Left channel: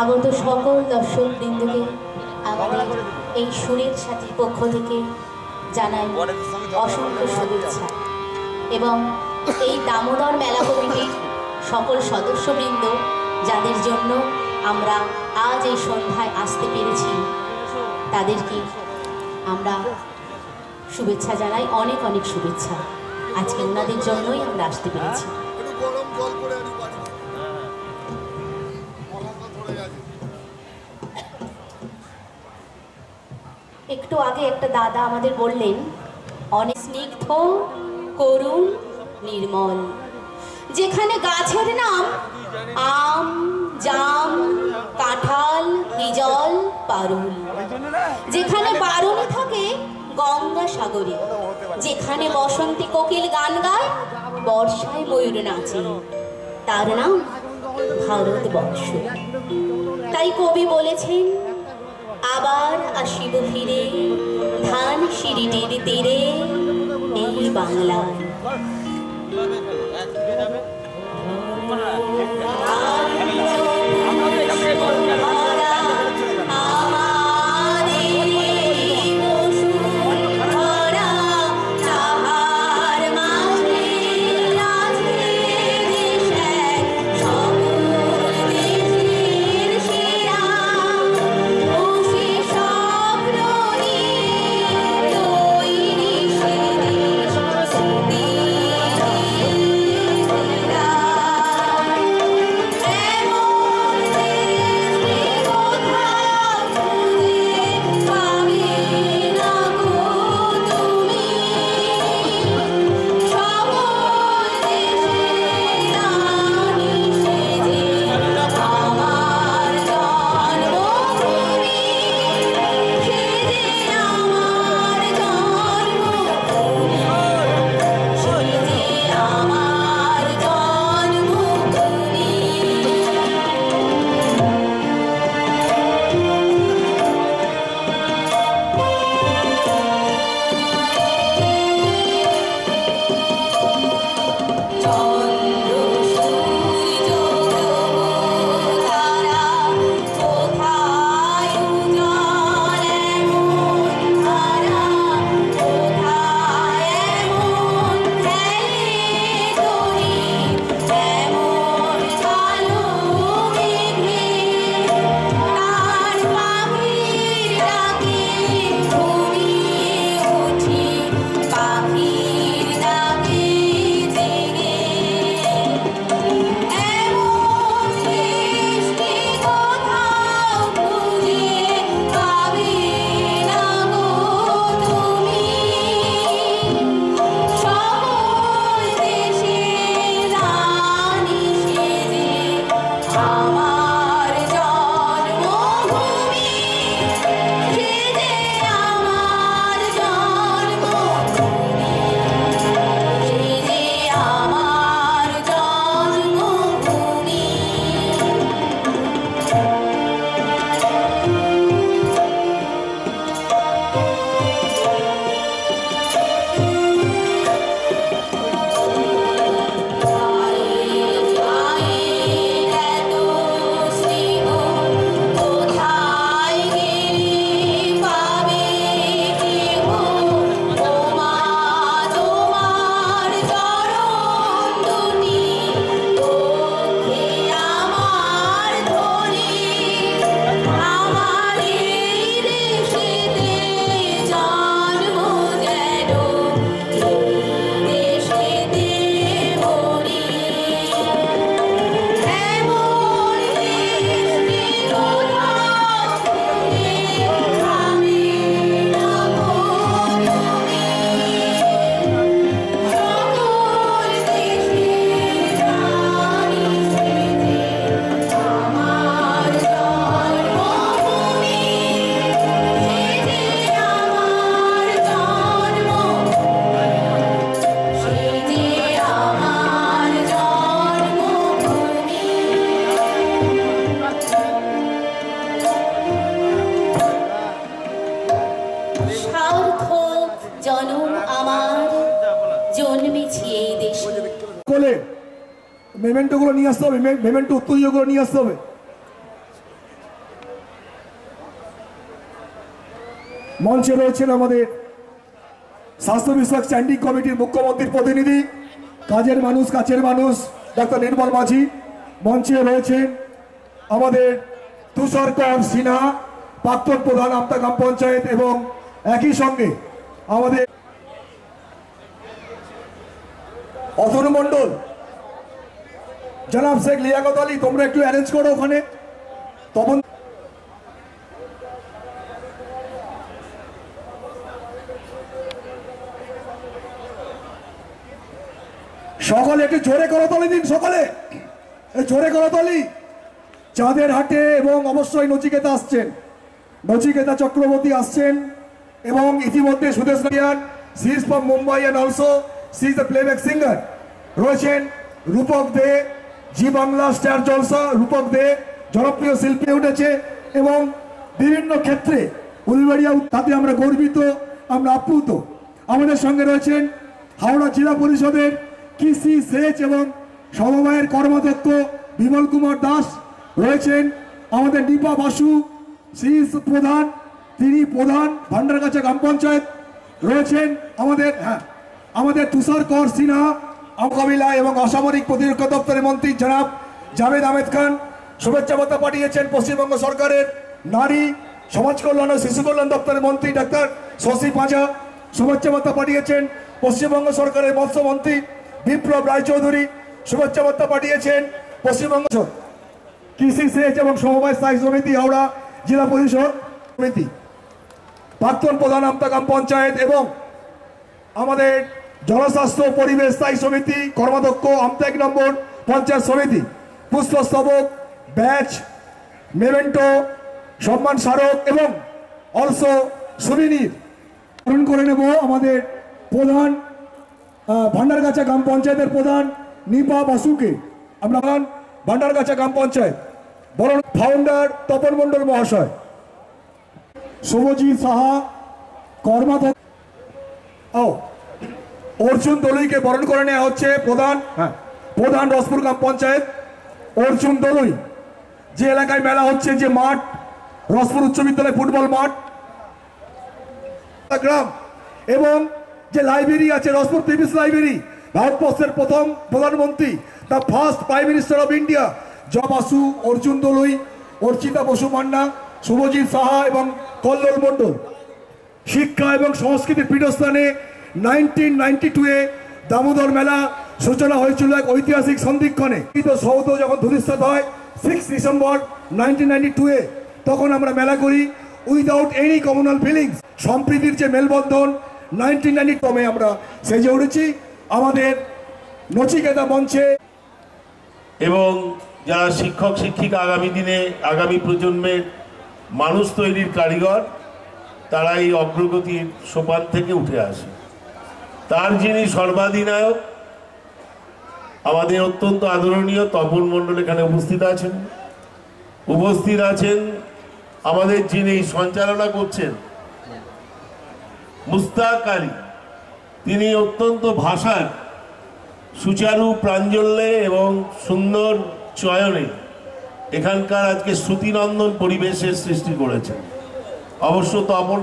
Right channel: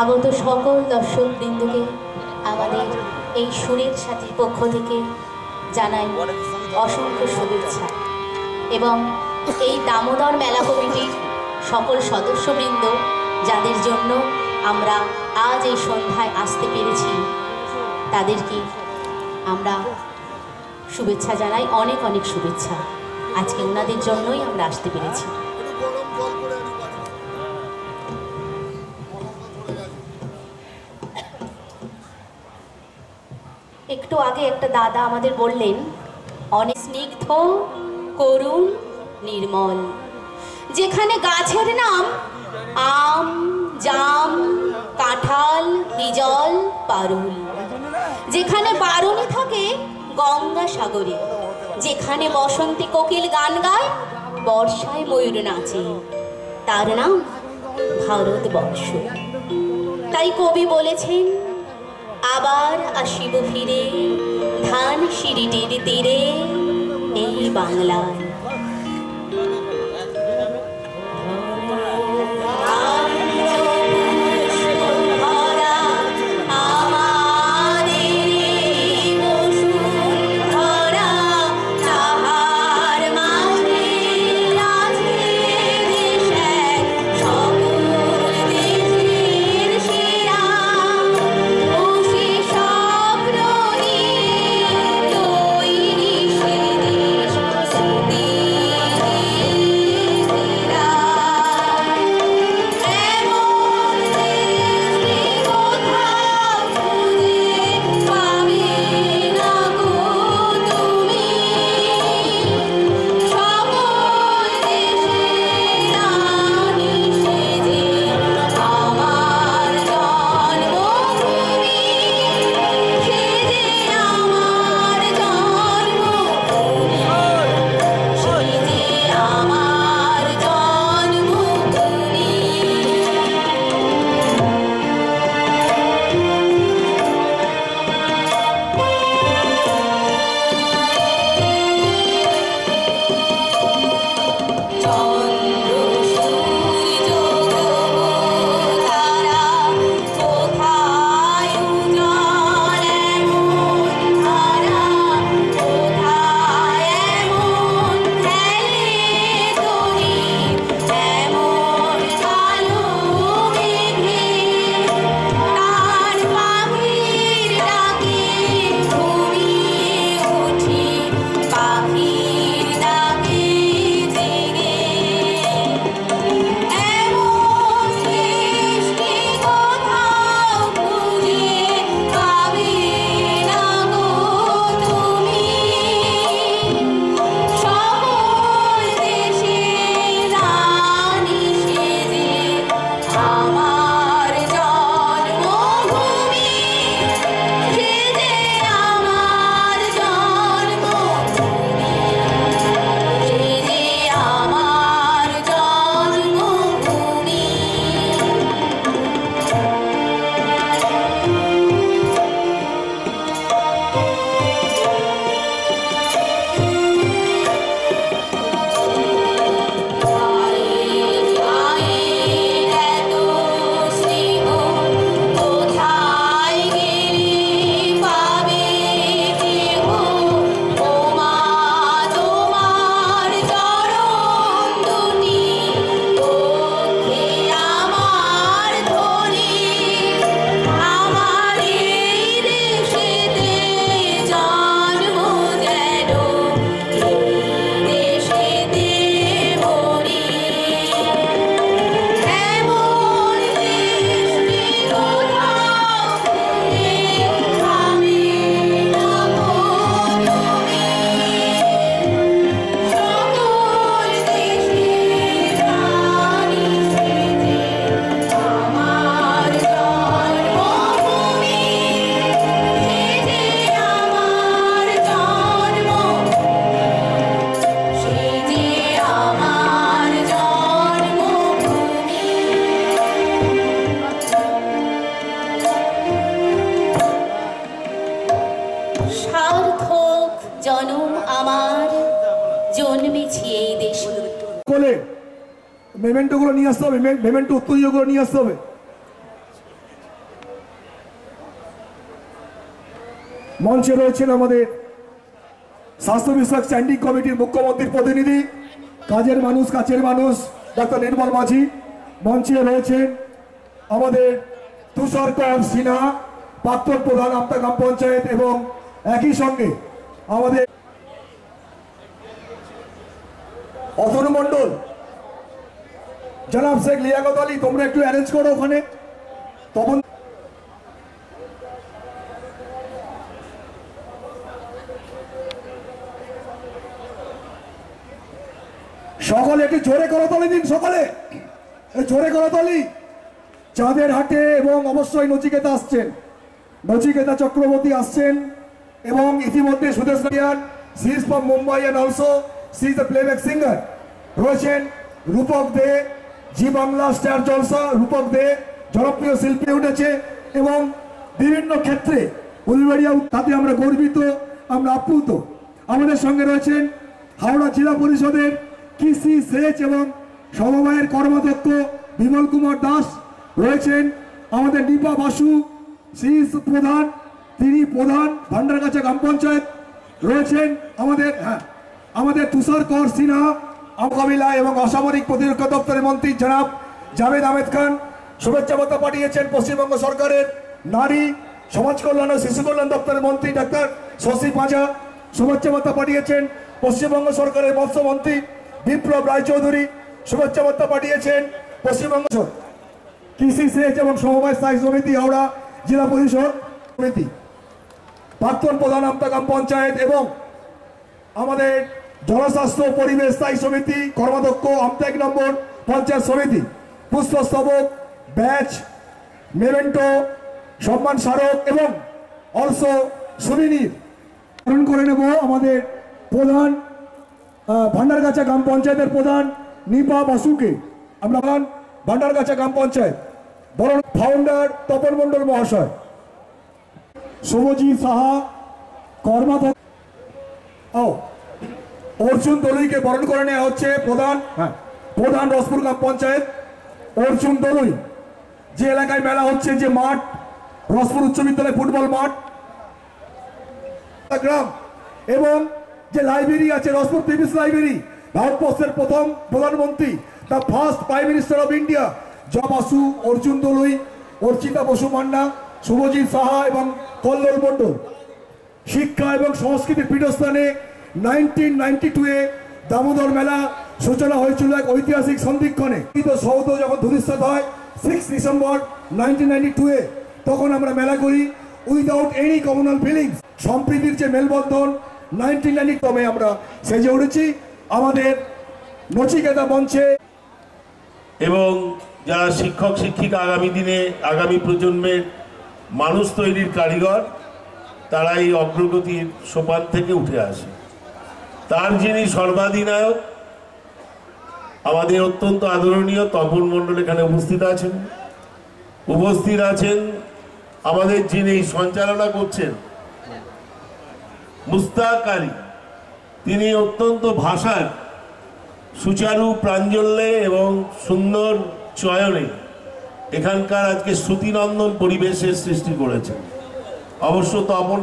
আগত সকল দর্শকবৃন্দকে আমাদের এই সুরের সাথীর পক্ষ থেকে জানাই অসংখ্য শুভেচ্ছা এবং এই দামোদর মেলা কমিটির সকল সদস্যবৃন্দ যাদের জন্য আমরা আজ এই সন্ধ্যায় আসতে পেরেছি তাদেরকে আমরা শুভেচ্ছা জানাই, অনেক অনেক শুভেচ্ছা। আজকে ওনাদের জন্যই আমরা আসতে পেরেছি। একটু আগে একটা দাদা আমাদের বললেন অনেক স্নিগ্ধ করুণ নির্মল, যেখানে গাছের নাম আম জাম কাঁঠাল হিজল পারুল, যেখানে বারণী থাকে গঙ্গা সাগরে, যেখানে বসন্তী কোকিল গান গায় বর্ষায় ময়ূর নাচে, তার নাম ভারতবর্ষ। তাই কবি বলেছেন আবার আসিব ফিরে ধান সিঁড়িটির তীরে এই বাংলায়। মেমেন্টোগুলো নিয়ে আসতে হবে, মেমেন্টো উত্তরীয়গুলো নিয়ে আসতে হবে। মঞ্চে রয়েছেন আমাদের স্বাস্থ্য বিষয়ক স্ট্যান্ডিং কমিটির মুখ্যমন্ত্রীর প্রতিনিধি, কাজের মানুষ কাছের মানুষ ডাক্তার নির্মল মাঝি। মঞ্চে রয়েছেন আমাদের তুষারকর সিনহা, প্রাক্তন প্রধান আমতা গ্রাম পঞ্চায়েত, এবং একই সঙ্গে আমাদের অতনু মণ্ডল, জনাব শেখ লিয়াকত আলী, তোমরা একটু অ্যারেঞ্জ করো ওখানে। তখন সকলে একটু জোরে করতালি দিন, সকলে জোরে করতালি। চাঁদের হাটে এবং অবশ্যই নচিকেতা আসছেন, নচিকেতা চক্রবর্তী আসছেন, এবং ইতিমধ্যে Sudesh Nair, she is from Mumbai and also she is the playback singer. রয়েছেন রূপক দে, জি বাংলা স্টার জলসা, রূপক দে জনপ্রিয় শিল্পী উঠেছে এবং বিভিন্ন ক্ষেত্রে উলবেড়িয়া, তাতে আমরা গর্বিত, আমরা আপ্লুত। আমাদের সঙ্গে রয়েছেন হাওড়া জেলা পরিষদের কৃষি, সেচ এবং সমবায়ের কর্মাধ্যক্ষ বিমল কুমার দাস। রয়েছেন আমাদের নিপা বাসু, প্রধান, তিনি প্রধান ভান্ডারগাছা গ্রাম পঞ্চায়েত। রয়েছেন আমাদের তুষারকর সিনহা, মোকাবিলা এবং অসামরিক প্রতিরক্ষা দপ্তরের মন্ত্রী জনাব জাভেদ আহমেদ খান। শুভেচ্ছা বার্তা পাঠিয়েছেন পশ্চিমবঙ্গ সরকারের নারী সমাজ কল্যাণ ও শিশু কল্যাণ দপ্তরের মন্ত্রী ডাক্তার শশী পাঁজা। শুভেচ্ছা বার্তা পাঠিয়েছেন পশ্চিমবঙ্গ সরকারের মৎস্যমন্ত্রী বিপ্লব রায়চৌধুরী। শুভেচ্ছা বার্তা পাঠিয়েছেন পশ্চিমবঙ্গ কৃষি, সেচ এবং সমবায় স্থায়ী সমিতি হাওড়া জেলা পরিষদ সমিতি, প্রাক্তন প্রধান আমতা গ্রাম পঞ্চায়েত এবং আমাদের জনস্বাস্থ্য পরিবেশ স্থায়ী সমিতি কর্মাধ্যক্ষ আমতা 1 নম্বর পঞ্চায়েত সমিতি। পুষ্পস্তবক, ব্যাচ, মেমেন্টো, সম্মান স্মারক এবং অলসো সুবিনির গ্রহণ করে নেব আমাদের প্রধান ভান্ডারগাছা গ্রাম পঞ্চায়েতের প্রধান নিপা বাসুকে। আমরা ভান্ডারগাছা গ্রাম পঞ্চায়েত বরং ফাউন্ডার তপন মণ্ডল মহাশয়, শুভজিৎ সাহা কর্মাধ্যক্ষ, অর্জুন দলুইকে বরণ করে নেওয়া হচ্ছে প্রধান রসপুর গ্রাম পঞ্চায়েত অর্জুন দলুই। যে এলাকায় মেলা হচ্ছে, যে মাঠ রসপুর উচ্চ বিদ্যালয় ফুটবল মাঠ গ্রাম, এবং যে লাইব্রেরি আছে রসপুর পিভিস লাইব্রেরি, ভারতবর্ষের প্রথম প্রধানমন্ত্রী, the first prime minister of India Basu, Arjun Dolui, Archita Basu Manna, Subhajit Saha এবং কল্লোল মণ্ডল। শিক্ষা এবং সংস্কৃতির পীঠস্থানে 1992-এ দামোদর মেলা সূচনা হয়েছিল এক ঐতিহাসিক সন্ধিক্ষণে। সৌধ যখন ধূলিসাৎ হয় 6 ডিসেম্বর 1992-এ, তখন আমরা মেলা করি উইদাউট এনি কমিউনাল ফিলিংস। সম্প্রীতির যে মেলবন্ধন 1990 আমরা সেজে উঠেছি আমাদের নচিকেতা মঞ্চে। এবং যারা শিক্ষক শিক্ষিকা আগামী দিনে আগামী প্রজন্মের মানুষ তৈরির কারিগর, তারা এই অগ্রগতির সোপান থেকে উঠে আসে। তার যিনি সর্বাধিনায়ক, আমাদের অত্যন্ত আদরণীয় তপন মণ্ডল এখানে উপস্থিত আছেন। আমাদের যিনি সঞ্চালনা করছেন মুস্তাক আলী, তিনি অত্যন্ত ভাষার সুচারু প্রাঞ্জল্যে এবং সুন্দর চয়নে এখানকার আজকে শ্রুতিনন্দন পরিবেশের সৃষ্টি করেছেন। অবশ্য তপন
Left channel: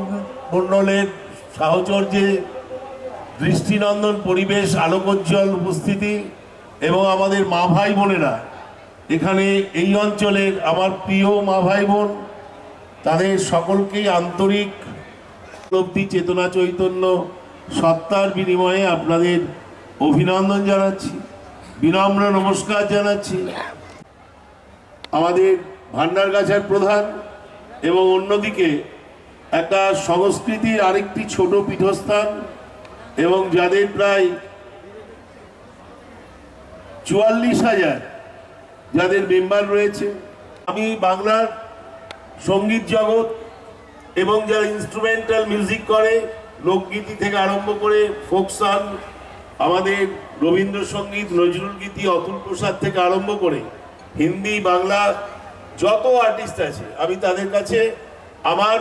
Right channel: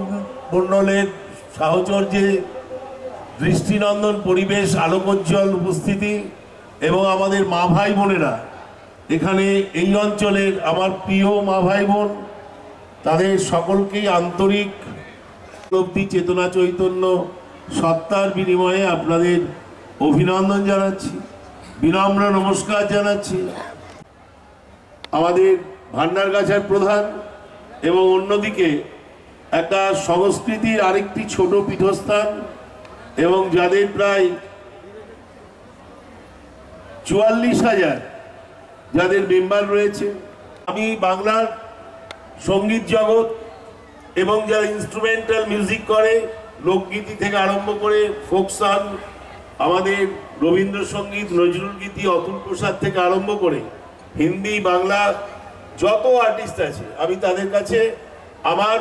মণ্ডলের সাহচর্যে দৃষ্টিনন্দন পরিবেশ, আলোকোজ্জ্বল উপস্থিতি এবং আমাদের মা ভাই বোনেরা এখানে এই অঞ্চলের আমার প্রিয় মা ভাই বোন, তাদের সকলকেই আন্তরিক উপলব্ধি, চেতনা, চৈতন্য, সত্তার বিনিময়ে আপনাদের অভিনন্দন জানাচ্ছি, বিনম্র নমস্কার জানাচ্ছি। আমাদের ভান্ডারগাছার প্রধান এবং অন্যদিকে একটা সংস্কৃতির আরেকটি ছোট পীঠস্থান এবং যাদের প্রায় 44,000 যাদের মেম্বার রয়েছে। আমি বাংলার সঙ্গীত জগৎ এবং যারা ইনস্ট্রুমেন্টাল মিউজিক করে, লোকগীতি থেকে আরম্ভ করে ফোক সং, আমাদের রবীন্দ্রসঙ্গীত, নজরুল গীতি, অতুল প্রসাদ থেকে আরম্ভ করে হিন্দি, বাংলা যত আর্টিস্ট আছে, আমি তাদের কাছে আমার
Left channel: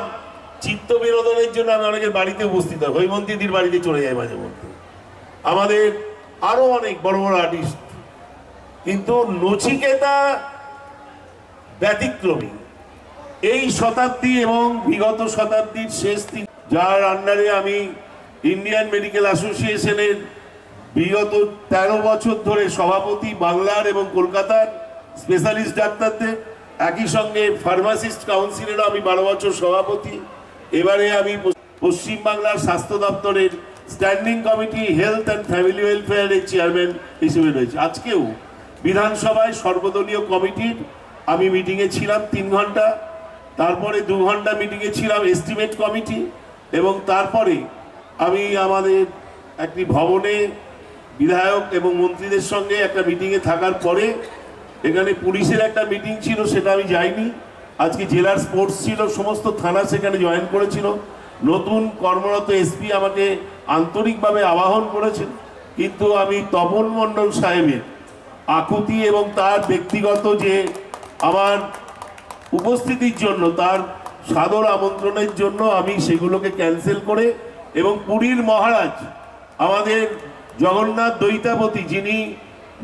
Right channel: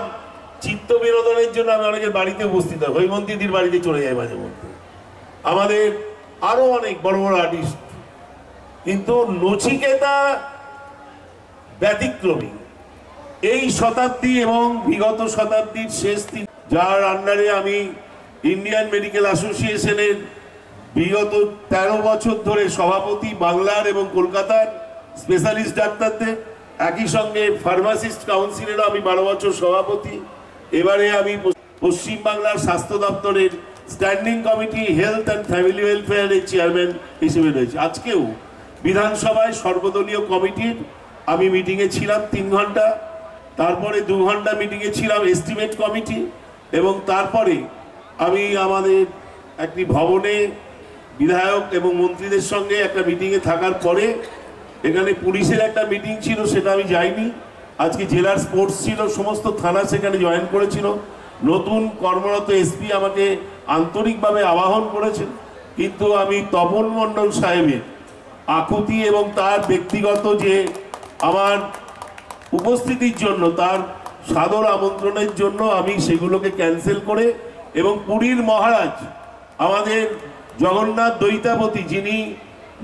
চিত্ত বিনোদনের জন্য আমি অনেকের বাড়িতে উপস্থিত হয়, হৈমন্তীদির বাড়িতে চলে যাই মাঝে মধ্যে। আমাদের আরো অনেক বড় বড় আর্টিস্ট, কিন্তু নচিকেতা ব্যতিক্রমী। এই শতাব্দী এবং বিগত শতাব্দীর শেষ যার আন্ডারে আমি ইন্ডিয়ান মেডিকেল অ্যাসোসিয়েশনের বিগত 13 বছর ধরে সভাপতি, বাংলার এবং কলকাতার স্পেশালিস্ট ডাক্তারদের, একই সঙ্গে ফার্মাসিস্ট কাউন্সিলেরও আমি 12 বছর সভাপতি। এবারে আমি পশ্চিমবাংলার স্বাস্থ্য দপ্তরের standing committee health and family ওয়েলফেয়ারের চেয়ারম্যান হিসেবে রয়েছে। আজকেও বিধানসভায় সর্বদলীয় কমিটির আমি মিটিংয়ে ছিলাম 3 ঘন্টা, তারপরে 2 ঘন্টা মিটিংয়ে ছিলাম এস্টিমেট কমিটি, এবং তারপরে আমি আমাদের একটি ভবনে বিধায়ক এবং মন্ত্রীদের সঙ্গে একটা মিটিংয়ে থাকার পরে এখানে পুলিশের একটা মিটিং ছিল, সেটা আমি যাইনি। আজকে জেলার স্পোর্টস ছিল, সমস্ত থানা সেখানে জয়েন করেছিল। নতুন কর্মরত এসপি আমাকে আন্তরিকভাবে আহ্বান করেছেন, কিন্তু আমি তপন মণ্ডল সাহেবের আকুতি এবং তার ব্যক্তিগত যে আমার উপস্থিতির জন্য, তার সাদর আমন্ত্রণের জন্য আমি সেগুলোকে ক্যান্সেল করে, এবং পুরীর মহারাজ আমাদের জগন্নাথ দৈতাপতি, যিনি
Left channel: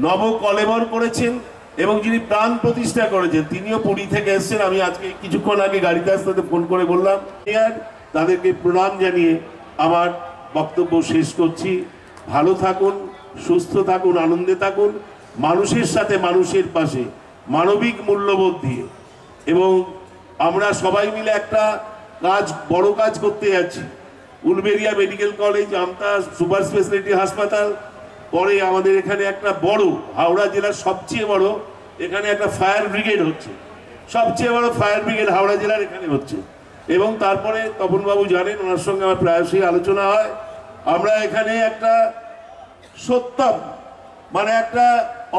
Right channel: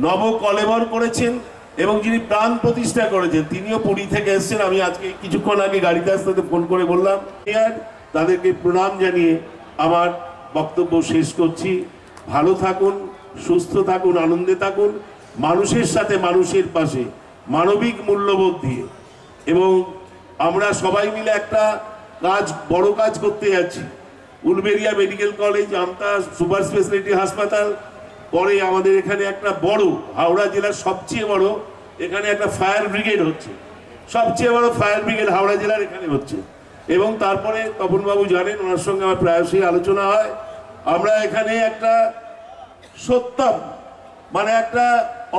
নব কলেবর করেছেন এবং যিনি প্রাণ প্রতিষ্ঠা করেছেন, তিনিও পুরী থেকে এসেছেন। আমি আজকে কিছুক্ষণ আগে গাড়িতে আসতে ফোন করে বললাম, তাদেরকে প্রণাম জানিয়ে আমার বক্তব্য শেষ করছি। ভালো থাকুন, সুস্থ থাকুন, আনন্দে থাকুন, মানুষের সাথে মানুষের পাশে মানবিক মূল্যবোধ দিয়ে। এবং আমরা সবাই মিলে একটা বড় কাজ করতে যাচ্ছি। উলবেরিয়া মেডিকেল কলেজ, আমতা সুপার স্পেশালিটি হাসপাতাল, পরে আমাদের এখানে একটা বড়, হাওড়া জেলার সবচেয়ে বড় এখানে একটা ফায়ার ব্রিগেড হচ্ছে, সবচেয়ে বড় ফায়ার ব্রিগেড হাওড়া জেলার এখানে হচ্ছে। এবং তারপরে তপনবাবু জানেন, ওনার সঙ্গে আমার প্রায়শই আলোচনা হয়, আমরা এখানে একটা সত্যম, মানে একটা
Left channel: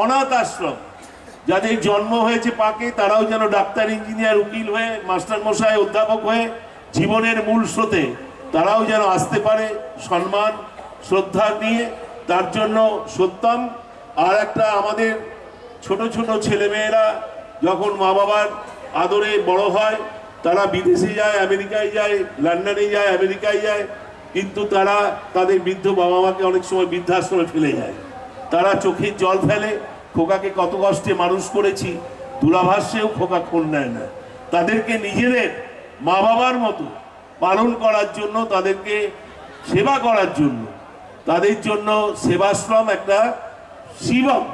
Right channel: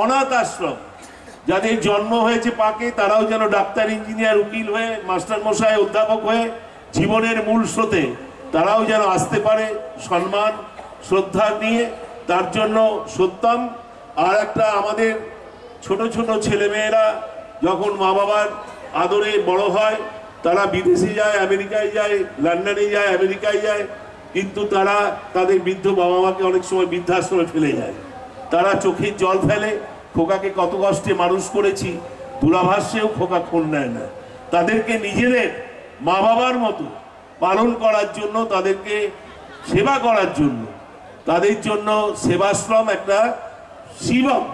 অনাথ আশ্রম, যাদের জন্ম হয়েছে পাকে, তারাও যেন ডাক্তার, ইঞ্জিনিয়ার, উকিল হয়ে, মাস্টার মশাই, অধ্যাপক হয়ে জীবনের মূল স্রোতে তারাও যেন আসতে পারে সম্মান শ্রদ্ধা নিয়ে। তার জন্য সত্যম। আর একটা, আমাদের ছোট ছোট ছেলেমেয়েরা যখন মা বাবার আদরে বড় হয়, তারা বিদেশে যায়, আমেরিকায় যায়, লন্ডনে যায়, আমেরিকায় যায়, কিন্তু তারা তাদের বৃদ্ধ বাবা মাকে অনেক সময় বৃদ্ধাশ্রমে ফেলে যায়। তারা চোখের জল ফেলে, খোকাকে কত কষ্টে মানুষ করেছি, দূরাভাসেও খোকা ফোন নেয় না। তাদেরকে নিজেদের মা বাবার মতো পালন করার জন্য, তাদেরকে সেবা করার জন্য, তাদের জন্য সেবাশ্রম একটা শিবম,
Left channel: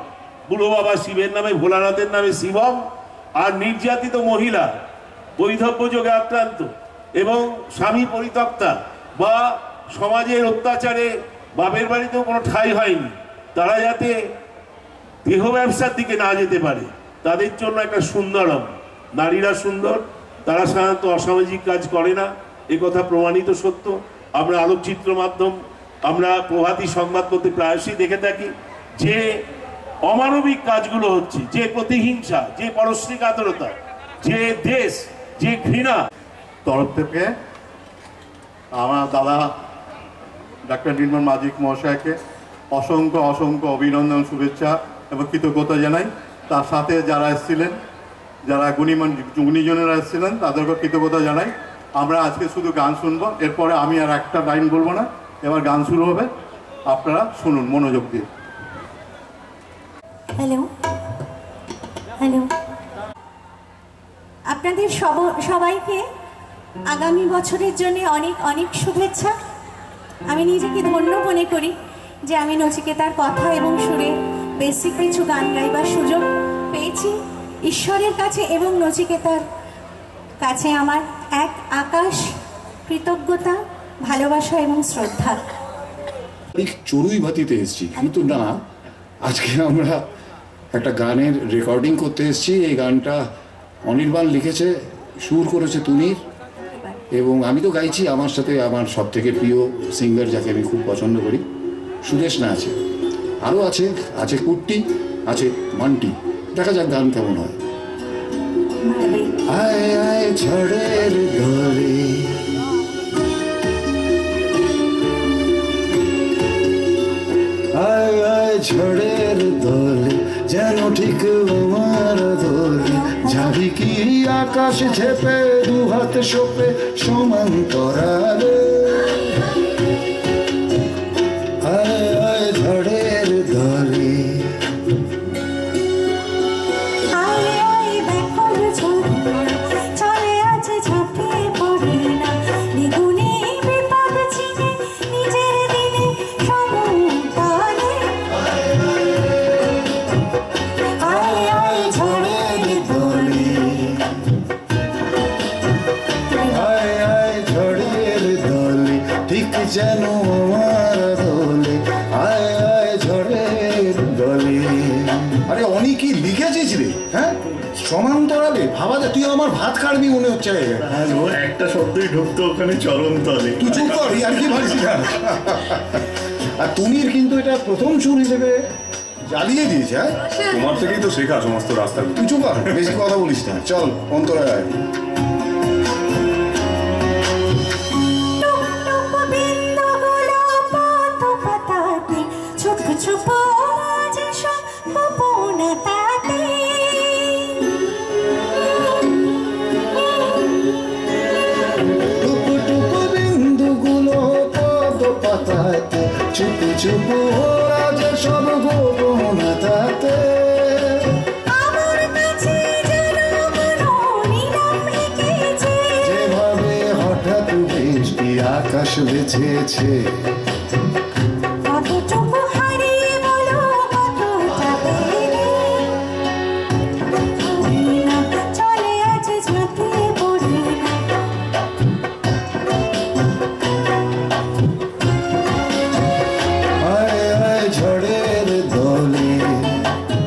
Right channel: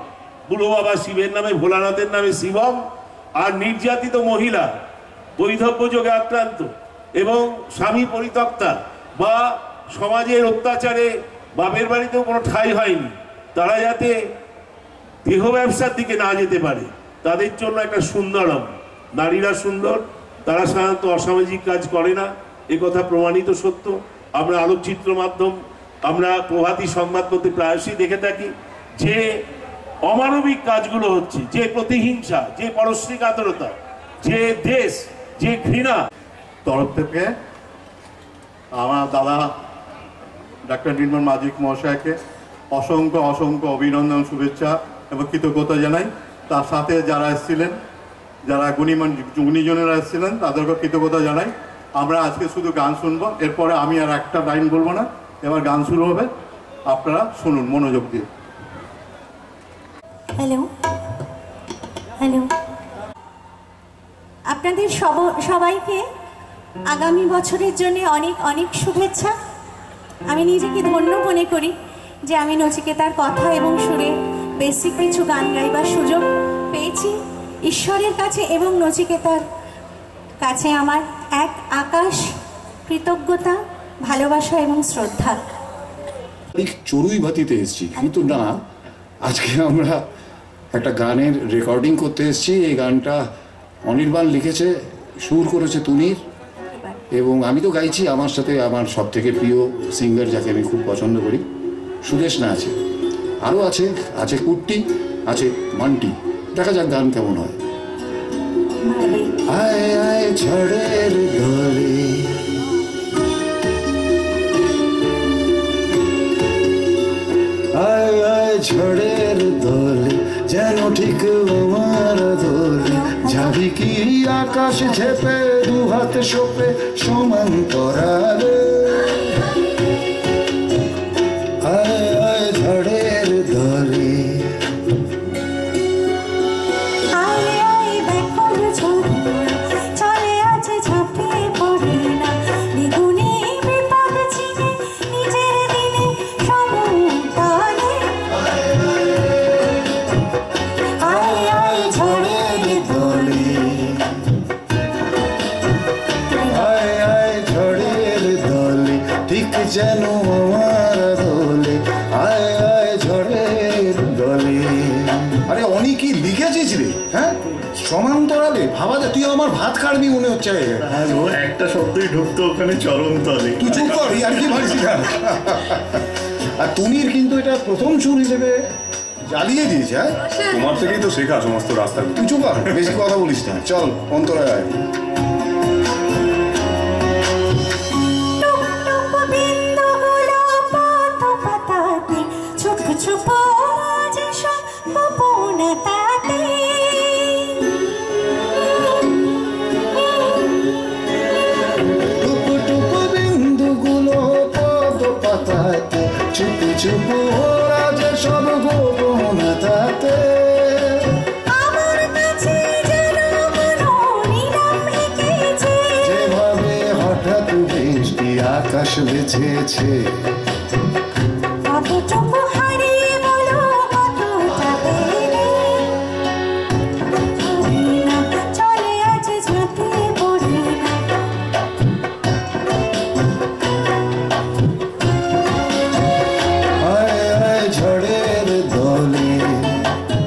বুড়ো বাবা শিবের নামে, ভোলানাথের নামে শিবম। আর নির্যাতিত মহিলা, বৈধব্য যোগে আক্রান্ত এবং স্বামী পরিত্যক্তা বা সমাজের অত্যাচারে বাপের বাড়িতেও কোনো ঠাঁই হয়নি, তারা যাতে দেহ ব্যবসার দিকে না যেতে পারে, তাদের জন্য একটা সুন্দরম। নারীরা সুন্দর, তারা সাধারণত অসামাজিক কাজ করে না, এ কথা প্রমাণিত সত্য। আমরা আলোকচিত্র মাধ্যম, আমরা প্রভাতী সংবাদপত্রে প্রায়শই দেখে থাকি যে অমানবিক কাজগুলো হচ্ছে, যে প্রতিহিংসা, যে পরশ্রী কাতরতা, যে দেশ, যে ঘৃণা। তরফ থেকে আমার দাদা ডাক্তার নির্মল মাজিক মহাশয়কে অসংখ্য অসংখ্য অভিনন্দন, শুভেচ্ছা এবং কৃতজ্ঞতা জানাই। তার সাথে যারা এসেছিলেন, যারা গুণীজনেরা এসেছিলেন, তাদেরকে কৃতজ্ঞতা জানাই। আমরা আজকে শুধু গান শুনবো, এরপরে আমি আর একটা লাইন বলবো না, এবার গান শুরু হবে, আপনারা শুনুন মনোযোগ দিয়ে। হ্যালো হ্যালো, আপনাদের সবাইকে আগামী বছরের জন্য অনেক অনেক শুভেচ্ছা। আমি নিজেকে ধন্য মনে করি যে আমি নচিকেতার কথা এবং সুরে বেসিক কিছু গান গাইবার সুযোগ পেয়েছি। ঈশ্বরের কাছে এবং নচিকেতার কাছে আমার এক আকাশ কৃতজ্ঞতা, ভালোবাসা এবং শ্রদ্ধা। চড়ুইভাতিতে এসেছি, কিন্তু না, আজকে আমরা একটা গানের রেকর্ডিং করতে এসেছি। এই গানটা অনির্বাণ লিখেছে, সুর করেছে তুনির, এবং আমি তো গাইছি। আমার সাথে আমার সব থেকে প্রিয় সিঙ্গার, যাকে আমি খুব পছন্দ করি, সুদেশনা আছে, আরও আছে কুট্টি, আছে মান্টি। দেখা যাক গান কেমন হয়। আয় আয় ঝড়ের দলে, আয় আয় ঝড়ের দলে, যেন ঠিক আমার দলে, যাবি কি আকাশ ঝেপে, দু হাত সোপে সমান্তরালে। আয় আয় ঝড়ের দলে, চলে আছে ঝাঁপিয়ে পড়ে না, দ্বিগুণে যেন আমার দোলে, আয় আয় ঝড়ের দলে। আরে অনেক কি লিখেছিস রে? হ্যাঁ, সমান্তরালে ভাবা যায়। তুই আমার ভাত কাটবি মনে হচ্ছে। একটা শব্দই ঢুকতো ওখানে চরম তলে। তুই চুপ কর, আর কি ভাবছিস না। আর তুমির কিন্তু এটা প্রথম সুর হিসেবে জ্বালিয়ে দিয়েছে। হ্যাঁ, তোমার থেকেই তো শেখা সমস্ত রাস্তাগুলো। তুই চুপ কর, বেশি কথা বলিস না। চল অন্তরায় আয়। চুপু চুপু ওরা যে সব গোপন তাতে, যেভাবে হঠাৎ বৃষ্টি আকাশ বেঁচেছে।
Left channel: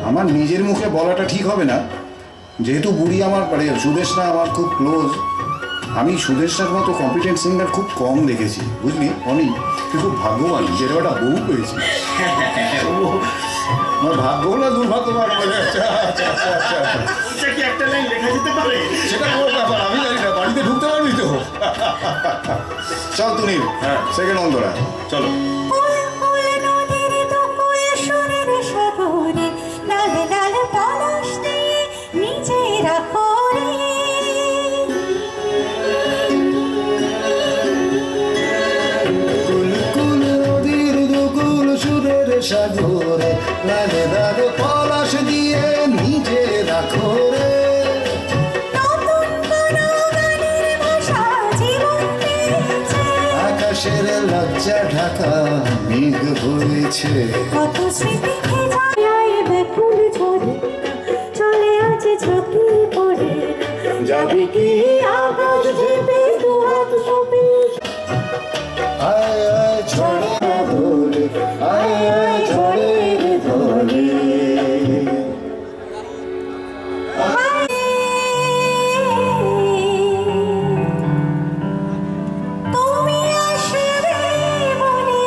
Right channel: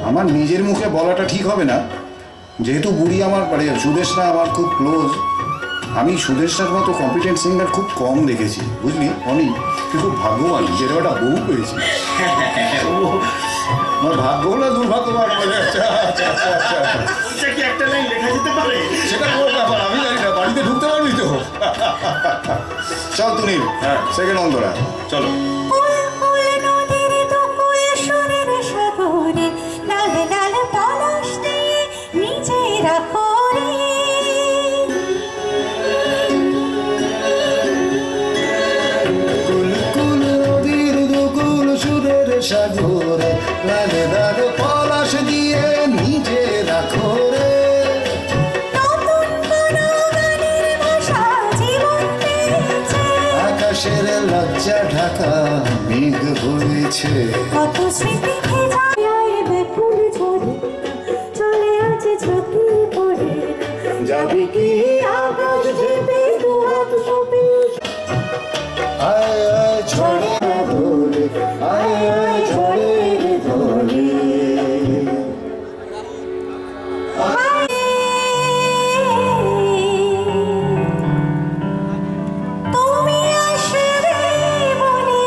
আমার নিজের মুখে বলাটা ঠিক হবে না, যেহেতু বুড়ি আমার সুদেশনা আমার খুব ক্লোজ। আমি সুদেশনার মতো কম্পিটেন্ট সিঙ্গার খুব কম দেখেছি, বুঝলি অনি। তুই খুব ভাগ্যবান যে একটা বউ পেয়েছি। আমার ভাগ্য না দুর্ভাগ্য সেটা কোনো ব্যাপার, আমি জানি না। বাড়িতে ঢুকতে পারবি তো? চল তুনির, হ্যাঁ সেকেন্ড অন্তরা, চলো। সাগরে লালে লালে পলাশ দিয়ে নিজে রাখো রে। আকাশের লজ্জা ঢাকা মেঘ হয়েছে। কত স্মৃতি ব্যাকুল ঝরে চলে আছে ঝুঁকি পড়ে, যাবে কি আকাশ ভেবে দুহাত ছবি। আয় আয় ঝড়ে ধরে, আয় আয় ঝড়ে ধরে। তুমি আসবে বলে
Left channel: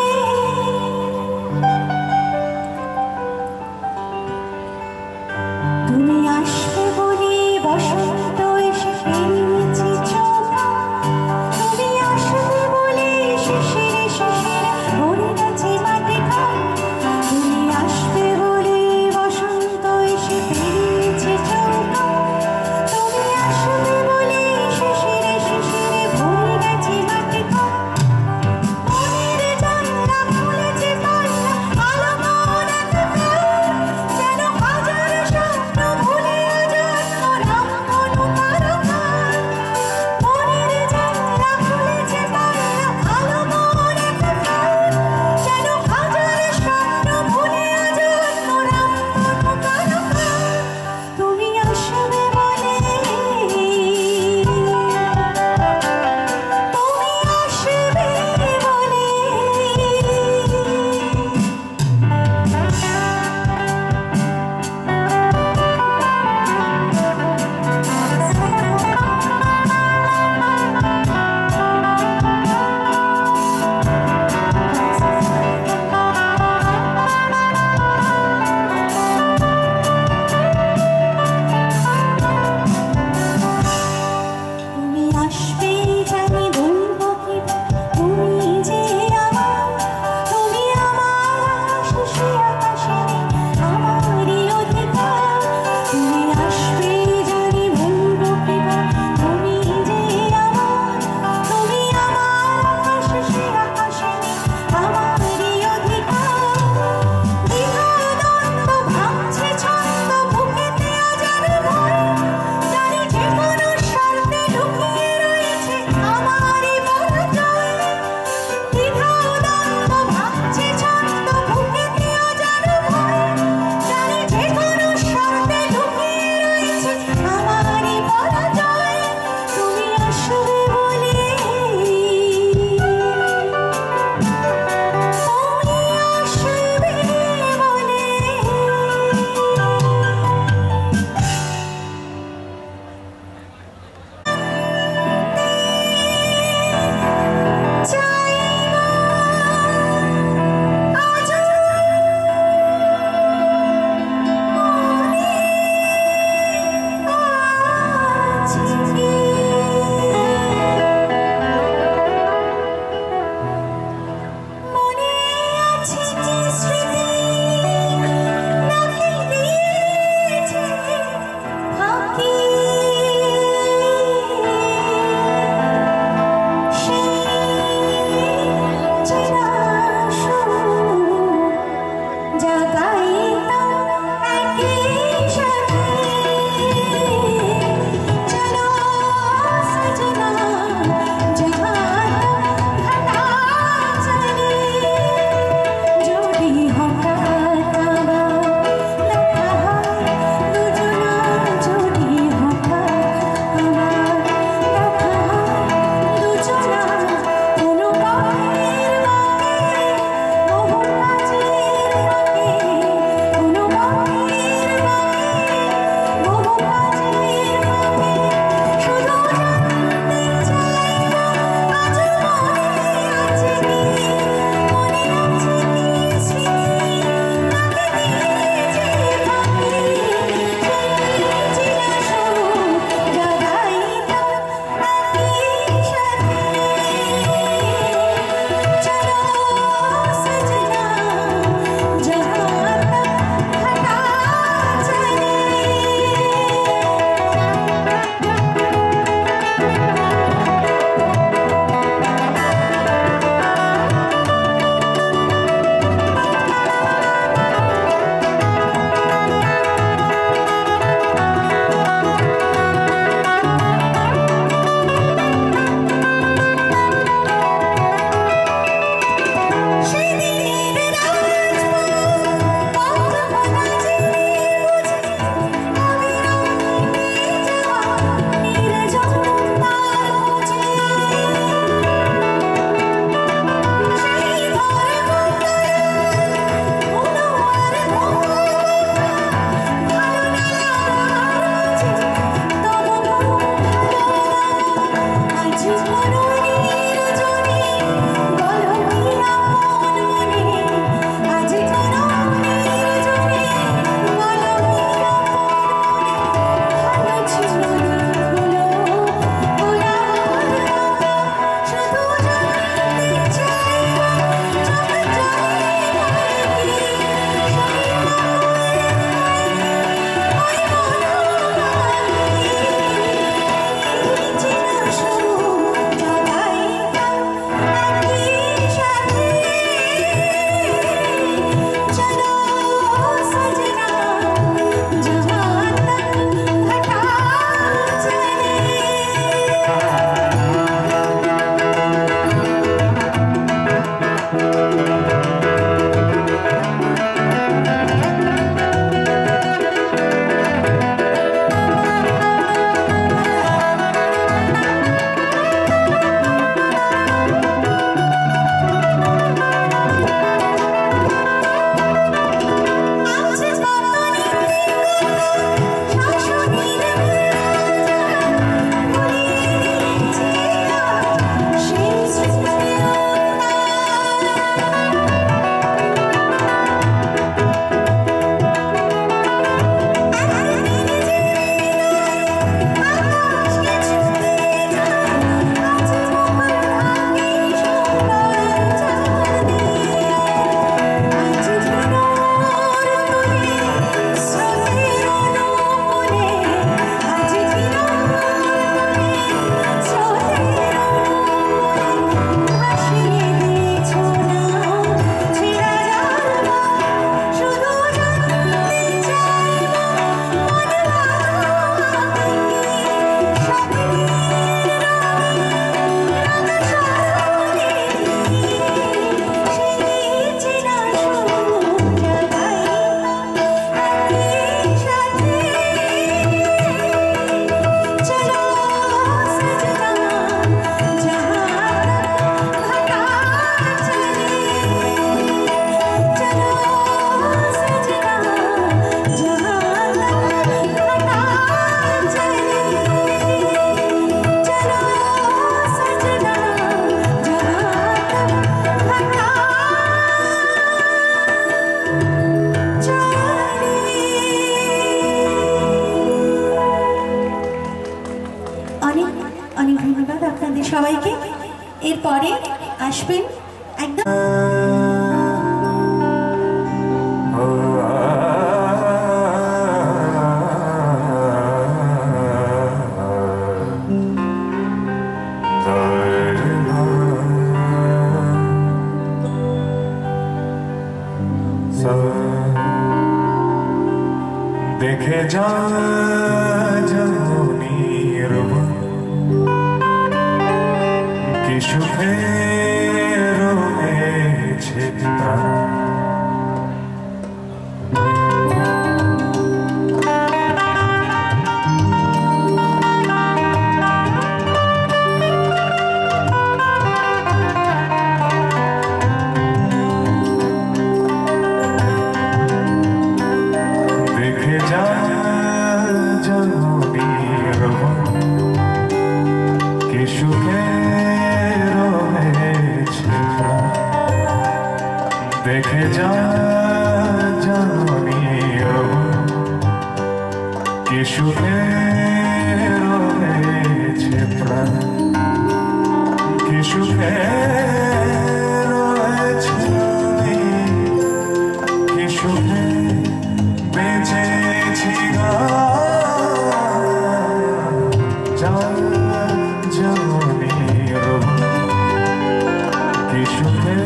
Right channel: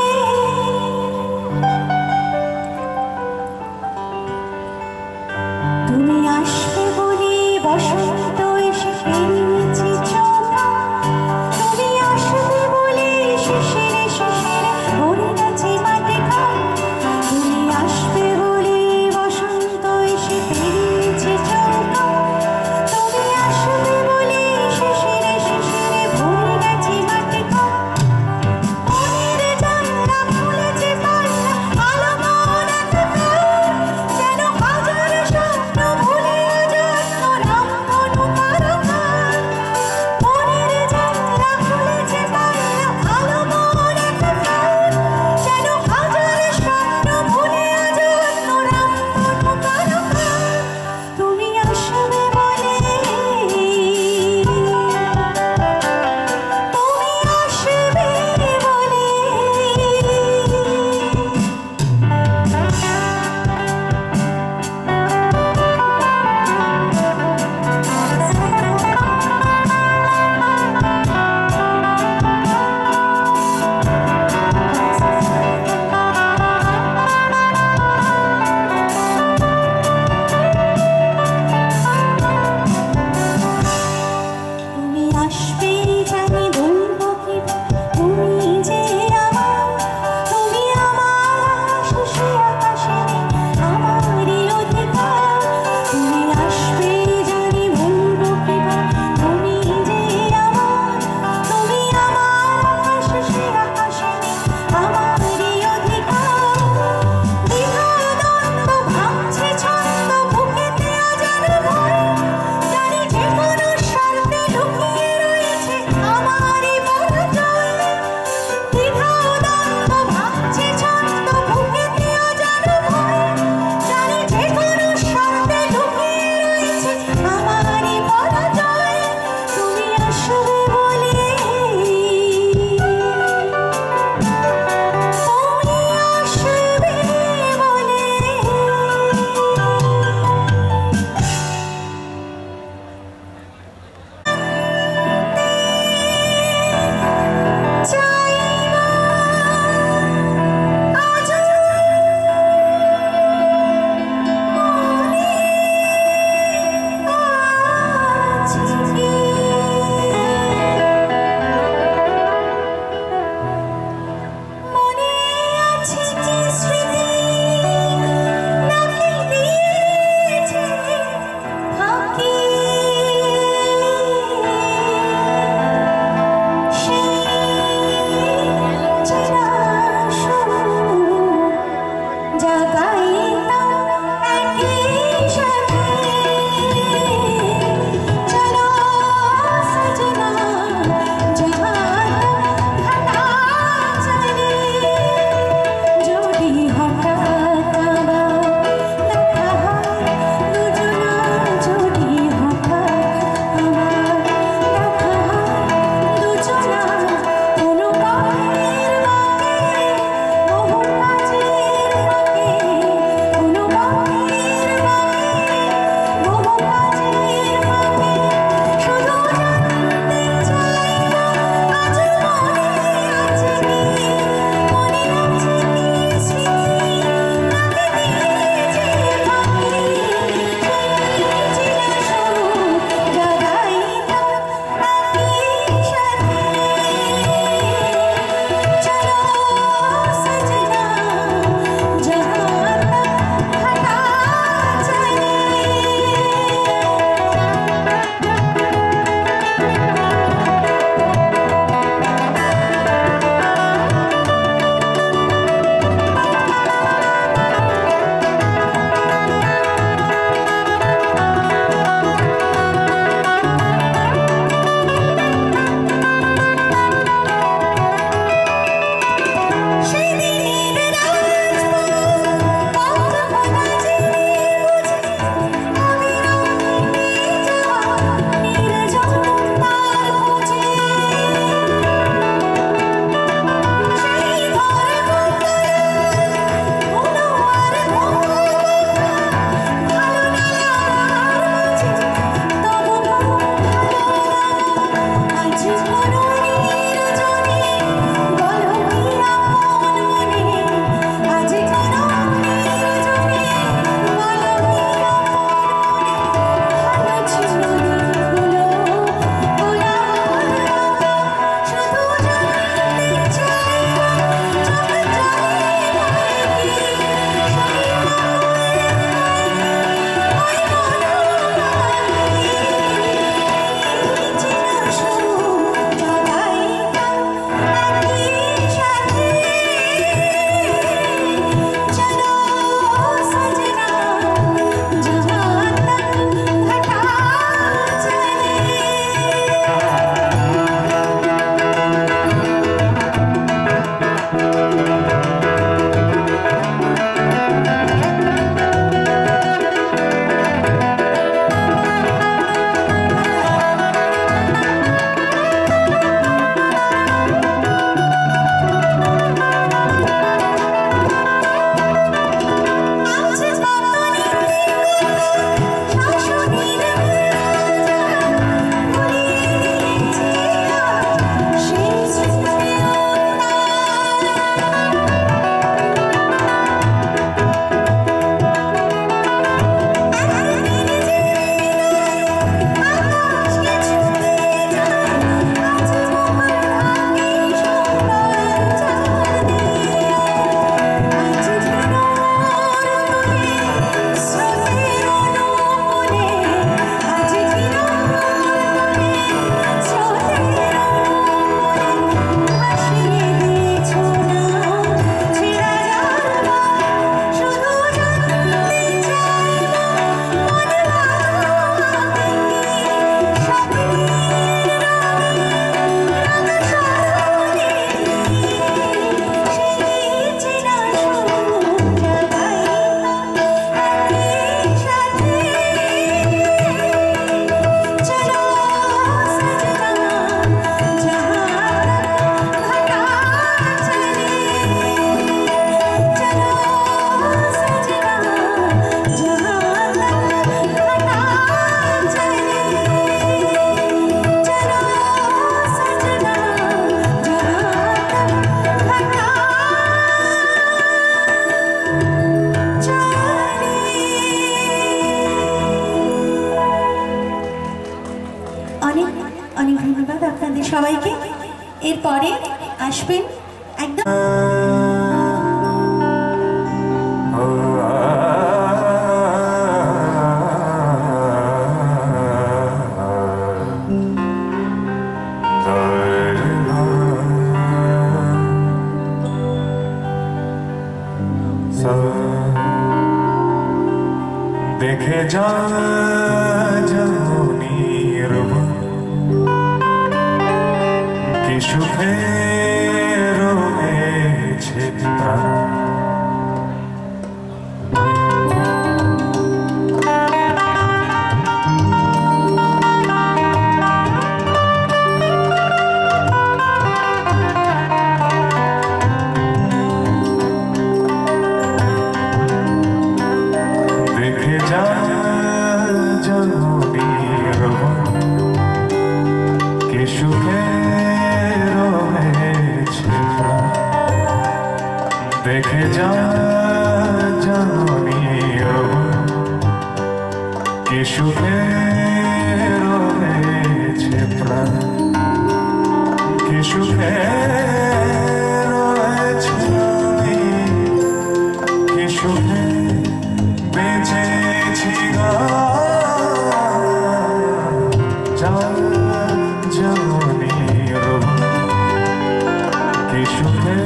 সবাইকে। এরপরে আসবেন একদম দেখে যা জমির কি সুখে রয়েছে দেখে যা জানি কি সুখে রয়েছে প্রাণ, কি সুখে রয়েছে আমি, কি সুখে বেঁচেছি জানি কি সুখে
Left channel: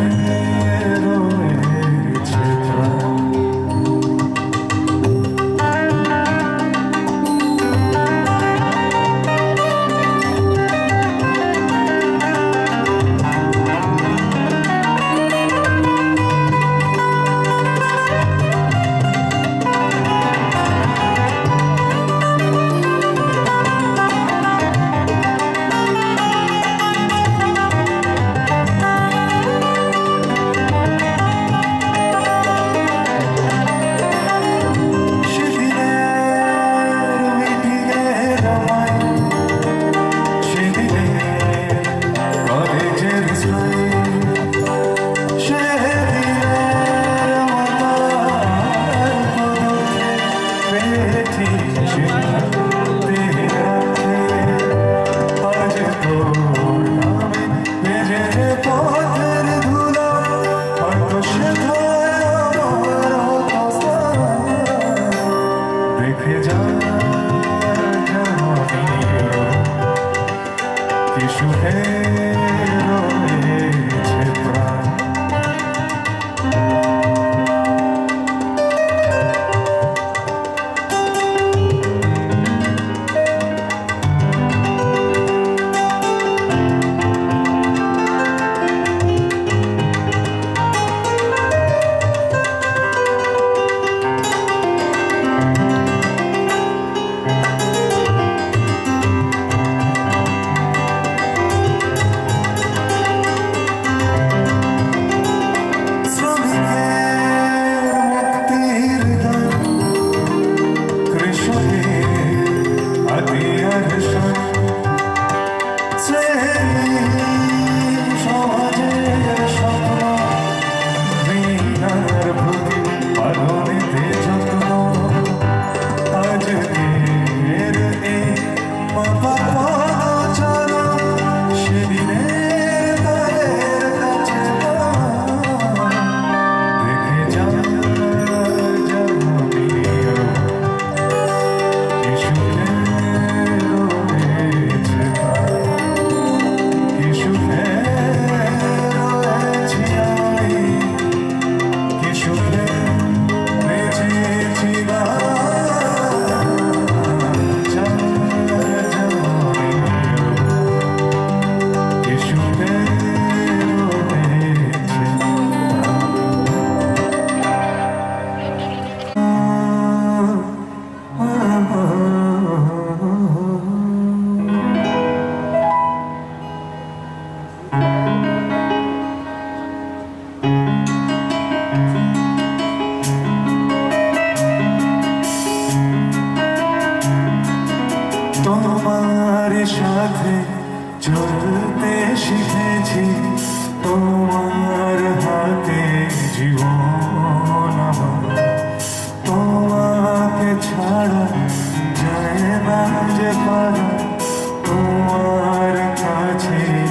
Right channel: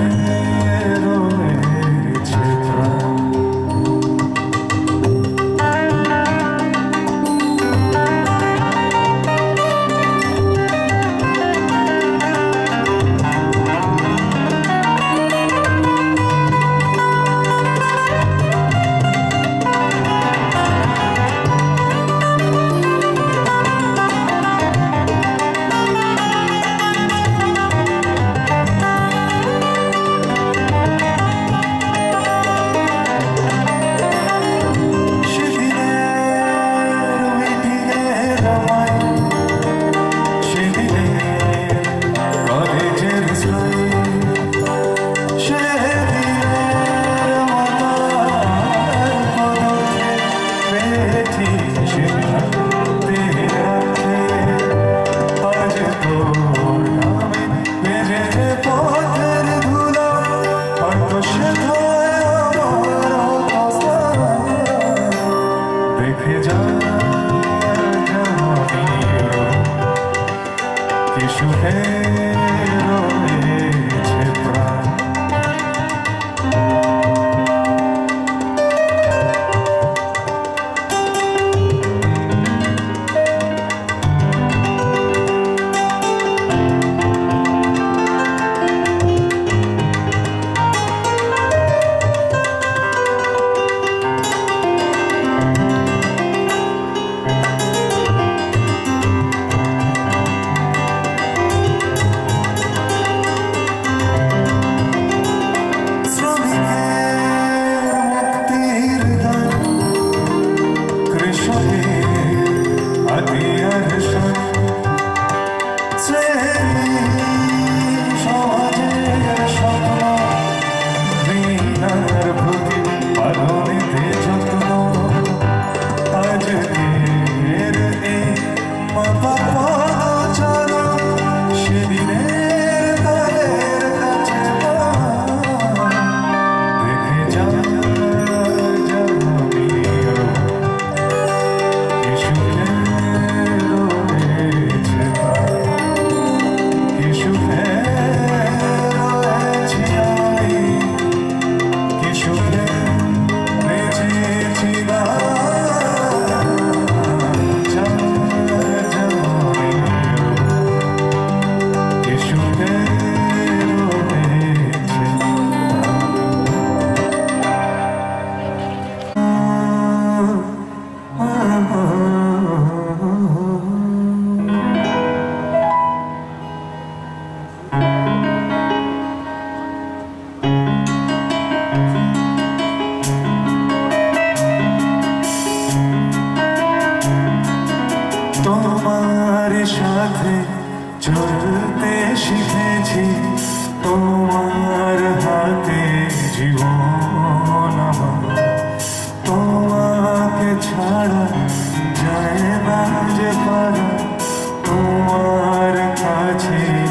চলতে শিখেছি তোমার হাতে জীবন আমার, তোমাকে ছাড়া যায় না যে পারা তোমার কাছে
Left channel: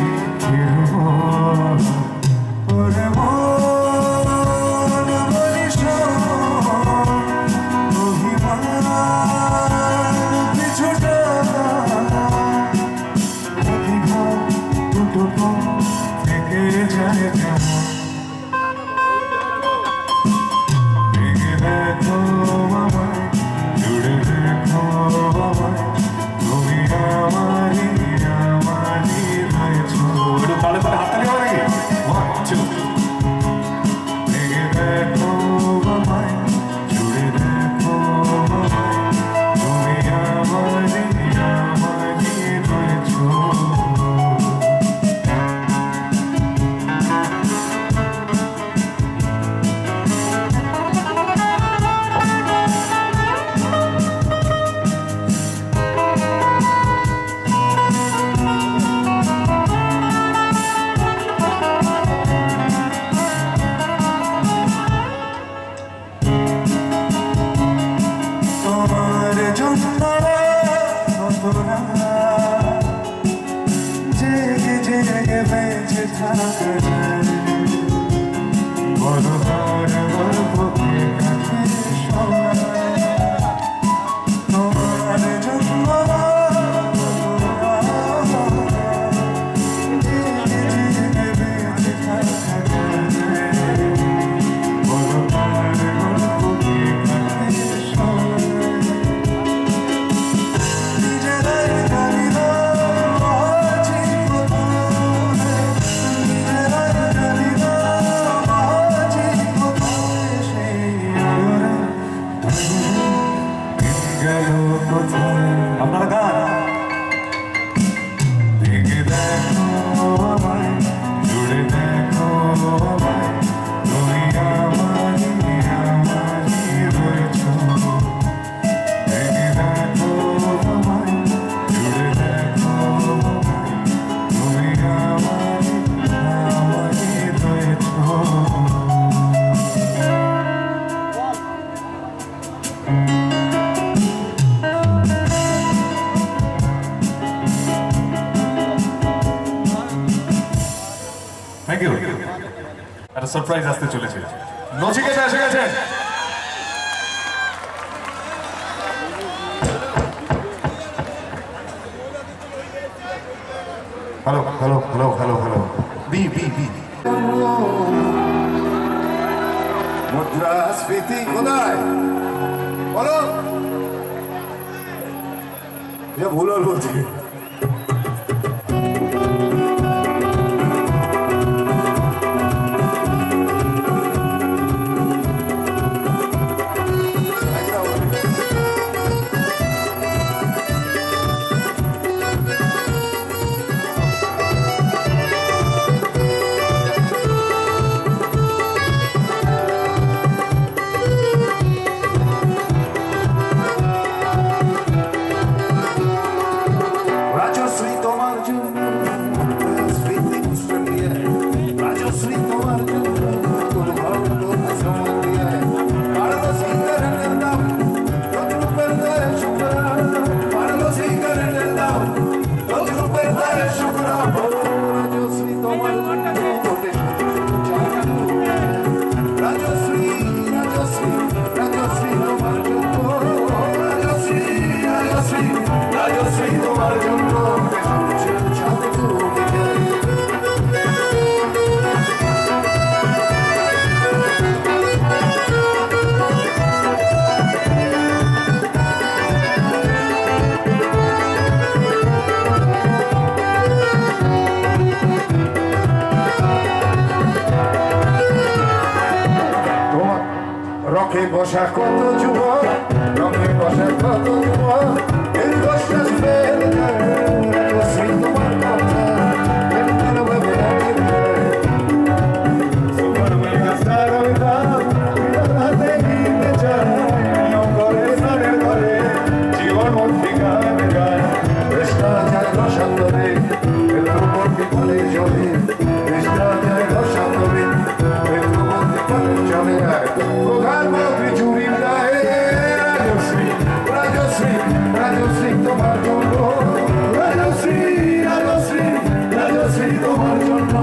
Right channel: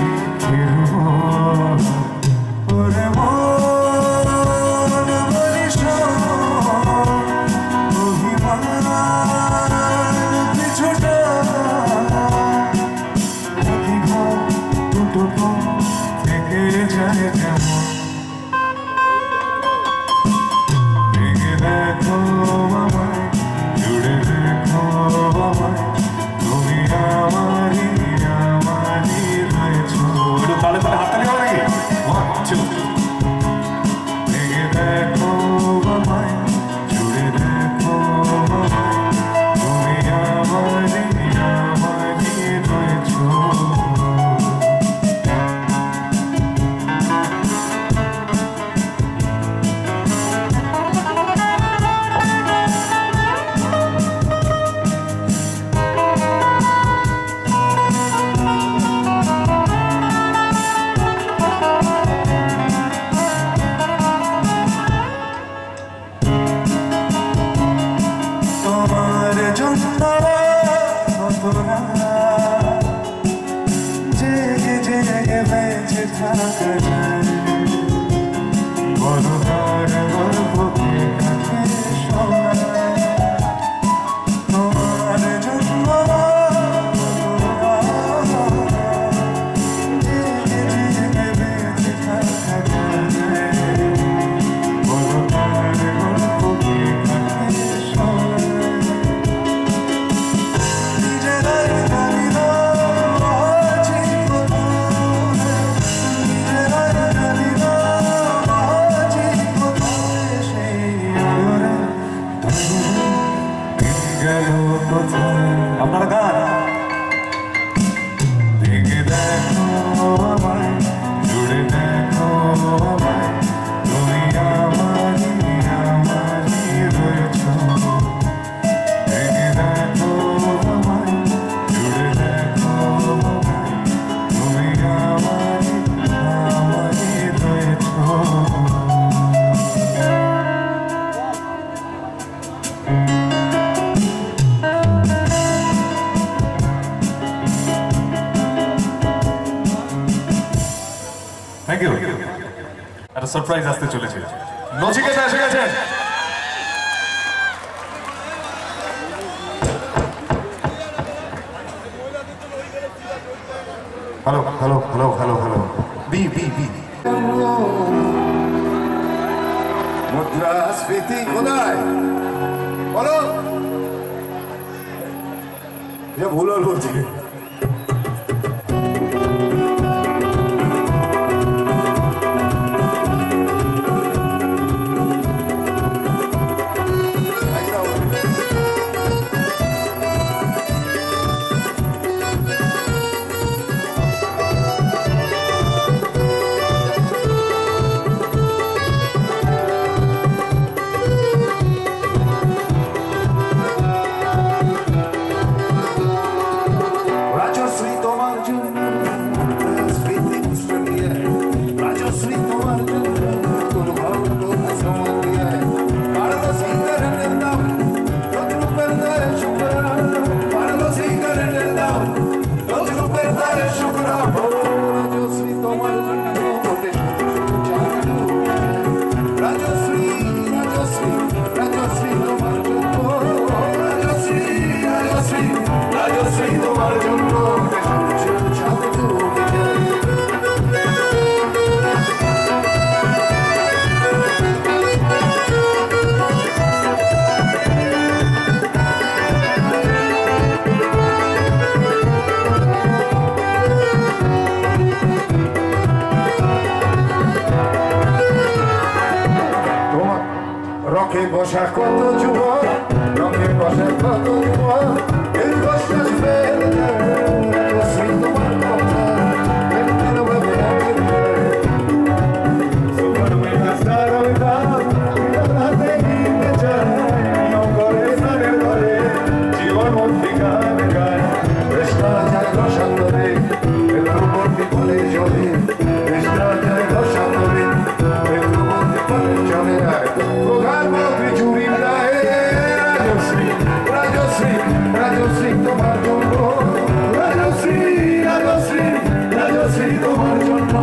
থাকা যায় বলো তার গল্প কে কাছে শোনায় তোমার জন্য জেগে জেগে বেঁচে থাকা যায় বলো তার গল্প কে কাছে শোনায় নিজেরাই জানি না আছি কোথায় নিজেরাই জানি না আছি কোথায় সেই আলোরে গেল কোথায় আপনারা গান ভেঙে দেখো আমায় জুড়ে দেখো আমায় তুমি আমারই রয়েছো ভেঙে দেখো আমায় জুড়ে দেখো আমায় তুমি আমারই রয়েছো থ্যাংক ইউ একটা সারপ্রাইজ আসতে চলেছে নচিকেতা এসে গেছেন hello hello hello hello hello B B B মুদ্রাস্ফীতি কোথায় বলো ভুল বলছি রাজশ্রী তোমার জন্য স্মৃতি দিয়ে রাজশ্রী তোমার জন্য তোর ভক্ত সময় দিয়ে পারলো সিগারেটের দাম রোজরূপের দ্বারে শুক্রা পারলো সিগারেটের দাম রোজরূপের দ্বারে শুক্রা রাজশ্রী তোমার জন্য রাজশ্রী রাজশ্রী রাজশ্রী তোমার জন্য রাজশ্রী রাজশ্রী রাজশ্রী তোমার জন্য রকে বসা কত যুবক রকে বসা কত যুবক দীর্ঘশ্বাস ফেলে রাজশ্রী তোমার কথা ভাবে সুপার মেগা স্টার হাতে গিয়ে যায় করে সারের ঘরে জীবন মুক্তি গান গায় কৃষ্ণ যায় রসান্তরে প্রবর্তী ফলে চলে কৃষ্ণ যায় রসান্তরে প্রবর্তী ফলে চলে প্রধানমন্ত্রী চুরি দেয় রাজশ্রী রাজশ্রী রাজশ্রী তোমার জন্য রাজশ্রী রাজশ্রী রাজশ্রী তোমার জন্য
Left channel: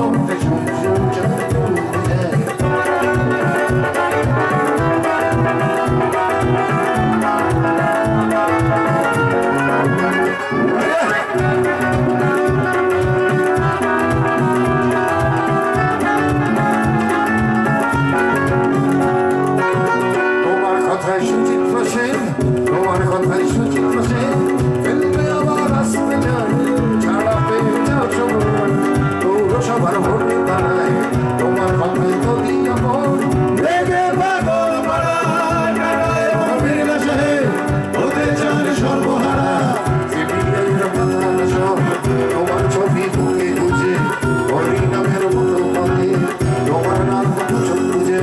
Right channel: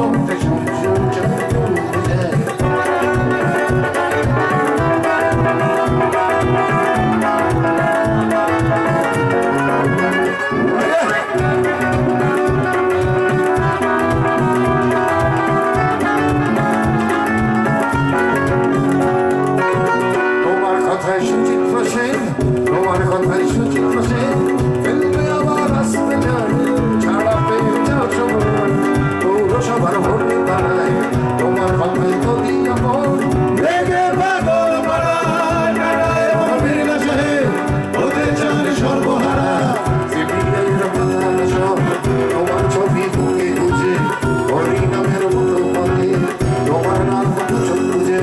তোমার কথায় সুচিত্র সেন তোমার কথায় সুচিত্র সেন ফেলবে আবার আসতে যান ছাড়া পেয়ে যাও সবার পৌরসভার ভোটে দাঁড়ায় তোমার কথায় যদি এমন রেগে পাগল পাড়ায় দাঁড়ায় মমিনা সাহেব হতে চান সর্বহারা সিপিআইয়ের প্রধান সব তোমার ছবি বুকে গুজে হরিনামের মতো পথে তোমার নাম কত চোখ বুঝে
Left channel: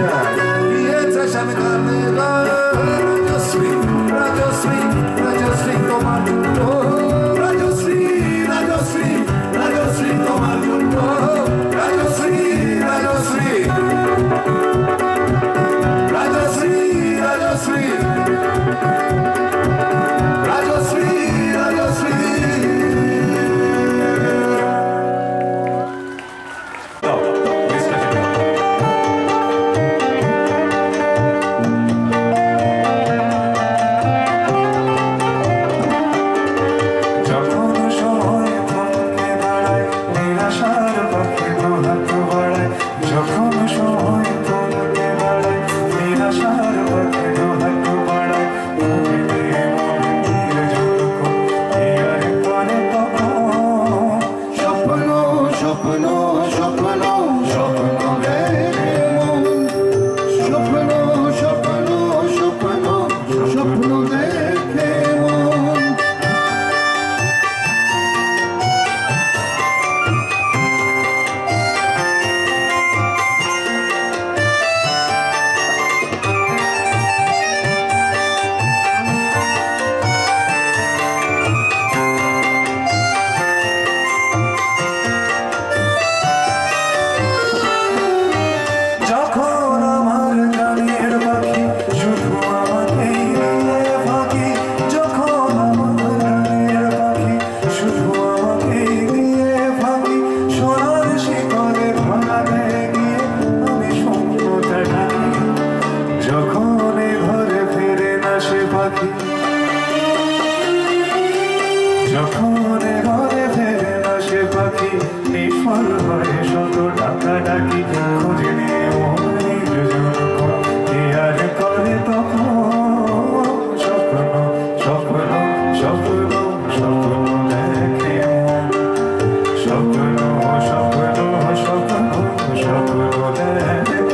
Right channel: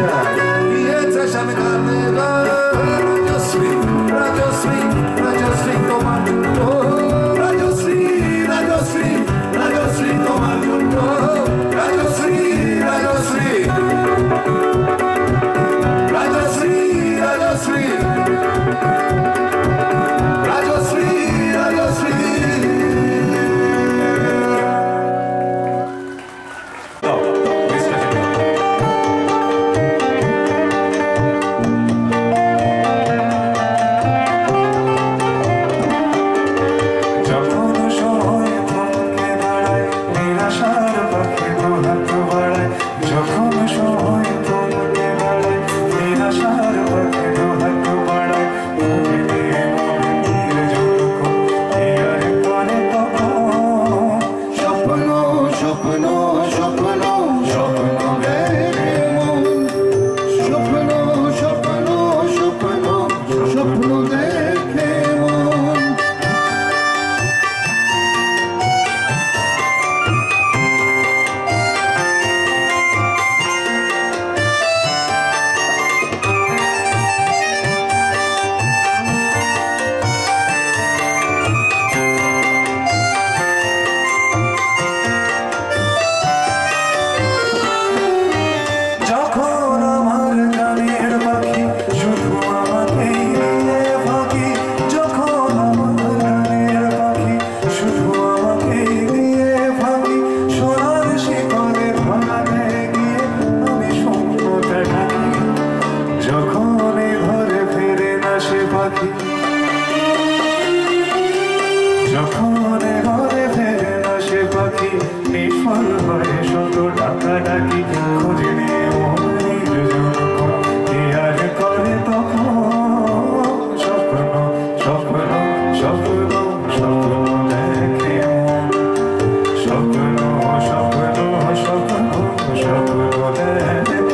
দিয়েছে সামনে রাজশ্রী রাজশ্রী রাজশ্রী তোমার জন্য রাজশ্রী রাজশ্রী রাজশ্রী তোমার জন্য রাজশ্রী রাজশ্রী রাজশ্রী রাজশ্রী রাজশ্রী রাজশ্রী পাখি যখন ঘরে ফেরে না সে পাখি নিষ্ফল হয়ে শত ডাকা ডাকি খুঁজে নিয়ে মনের জনকণ কি আর করে তখন স্বপ্ন স্বপ্ন স্বপ্ন স্বপ্ন দেখে স্বপ্ন স্বপ্ন স্বপ্ন স্বপ্ন দেখে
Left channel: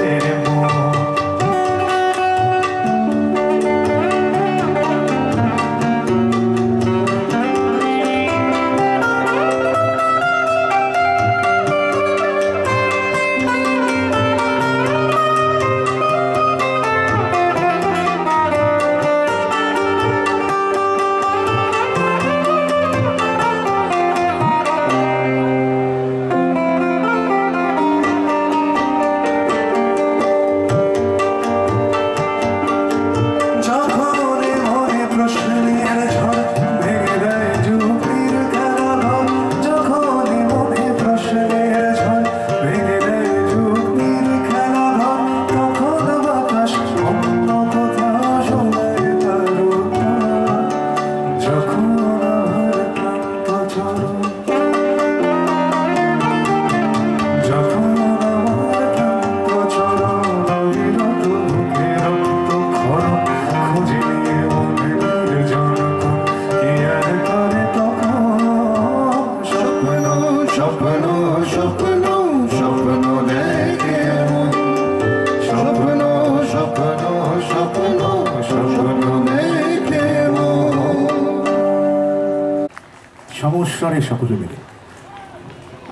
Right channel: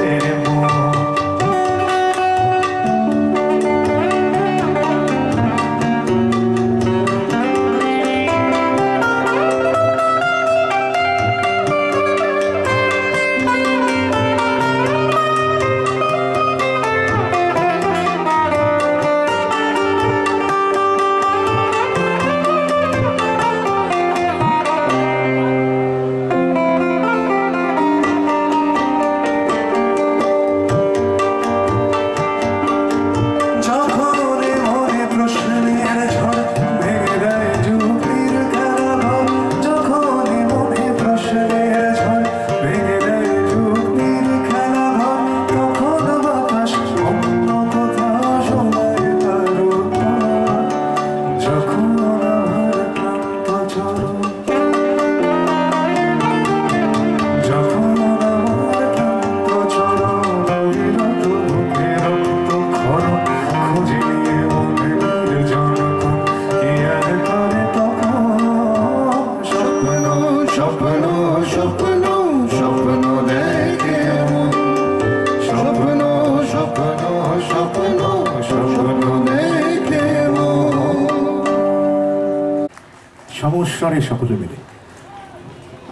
সমস্যারে সকলে মিলে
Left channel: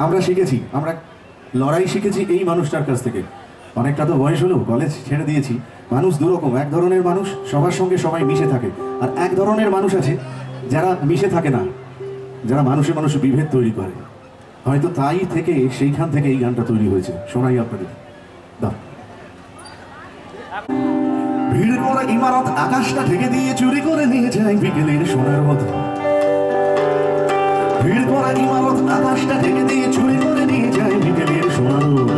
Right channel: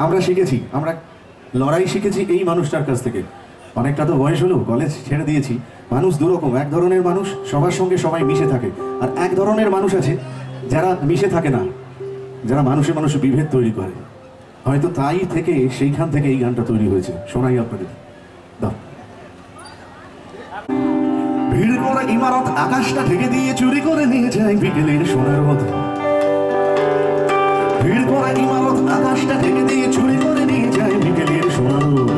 আমরা শিখেছি, আমরা লড়াই শিখেছি এই মানুষটার কাছ থেকে। অনেকটা তো বয়স হলো, কলেজ ছেড়ে দিয়েছি। মানুষ দুরকম, এক ধরনের মানুষ সবার সঙ্গে সবাই মিশে থাকে, আর এক ধরনের মানুষ আছে যারা মিশে থাকে না, যারা মানুষে মানুষে বিভেদ তৈরি করে। হয়তো তাই থেকে সেইখান থেকে এই গানটা তৈরি হয়েছে। শোনাই আপনাদের। দাও। ভিড় করা ইমারত আকাশটা ঢেকে দিয়ে চুরি করে নিয়ে যায় বিকেলের সোনার মতো। ভিড় করা ইমারত আকাশটা ঢেকে দিয়ে চুরি করে নিয়ে যায় বিকেলের সোনার মতো।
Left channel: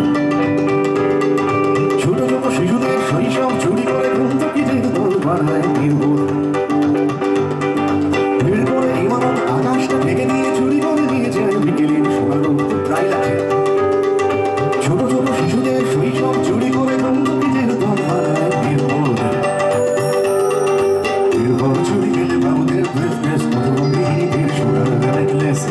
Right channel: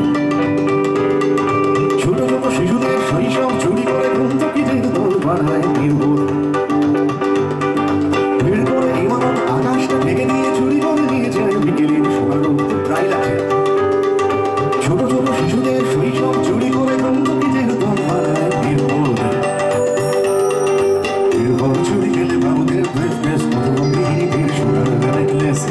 ছোট ছোট শিশুদের শৈশব চুরি করে বন্ধুকিদের দল বানায় নির্বোধ। ভিড় করে ইমারত আকাশটা ঢেকে দিয়ে চুরি করে নিয়ে যায় বিকেলের সোনার মতো। প্রায় লাগে ছোট ছোট শিশুদের শৈশব চুরি করে বন্ধুকিদের দল বানায় নির্বোধ। এরপর চুরি গেলে বাবুদের ব্রেফকেস মিহিনীদের সোনার নেকলেস।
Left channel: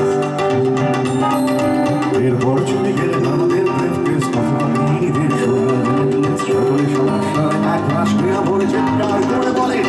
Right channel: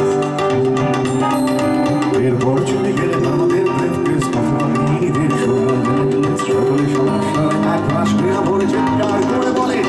এরপর চুরি গেলে বাবুদের ব্রেফকেস মিহিনীদের সোনার নেকলেস। সকলে সমস্যায় এক মাস ক্রিয়া ভরে চিৎকার করে বলে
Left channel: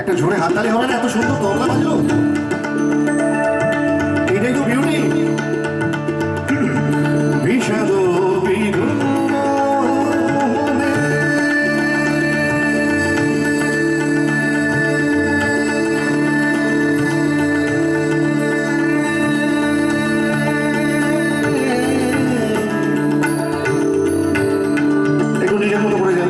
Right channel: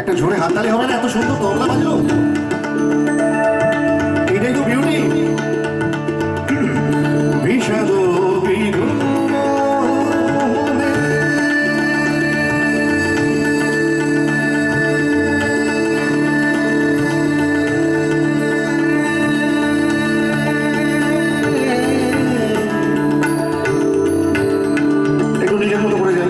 একটা জোরে হাততালি হবে না? এত সুন্দর তবলা বাজলো, এটাই তো বিউটি। বিষাদ একটু নিজের মতো করে যাই।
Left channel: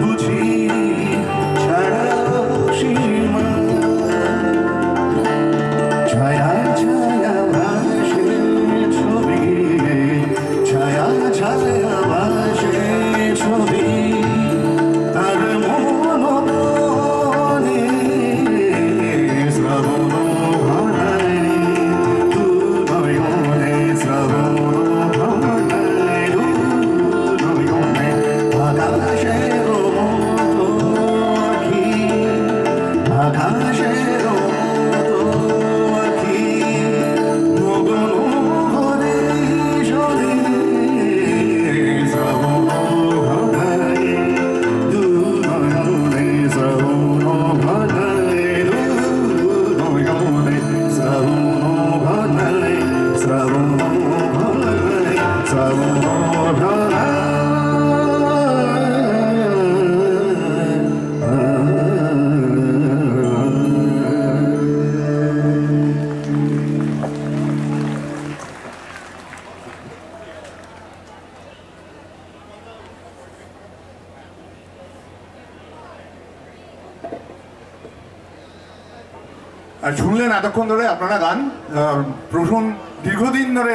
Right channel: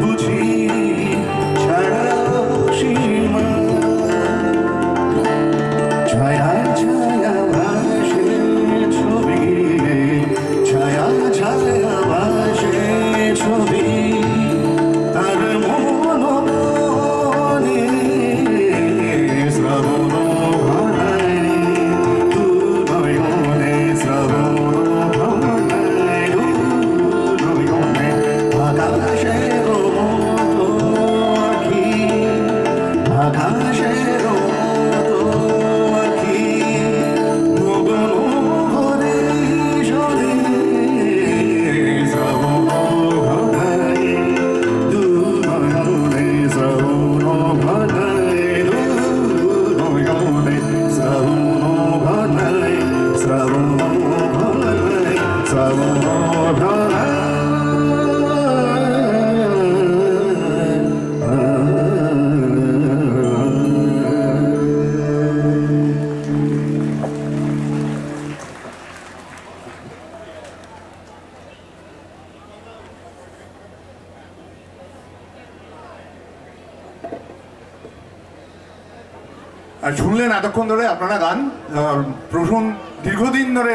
বুঝি শুনলেন এতক্ষণ ধরে আপনারা গান। প্রসূন দীর্ঘদিন ধরে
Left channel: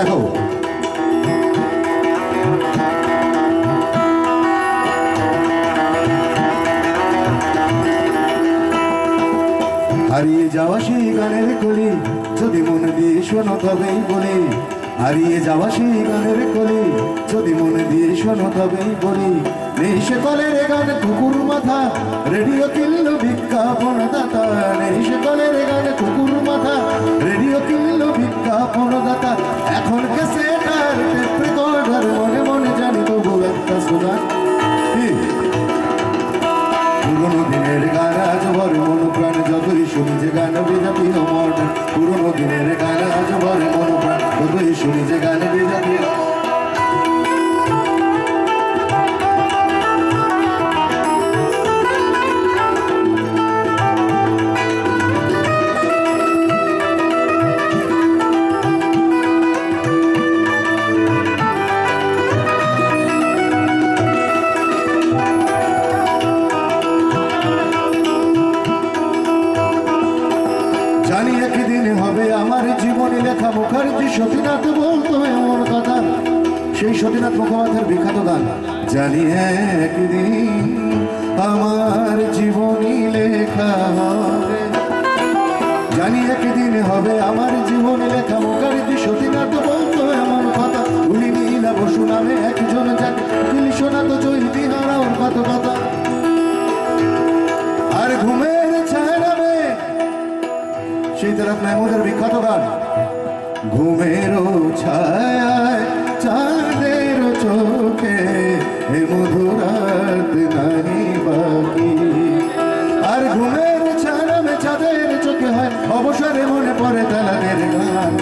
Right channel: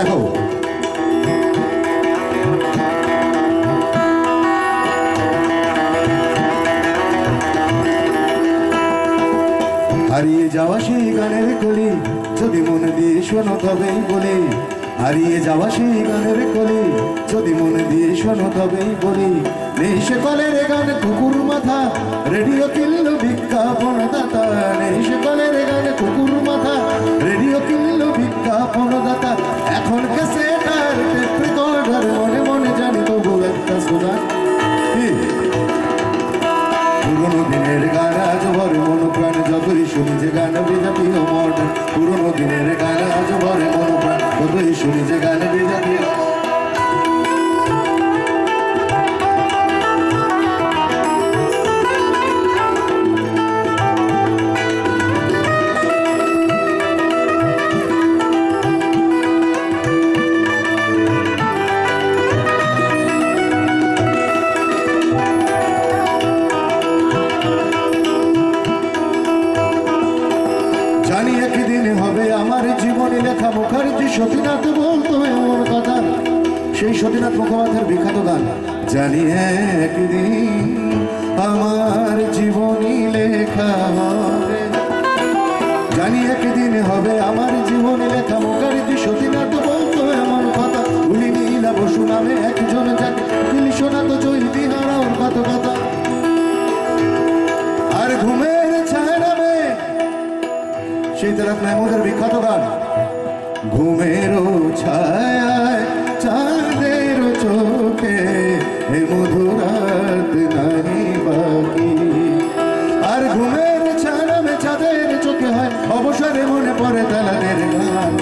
দেখো হারিয়ে যাওয়া সেই গানের কলি যদি মন দিয়ে শোনো তবেই বলি, হারিয়ে যাওয়া সেই গানের কলি যদি মন দিয়ে শোনো তবেই বলি। নেই সে কলের গান কুকুর মাথা, রেডিও কিনলো বিজ্ঞাপন দাতা। নেই সে কলের গান কুকুর মাথা, রেডিও কিনলো বিজ্ঞাপন দাতা। এখন ক্যাসেটার টেপ রেকর্ডার, মনে মনে জানি তবু একটা সুগান। পুরোনো দিনের গান আজ ভরে মন প্রাণ, যতই শুনি যে গান বিজাতি ও মডার্ন। পুরোনো দিনের গান আজ ভরে মন প্রাণ, যতই শুনি যে গান বিজাতি ও লেখা। মুখার্জি সতীনাথ বলতো এমন কথা, সেই সতীনাথ মুখোপাধ্যায়ের বিখ্যাত গান। জানি একদিন আমার জীবনী লেখা হবে, জানি একদিন হবে আমার জীবনী লেখা। মুখার্জি সতীনাথ বলতো এমন কথা। উনি নীলা বসু নামে একজন যাকে উকিল শোনাতো চৈতি হারা ওর কত কথা। আর ঘুমের ছায়া নামে সেই তারক মেহমুদের বিখ্যাত গান। ঘুমেরও ছায়ায় চাঁদের চোখে এ মধুরাত নাহি বাকি। আর ঘুমের ছায়া নামে চাঁদের চোখে হয় অবসরে মনে পড়ে তালাদের গান।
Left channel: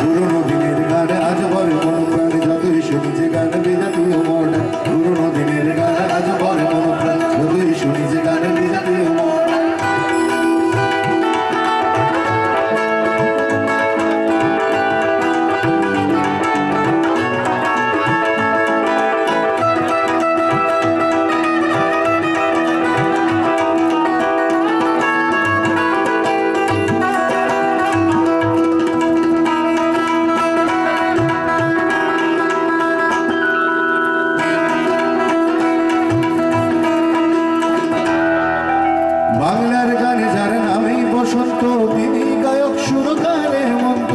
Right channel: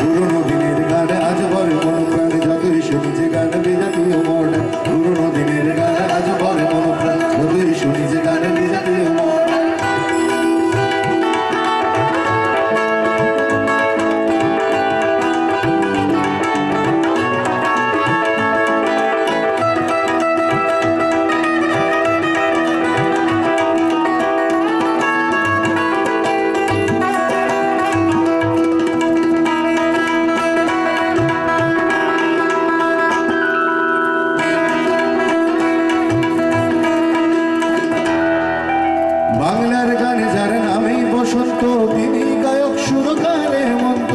পুরোনো দিনের গান আজ বলে মন প্রাণ, যতই শুনি যে গান বিজাতীয় মডার্ন। পুরোনো দিনের গান আজ বলে মন প্রাণ, যতই শুনি যে গান বিজাতীয় মডার্ন। বাংলার গানে যার নামেই বসন্ত, তিনি গায়ক সুরকার হেমন্ত।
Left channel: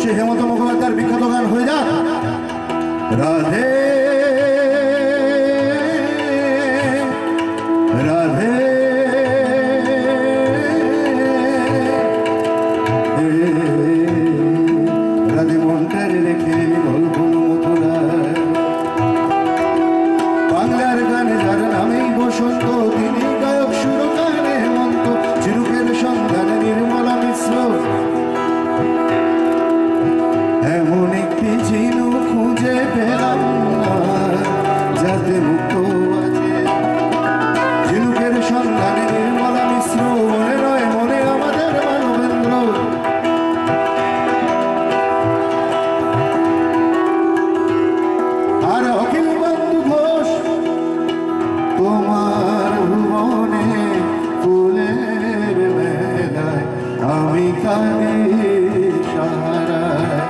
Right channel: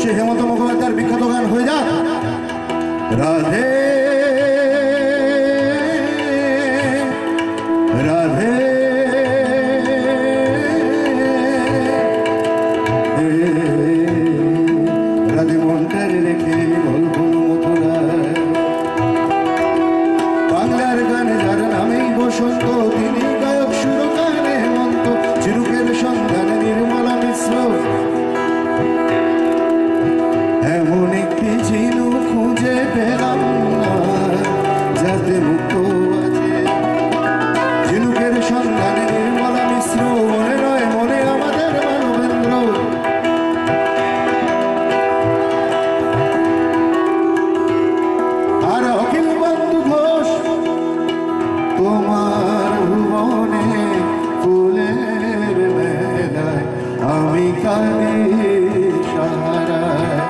সে হেমন্ত মুখোপাধ্যায়ের বিখ্যাত গান হয়ে যাক রাধে রাধে রাধে মনটারে রেখে গল্প মথুরা। বাংলার গানে যার নামেই বসন্ত, তিনি গায়ক সুরকার হেমন্ত। চিরুকের সন্ধান নির্মলা মিশ্র, এমন একটি ঝিনুক খুঁজে পেলাম না যাতে মুক্ত আছে। ঝিনুকের সন্ধান নির্মলা মিশ্র, মনে নয় মনে আমাদের মানবেন্দ্র। আর অখিল বন্ধু ঘোষ, তোমার ভুবনে ফুলের মেলায় আমি কাঁদি সাহারায়।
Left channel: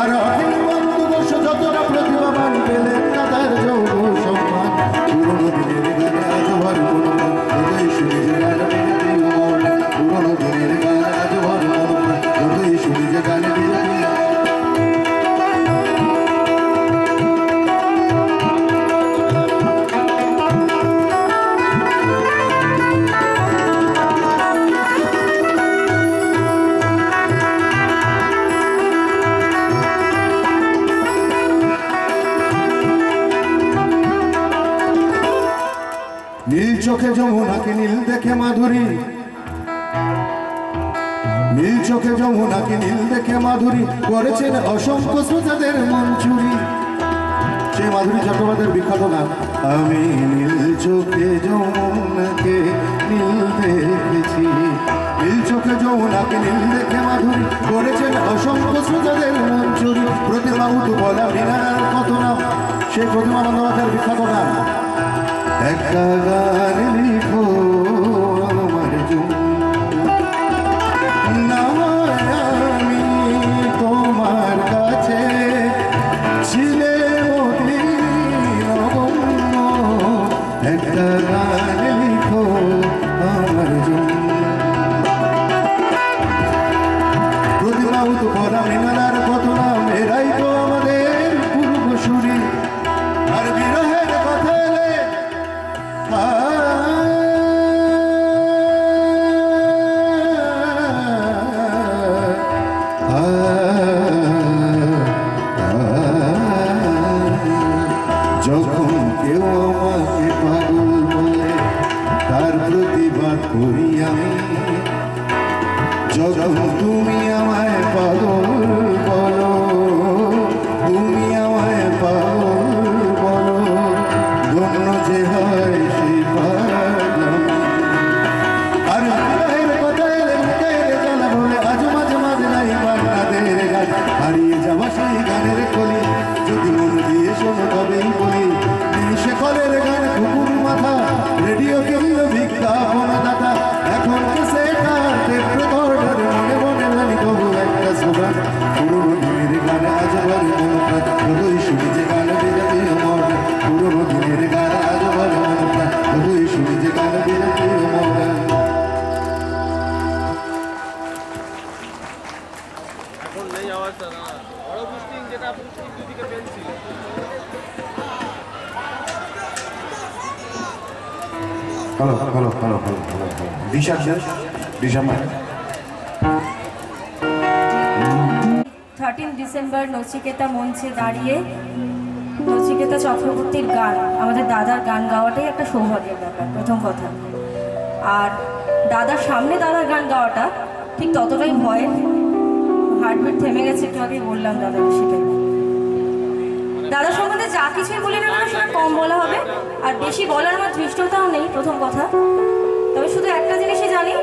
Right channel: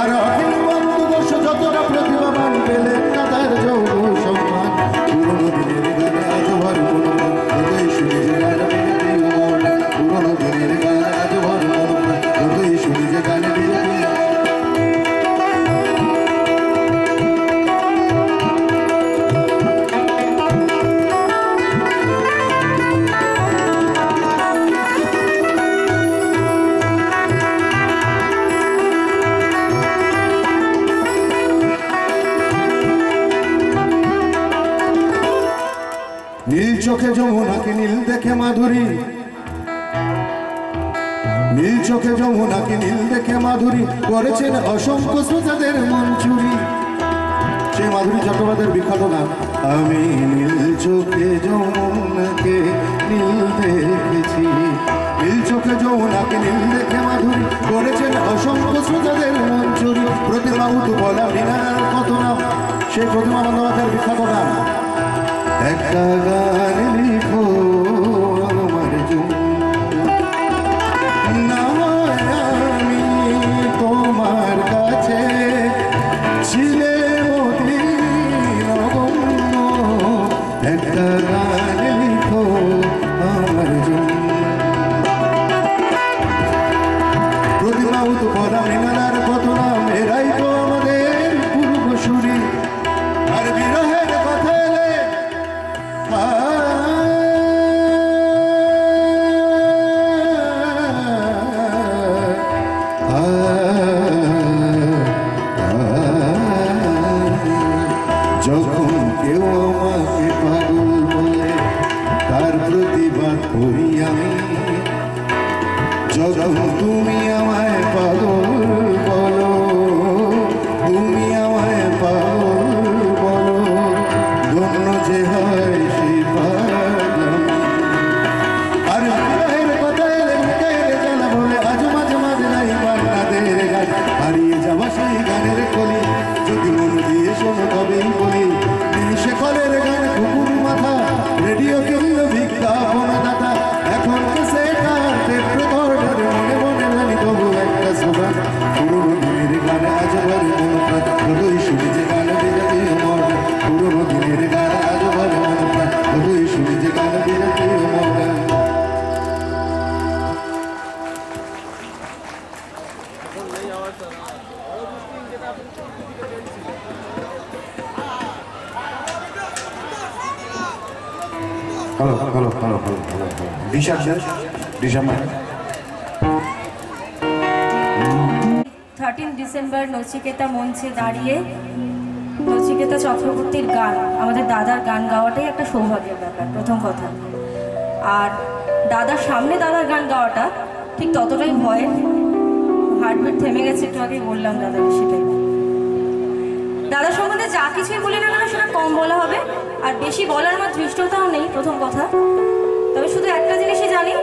আর অখিল বন্ধু ঘোষ যতটা প্রতিভাবান পেলেন না তার যৌব সম্মান। পুরোনো দিনের গান আজ ভর মন প্রাণ, যতই শুনি যে গান বিজাতীয় মডার্ন। পুরোনো দিনের গান আজ ভর মন প্রাণ, যতই শুনি যে গান বিজাতীয়। নীল চোখে যমুনাকে নীল দেখে মাধুরী, নীল চোখে যমুনাকে নীল দেখে মাধুরী করেছেন অসংখ্য শ্রোতাদের মন চুরি। সেই মাধুরী চট্টোপাধ্যায়ের বিখ্যাত গান। আমি নীল চোখে যমুনাকে নীল দেখেছি, যমুনাকে নীল দেখে মাধুরী করেছেন অসংখ্য শ্রোতাদের মন চুরি। প্রতিমা উতু বলা মৃণালার কত নাম, সেই প্রতিমা বন্দ্যোপাধ্যায়ের বিখ্যাত গান। একটা গান লিখো আমার জন্য, আমি তোমার কাছে ছিলে অতি নগণ্য। একটা গান লিখো আমার জন্য। প্রতিমা উতু বলা মৃণালার কত নাম, এরাই তো আমাদের পূর্বসূরি। আর বিরহের কথা এলে যখন কেউ আমাকে পাগল বলে তার প্রতিবাদ করি আমি। যখন তুমি আমায় পাগল বলো, তুমি আমায় পাগল বলো, ধন্য যে হয় সেই পাগলামি। আর বিরহের কথা এলে মুখের জ্বালা বলে আজ মাঝে মাঝে নাই বান্নাদের গান। হারিয়ে যাওয়া সেই গানের কলি যদি মন দিয়ে শোনো তবেই বলি। সে কলের গান কুকুর মাথা, রেডিও কিনল বিজ্ঞাপনদাতা। এখন সেটার টেপ রেকর্ডার মনে মনে জানি তবু একটা সুগান। পুরোনো দিনের গান আজ বলে মন প্রাণ, তবুই শুনি যে গান বিজাতীয় মডার্ন। পুরোনো দিনের গান আজ বলে মন প্রাণ, তবুই শুনি যে গান বিজাতীয় modern. Hello hello hello hello hello Disha Disha 13 December Nachiketa মঞ্চে দাঁড়িয়ে নচিকেতা চক্রবর্তীর গান, আমাদের দাদার গান গাওয়াটাই একটা সৌভাগ্যের ব্যাপার, প্রথম কথা। আর দাদার সামনে দাদার গান গাওয়াটা ঠিক ততটাই ভয়ের। হার্টবিট থেমে গেছে, একটু আগে বললাম দাদাকে সেটাই। দাদার সম্বন্ধে যা কিছুই বলি না কেন সেটা কম বলা হবে, আর বেশি বলার আমার ধৃষ্টতাও নেই, প্রথম কথা। তবে শুধু একটা জিনিসই জানি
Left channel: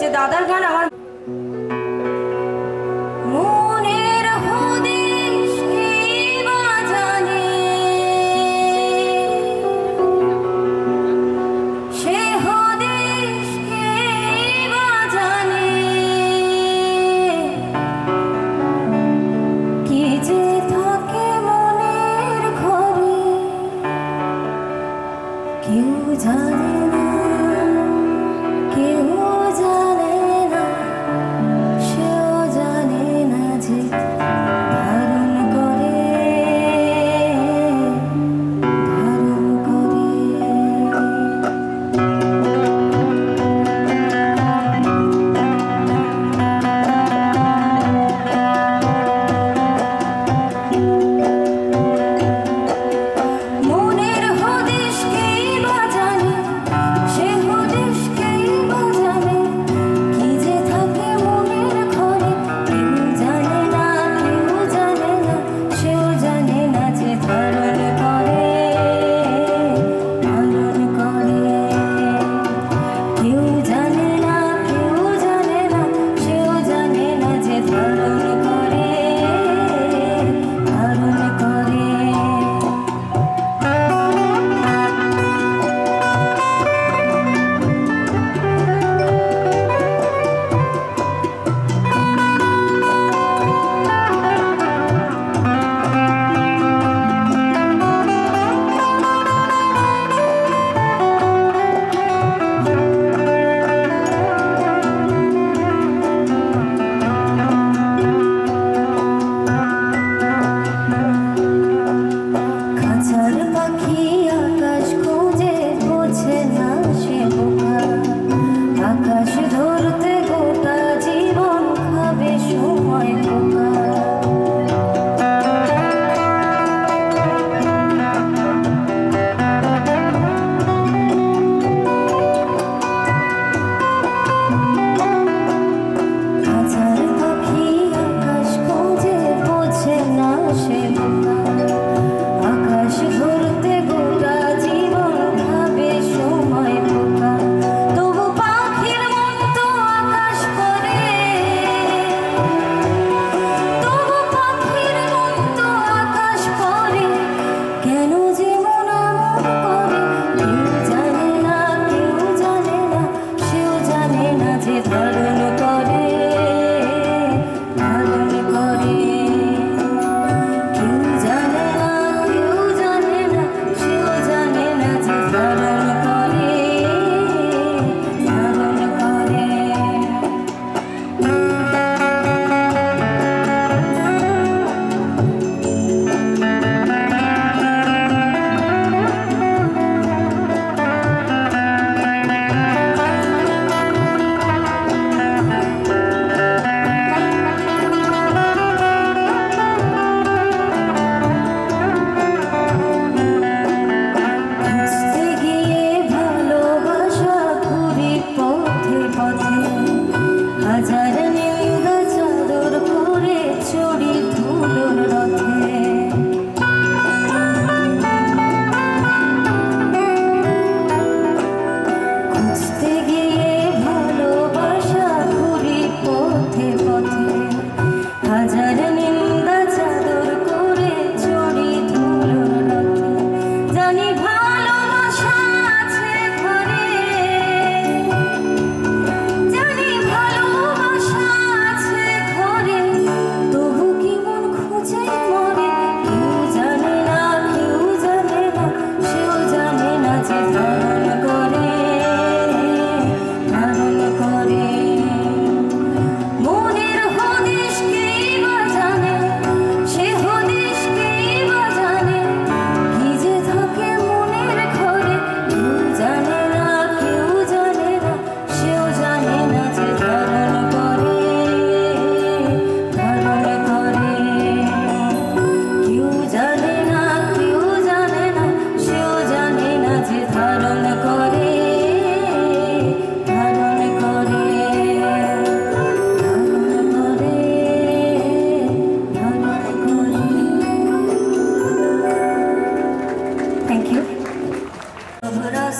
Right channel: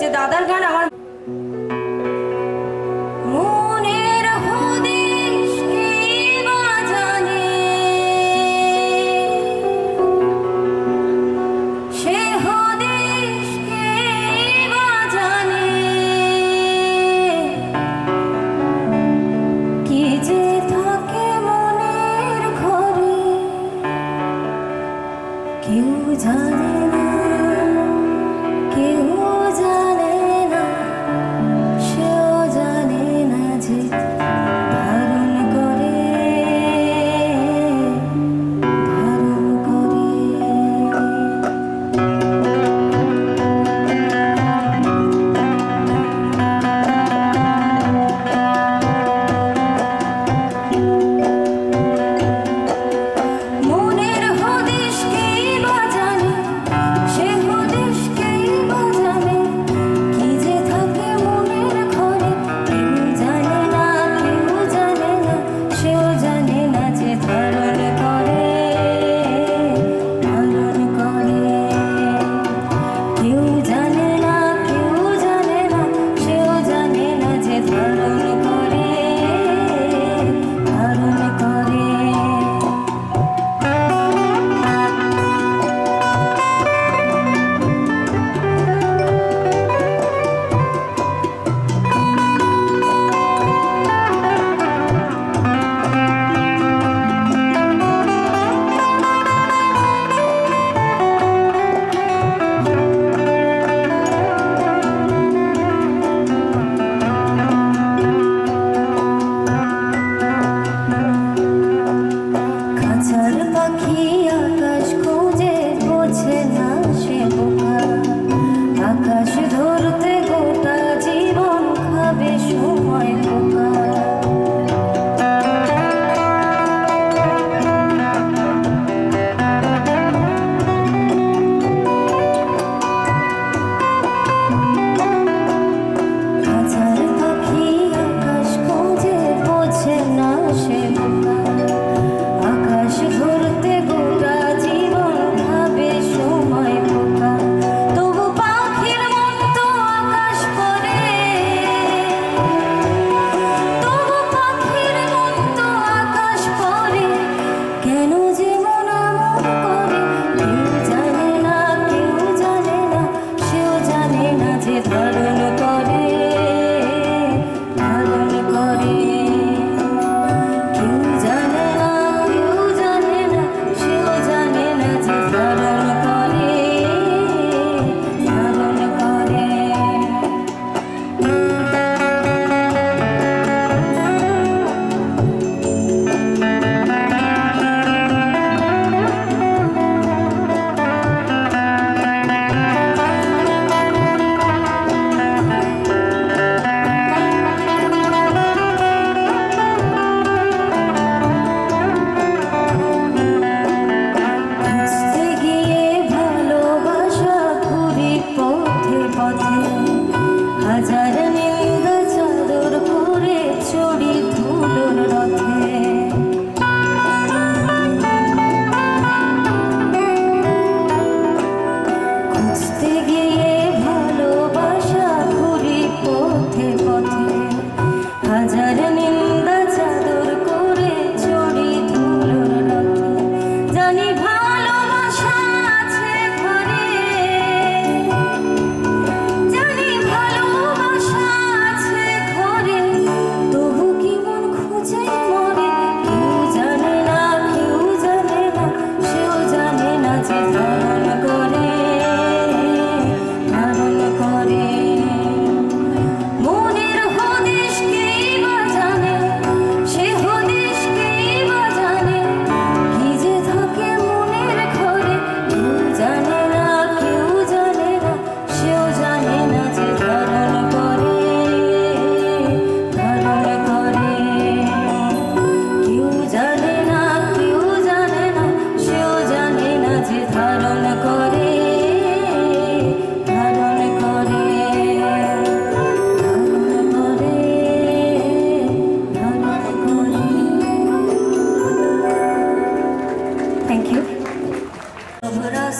যে দাদার গান আমার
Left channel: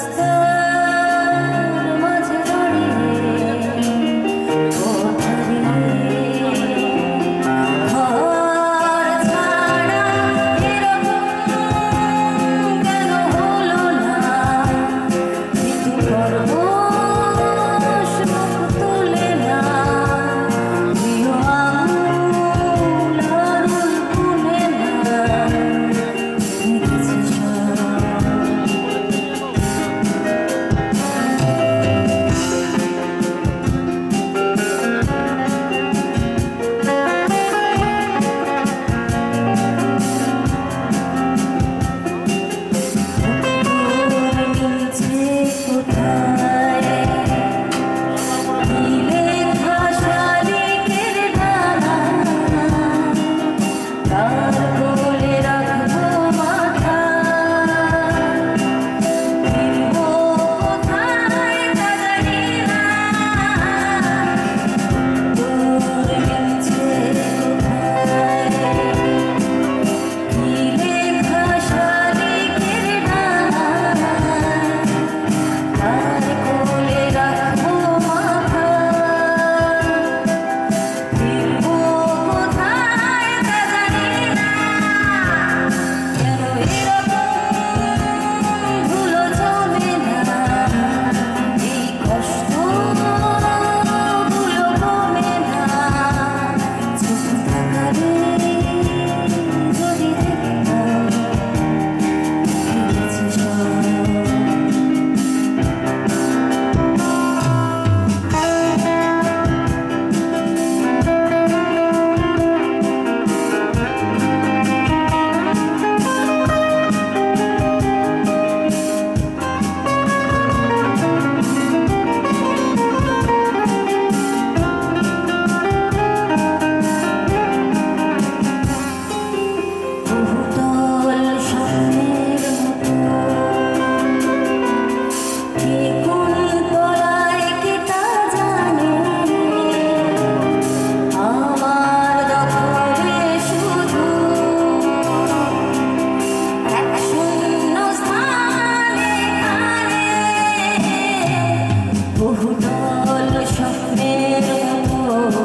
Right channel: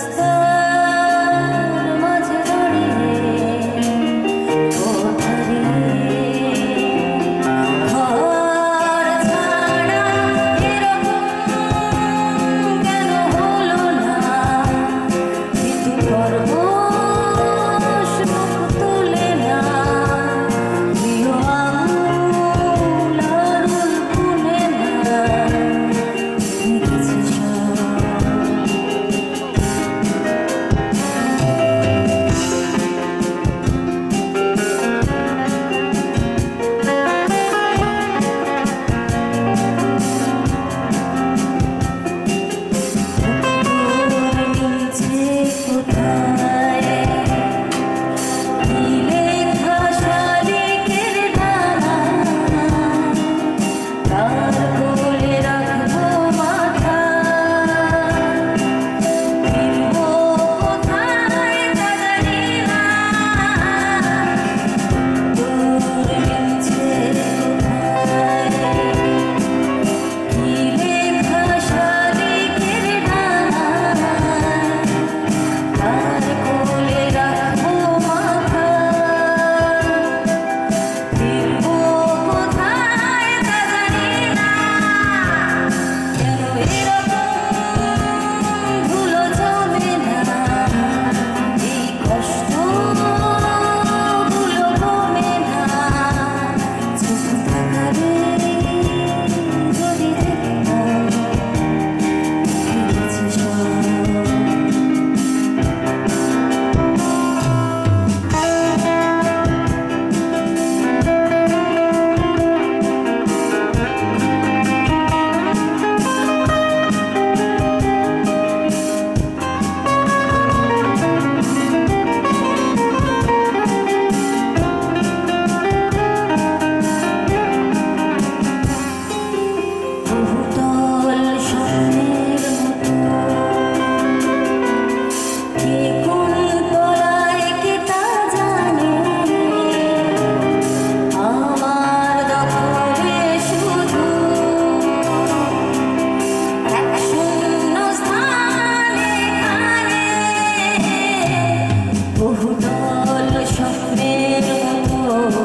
রাস্তার মাঝে দাঁড়িয়ে ঘর ছাড়া এরকম কেন হলো না কিন্তু পরশ মুখ তোলে না প্রিয় আঙুল আড়ুল গুনে না দেখেছি সব নিচে কোথায় নীলে ঘাসালিকের ডানা তার কোলে রাখবো মাথা ফিরবো কোথায় তা জানি না দূর নিচে কোথায় নীলে ঘাসালিকের ডানা তার কোলে রাখবো মাথা ফিরবো কোথায় তা জানি না কেন এরকম ধুলো জমে না এই কষ্টগুলো কমে না চোখ থাকারে যদি দেখতাম দেখেছি সব বহুতল স্বপ্নের মতো কে কোন তলায় কে তা জানে আমার দখলে শুধু এক শূন্য স্থানে খানে বহুতল স্বপ্নের মতো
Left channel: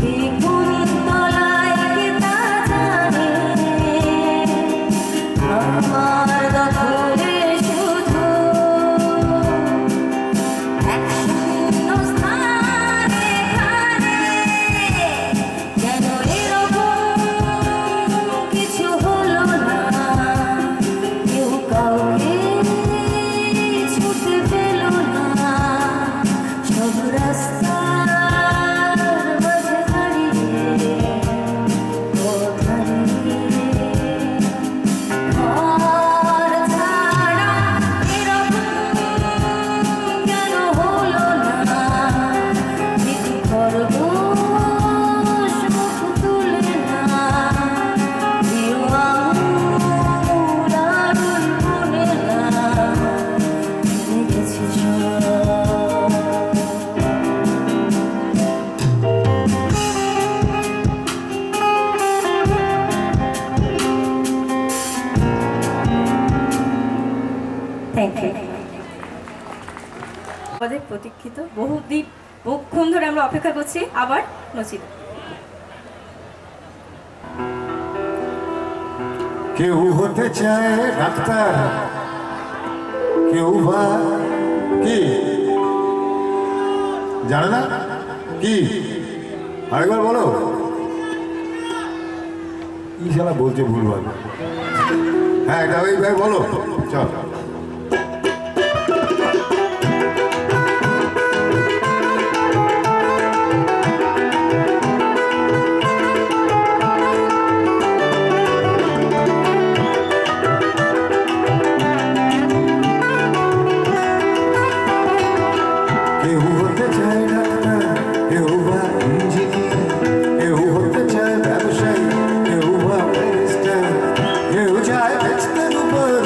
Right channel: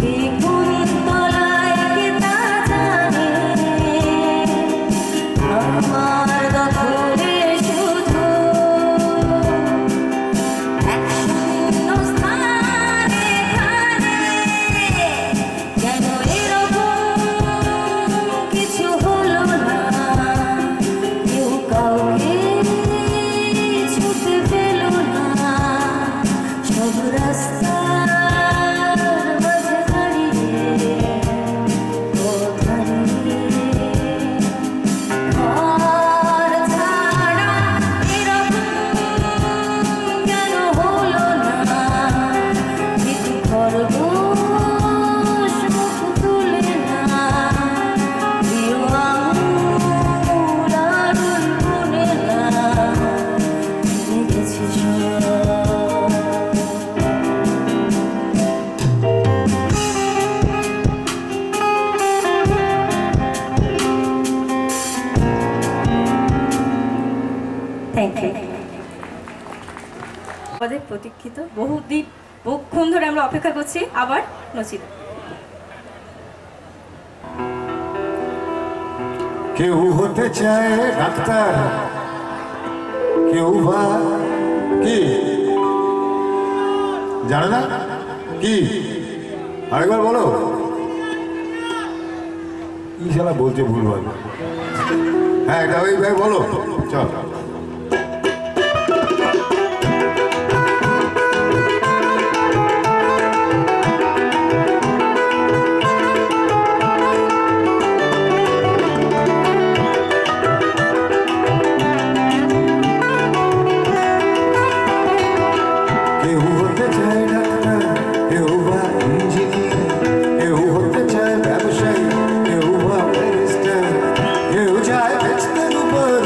কে কোন তলায় কে তা জানে আমার দখলে শুধু এক শূন্য স্থানে খানে কেন এরকম কিছু হলো না কেউ কাউকে ছুটে পেল না সব রাস্তার মাঝে দাঁড়িয়ে ঘর ছাড়া এরকম কেন হলো না কিন্তু খরগোশ মুখ তুলে না প্রিয় আঙুল আড়ুল গুনে না দেখেছি সব থ্যাংক ইউ আমাদের প্রতীক্ষিত বহুক্ষণ ধরে আমরা অপেক্ষা করছি আবার নচিতা কেউ হতে চায় ডাক্তার কেউ বা কি জানে না কি আরেকবার বলো কি শালা বলছে ভুলভাল হ্যাঁ এটা ওই ভাই বলো চল কেউ হতে চায় ডাক্তার কেউ বা ইঞ্জিনিয়ার কেউ হতে চায় ব্যবসায়ী কেউ বা ব্যারিস্টার কেউ চায় বেচতে রূপের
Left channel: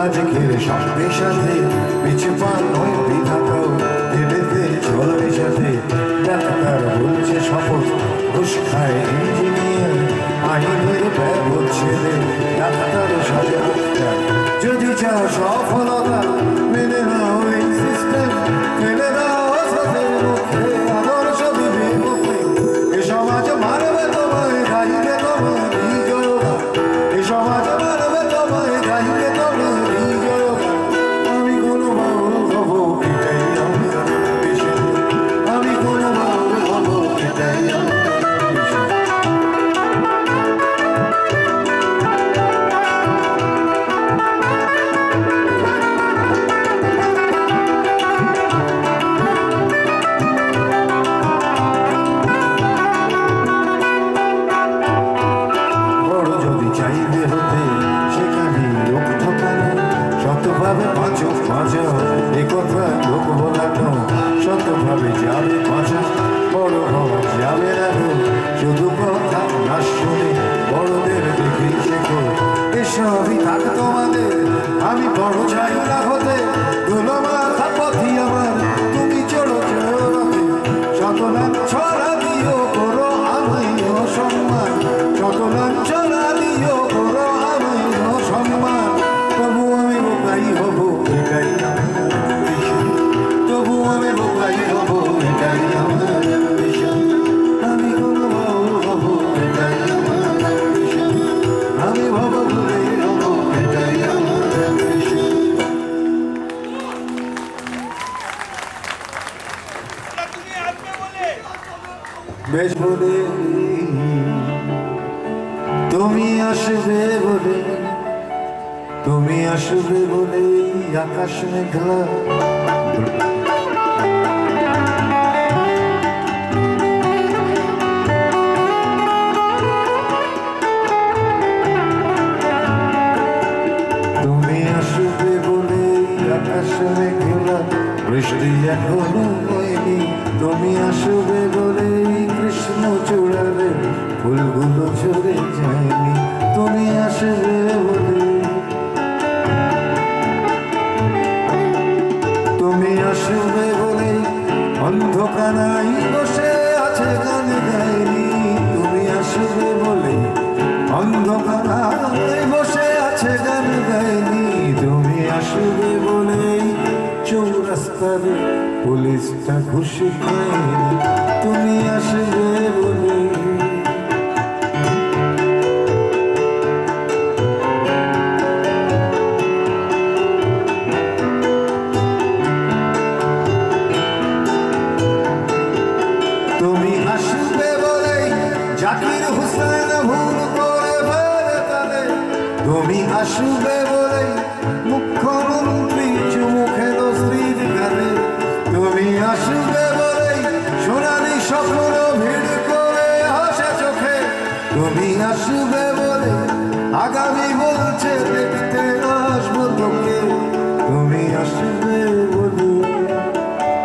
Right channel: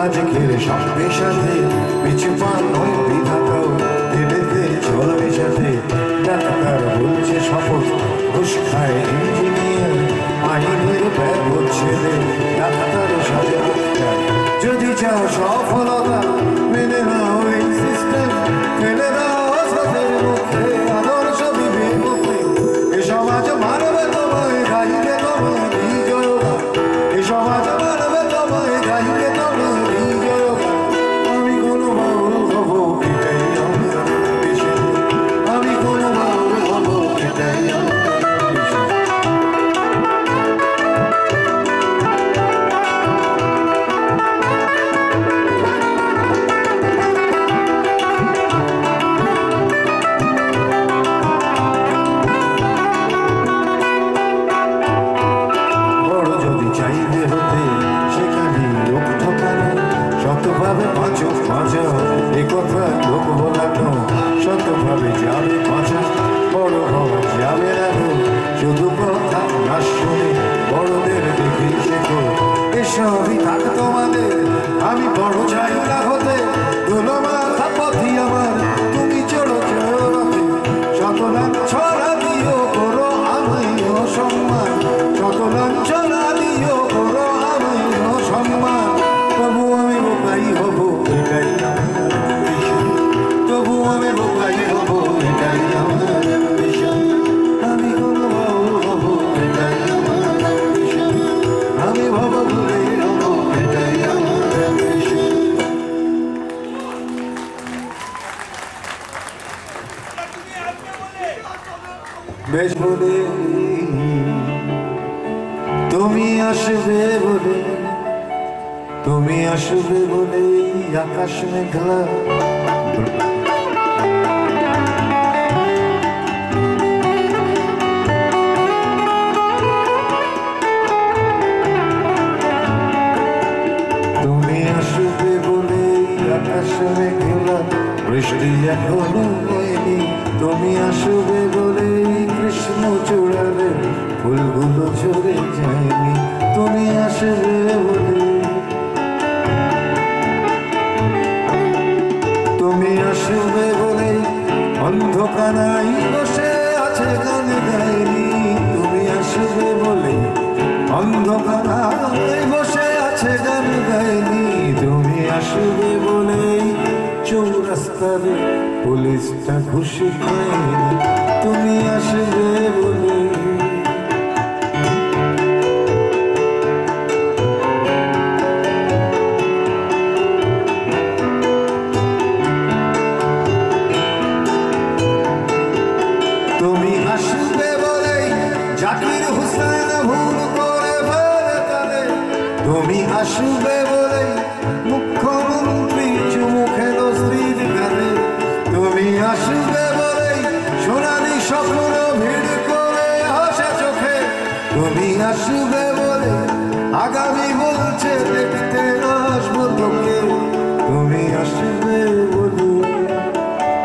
আজকের সঙ্গে সাথে পিছু পা নয় বিধাতাও দেবেতে চলবে সাথে ডাক্তার বলছে শপথ ঘুষ খায় ইঞ্জিনিয়ার আইনের ব্যাগ হচ্ছে ডাক্তার সাথে যদি চাও সফলতা মেনে নাও এই সিস্টেম ফেলে দাও সাথের মুখে আদর্শ বিবেকে এ সমাজ মারবে তোমায় গাইবে তোমায় বিজয়গা এ সমাজ মারবে তোমায় গাইবে তোমায় বিজয়গা আমি কোনো বাউল হব এটাই আমার পেশা আমি কোনো বাউল হব এটাই আমার কথা লোক বলানো শতভাবে যাবে পাঁচা বড় হওয়া যাবে না শুধু কথা না শুনে বড়দের দেখেই শেখো এসবই থাক তোমাদের আমি বড় চাই না হতে ধুলো মাথা পথি আমার তুমি চড়ো চড়তে শতলান ছড়া দিও করো আমায় সম্মান শতলান ছড়া দিও করো আমায় সম্মান তবু আমি বোকাই হব এটাই তবু আমি বোকাই হব এটাই আমার পেশা আমি কোনো বাউল হব এটাই আমার পেশা আমি ভব ভুলে হব এটাই আমার পেশা বেশ বলে তুমি আসবে বলে তুমি আসবে বলে আকাশ মেঘলা তুমি আসবে বলে আকাশ মেঘলা বৃষ্টি এখনো হয়নি তুমি আসবে বলে কৃষ্ণ চূড়ারে ফুলগুলো ঝরে যায়নি তুমি আসবে বলে তুমি আসবে বলে অন্ধকারাই বসে আছে গান গায়নি তুমি আসবে বলে অন্ধকারাই বসে আছে গান গায়নি তুমি আসবে বলে চৌরাস্তার পুলিশটা খুশি খায়নি তুমি আসবে বলে তুমি আসবে বলে জাকির হুসেন ভুল করে ফেলে তালে তুমি আসবে বলে মুখ্যমন্ত্রী চুমুখে স্ত্রীর গালে তুমি আসবে বলে সোনালি স্বপ্ন ভিড় করে হাসে চোখে তুমি আসবে বলে আগামী বলছে দেখতে আসবো তোকে তুমি আসবে বলে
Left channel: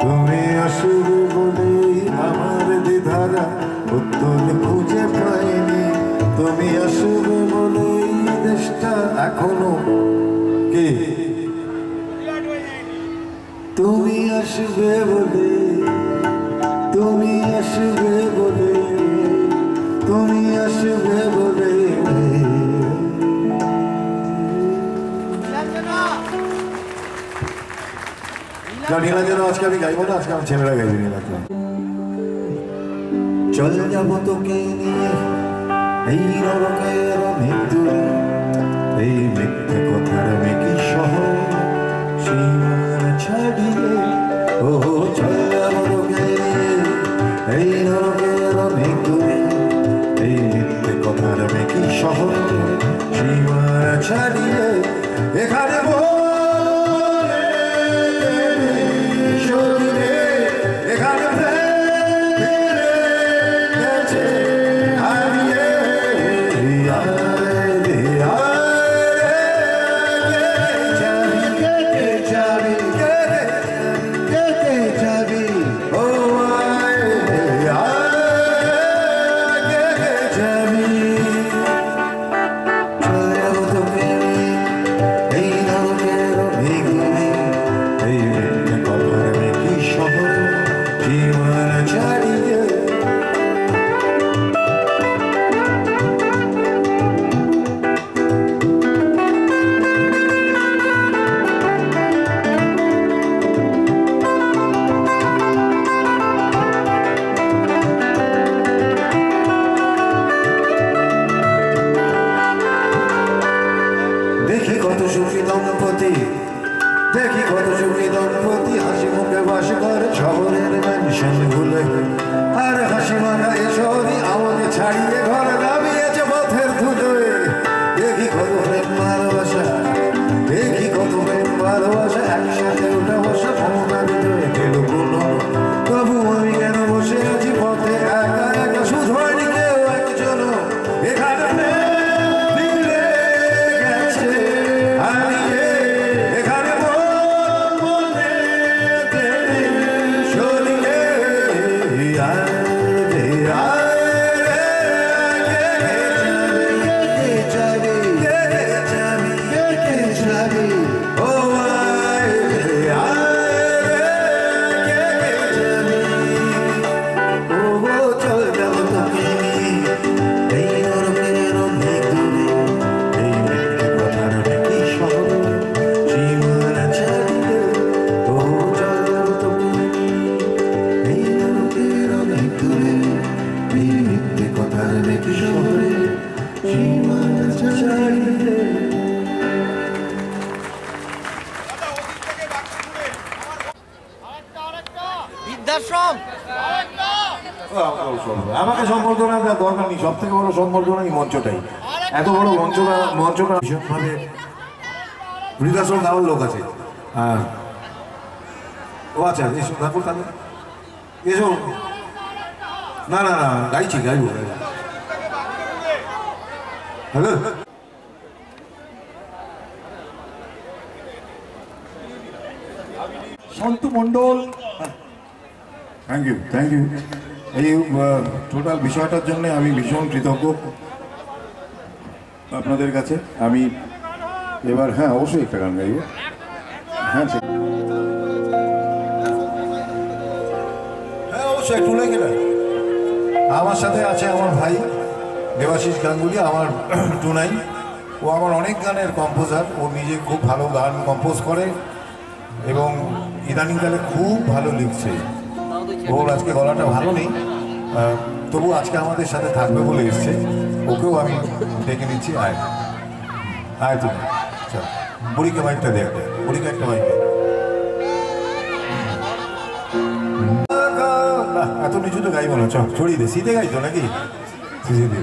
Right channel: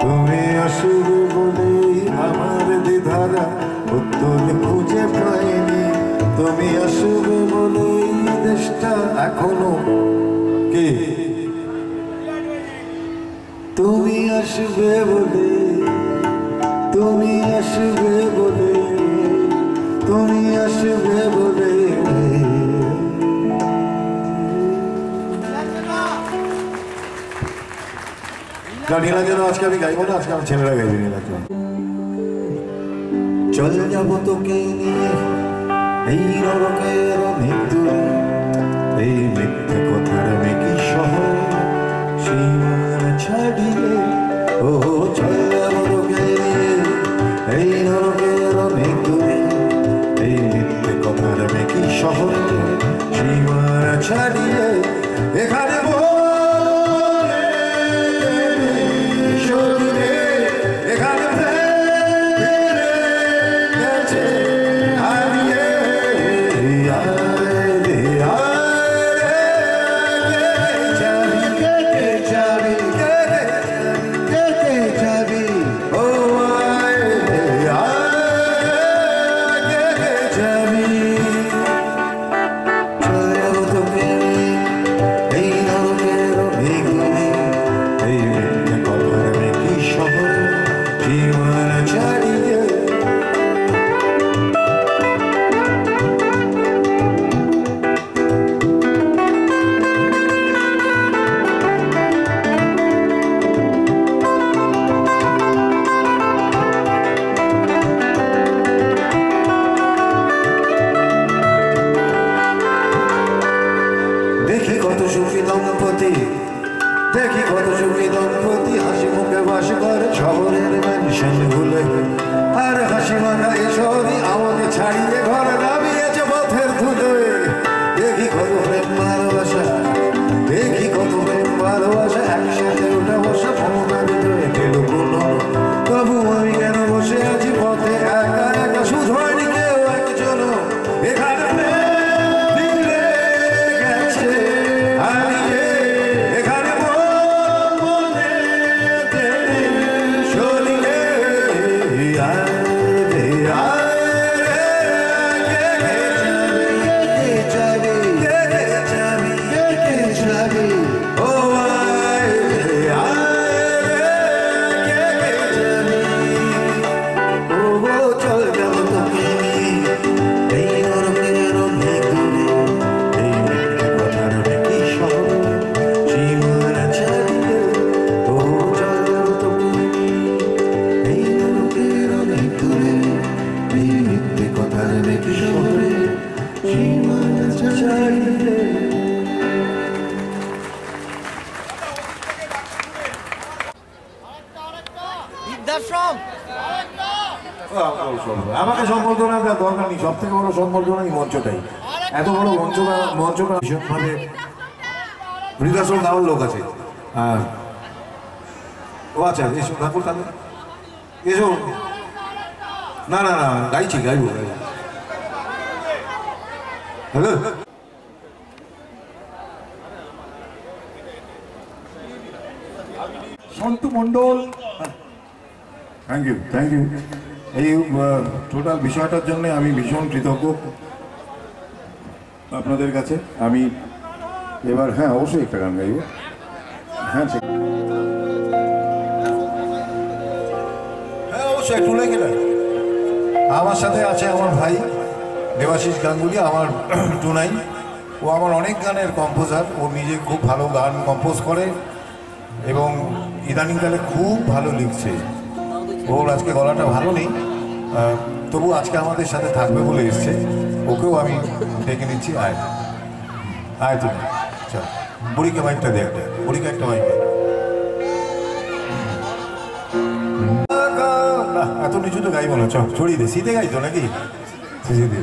তুমি আসবে বলে আমার দ্বিধারা উত্তর খুঁজে পাইনি তুমি আসবে বলে দেশটা এখনো কে তুমি আসবে বলে তুমি আসবে বলে তুমি আসবে বলে নীলা যেন আজকে আমি গাইবো না আজকে আমার ছেলেরা গাইবে নীলাকে চল যাবো তোকে নিয়ে এই নরকের মৃত্যুরে এই মিথ্যে কথার মেকি শহর সীমার ছাড়িয়ে ও চল যাবো তোকে নিয়ে এই নরকের মৃত্যুরে এই মিথ্যে কথার মেকি শহর সীমার ছাড়িয়ে এখানে এই নরকে কত সুখী দম্পতি, দেখি কত সুখী দম্পতি হাসি মুখে বাস করে শহরের ম্যানশন গুলে। আর হাসি মাখা এই শহরই আমাকে ছাড়িয়ে ঘরে দাঁড়িয়েছে পথের ধুলোয়। দেখি কত প্রেম ভালোবাসা, দেখি কত প্রেম ভালোবাসা একসাথে ওঠা বসা ক্ষমতা ভিতরে পেল কোনো। তবু আমি কেন বসে আছি পথে একা একা, শুধু হয়নি কেউ একজন এখানে ফিরে গেছে হারিয়ে। এখানে মনে শরীরে আমাকে সম্বর্ধনা দেওয়ার দরকার নেই, সব থেকে বড় সম্বর্ধনা এই মঞ্চটাই। এত বড় মঞ্চটা ভীষণভাবে বৃদ্ধাশ্রম দেওয়ার লোক আছে। ও আচ্ছা এসো ঠাকুর, তাহলে এসো। না না না গাইবো। Hello Santu Mondal, thank you. এই টোটাল বিষয়টার জন্য আমি ভীষণ কৃতজ্ঞ আপনাদের কাছে। আমি এবার হ্যাঁ অবশ্যই একটা গান গাইব। হ্যাঁ অবশ্যই একটু লেগে না। আমার সাথে আছে আমার ভাই দেবাশিস গাঙ্গুলি, আমার টুনাই। ও আমার অনেক গানের কম্পোজার, ও নিজে খুব ভালো গান কম্পোজ করে এবং ইদানিংকালে খুব ভালো লিখছে। ওর আজকে গলাটা ভালো নেই, তবু আজকে আমাদের সাথে থাকবে বলে এসছে। ওকেও আমি ডেকে নিচ্ছি। আয় তুমি, আচ্ছা বুড়িকে মাইকটা দে, বুড়িকে একটা মাইক। এত নিচু তো গাইব না, চল ছড়িয়ে দে। শীতে গাইতো নাকি? শীতে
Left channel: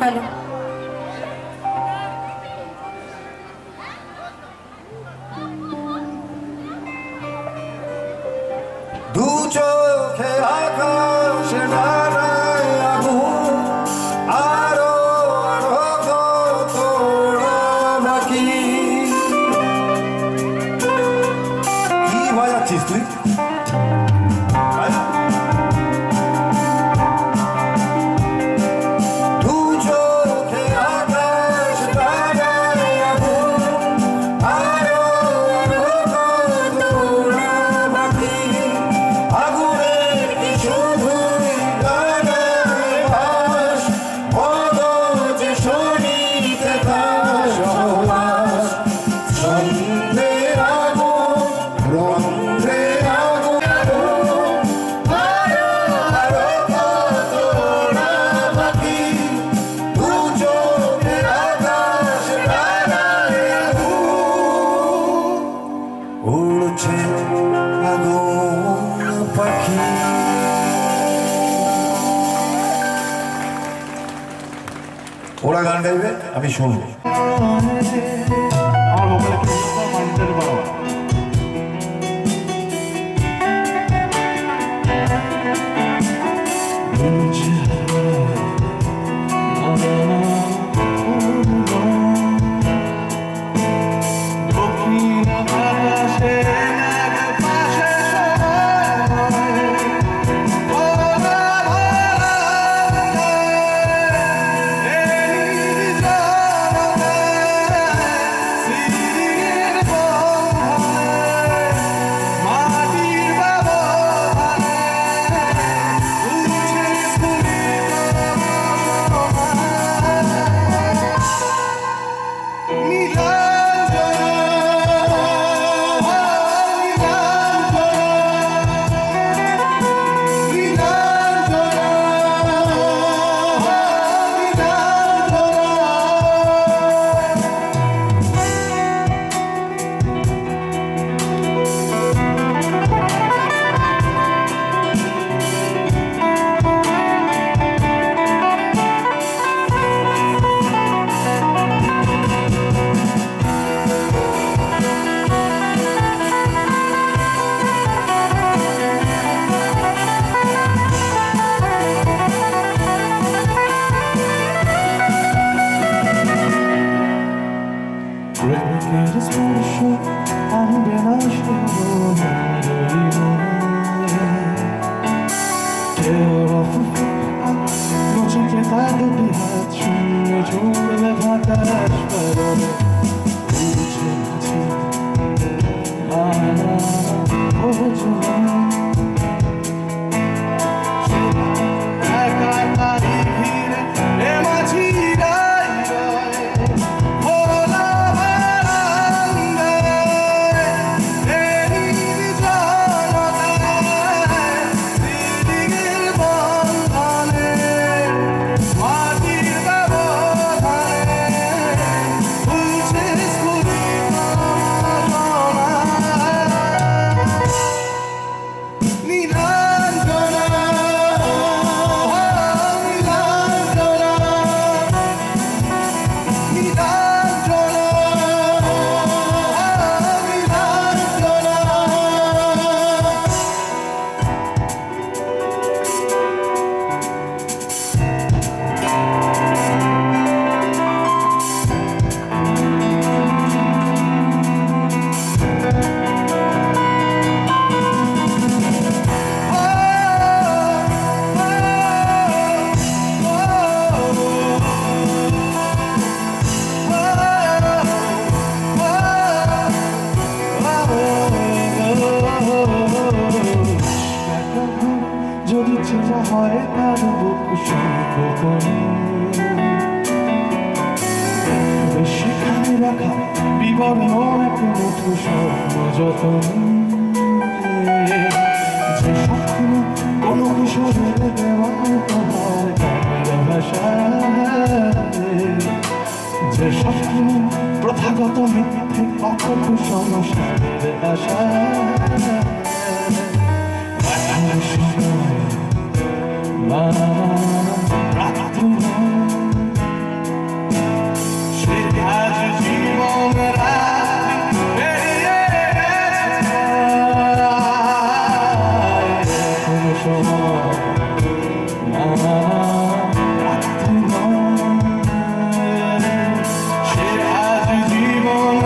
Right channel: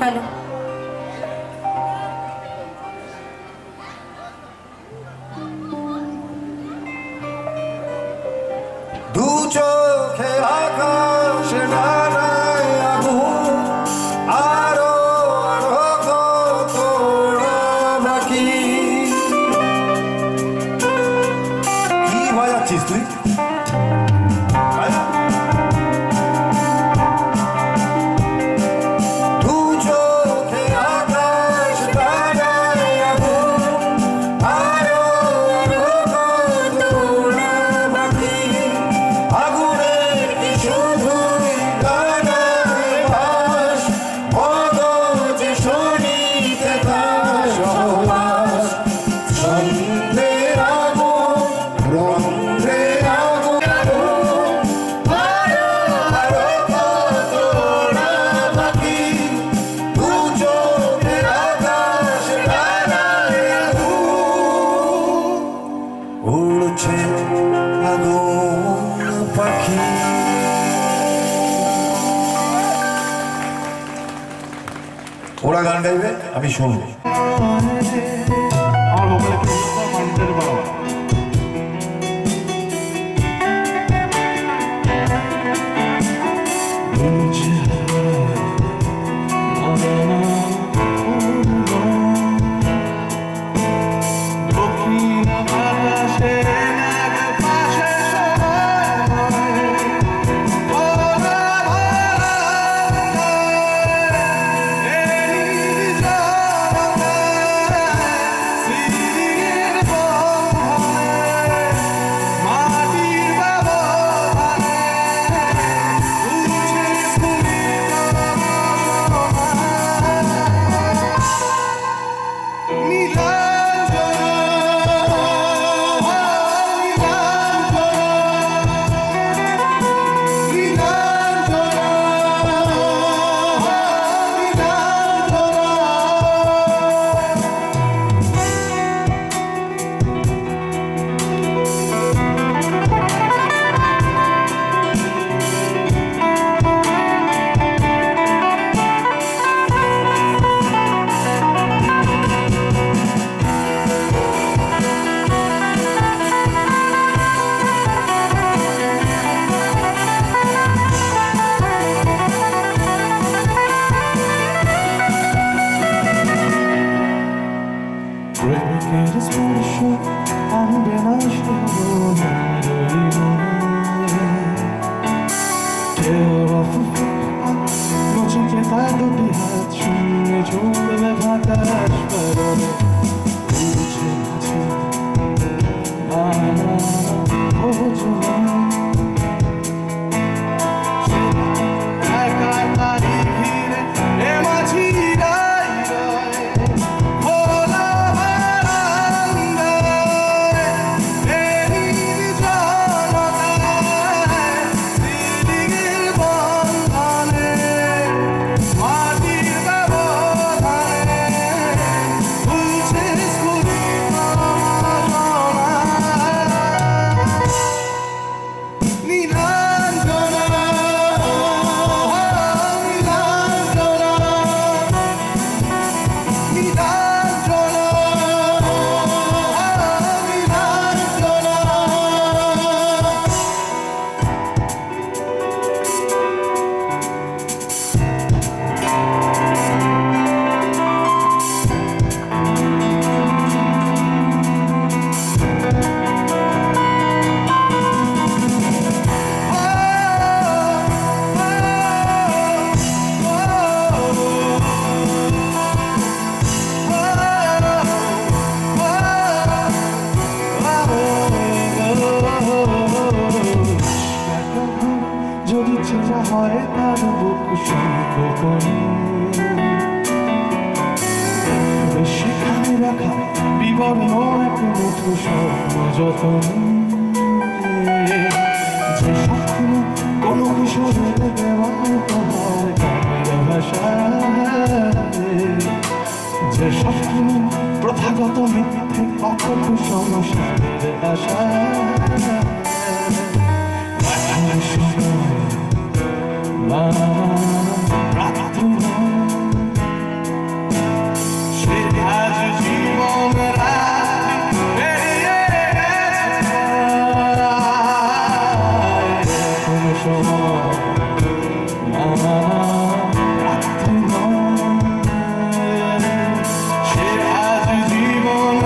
হ্যালো, দু চোখে আকাশ ডানায় আগুন, আরো আরো তোরা বাকি। কি বাজাচ্ছিস তুই? দু চোখে আকাশ ডানায় আগুন, আরো আরো তোরা বাকি। আগুনের কি শুধুই ডানায় বাস, মগজে শরীরে তার সহবাস। সন্ধে আগুন, রন্ধ্রে আগুন, আরো আরো তোরা বাকি। দু চোখে আকাশ ডানায় আগুন, উড়ছে আগুন পাখি। ওরা গান গাইবে, আমি শুনবো। একা দুটি হাত শূন্য ঝুলবে বাতাস পরনে বুঝে আছে বোঝো না একা তারি ঘিরে এ মাঝি রাই রায় ভোলা বারান্দায় এরির জনতায় দিদির বন্ধনে মাটির ব্যবধানে ভুলছে স্ফুরিত নীলাঞ্জনা যদি চেনা হয় তার বুক সংকোপনে সেখানে রাখা বিবর্ণ এক মুঠো স্বপ্ন যতন যে স্বপ্ন কোনো কিশোরের দেওয়া তোমার গানের ভাষায় যে স্বপ্ন প্রথাগত মিথ্যে অকল্প সংসারের আশা সে আজ জীবন কোনো সময় সে আজ জীবন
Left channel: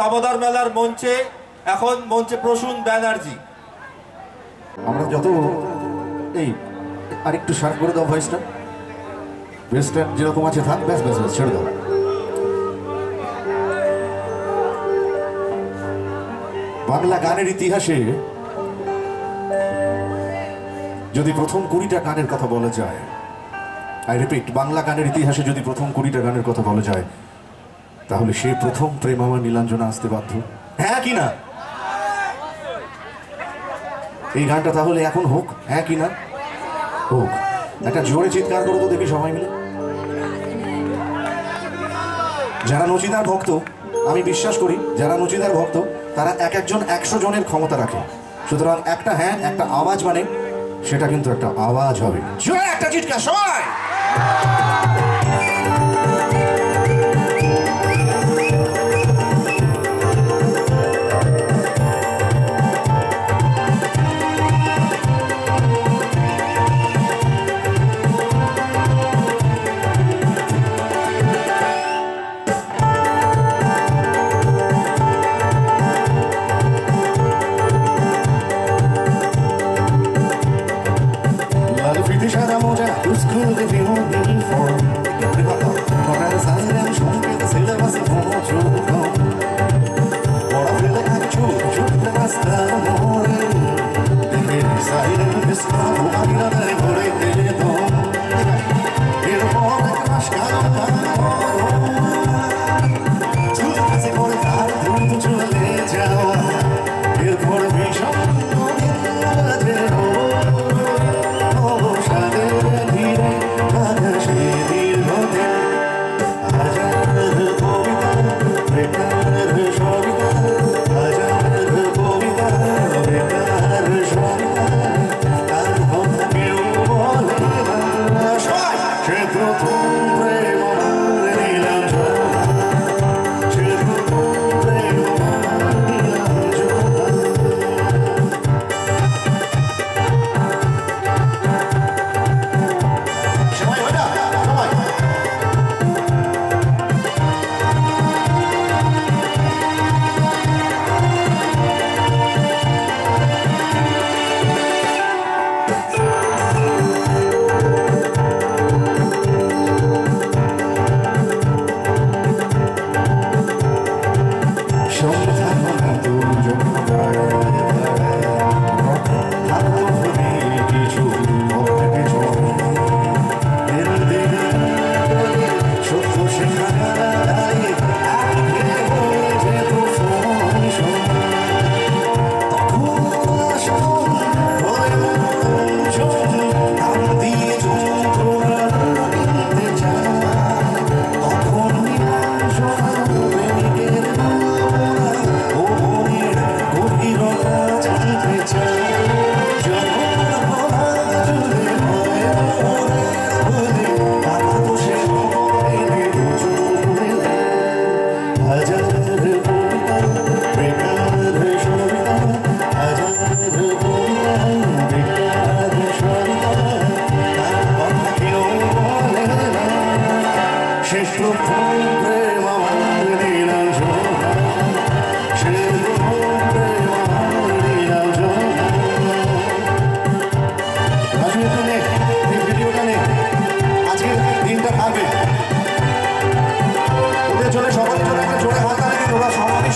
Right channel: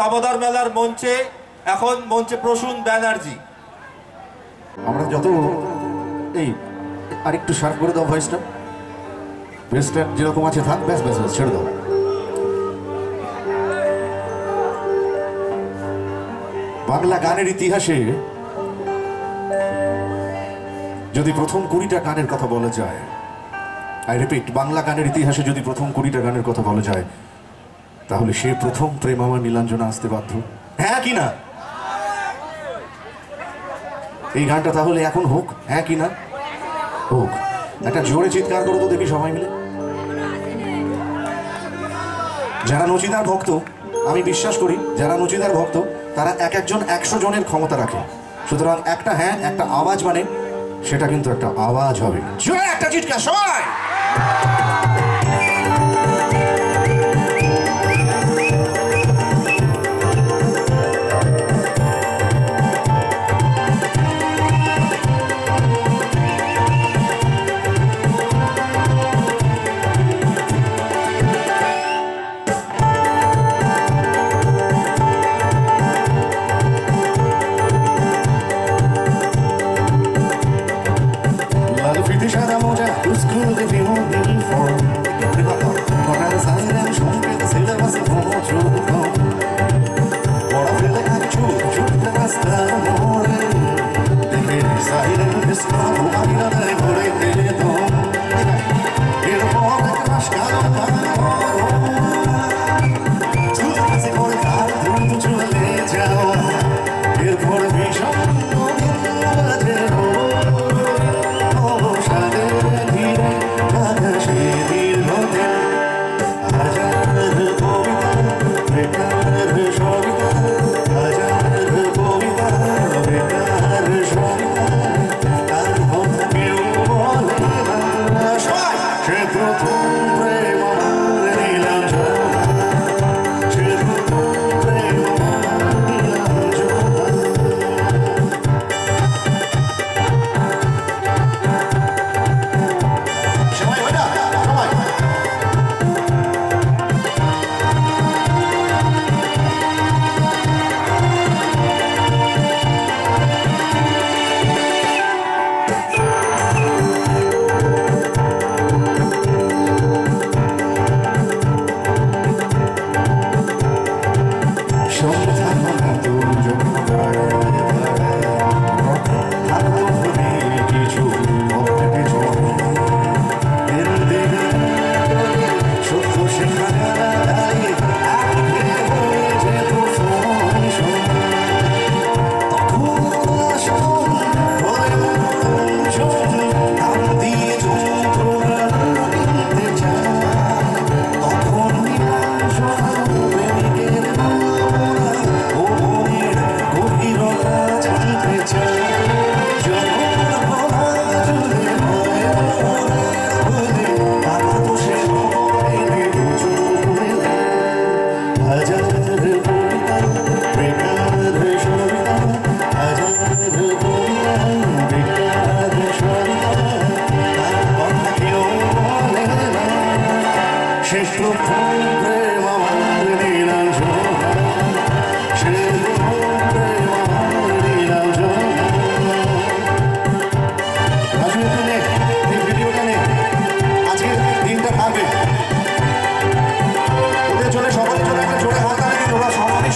দামোদর মেলার মঞ্চে এখন মঞ্চে প্রসূন ব্যানার্জি। আমরা যত এই আরেকটু শার্প করে দাও ভয়েসটা, ভয়েসটা যেরকম আছে থাক, ব্যাস ব্যাস ব্যাস ছেড়ে দাও। বাংলা গানের ইতিহাসে যদি প্রথম 20টা গানের কথা বলা যায়, আই রিপিট, বাংলা গানের ইতিহাসে যদি প্রথম 20টা গানের কথা বলা যায়, তাহলে সে প্রথম প্রেম আমার নীলাঞ্জনা আসতে বাধ্য। হ্যাঁ কি না? এই গানটা তাহলে এখন হোক, হ্যাঁ কি না? হোক। একটা জোরে চিৎকার করো তো দেখি সবাই মিলে। যারা নচিদার ভক্ত, আমি বিশ্বাস করি যারা নচিদার ভক্ত তারা এক একজন 100 জনের ক্ষমতা রাখে। সুতরাং একটা হ্যাঁ, একটা আওয়াজ মানে সেটা কিন্তু একটা আওয়াজ হবে। জোরে একটা চিৎকার সবাই। লাল ফিতে সাদা মোজা, স্কুল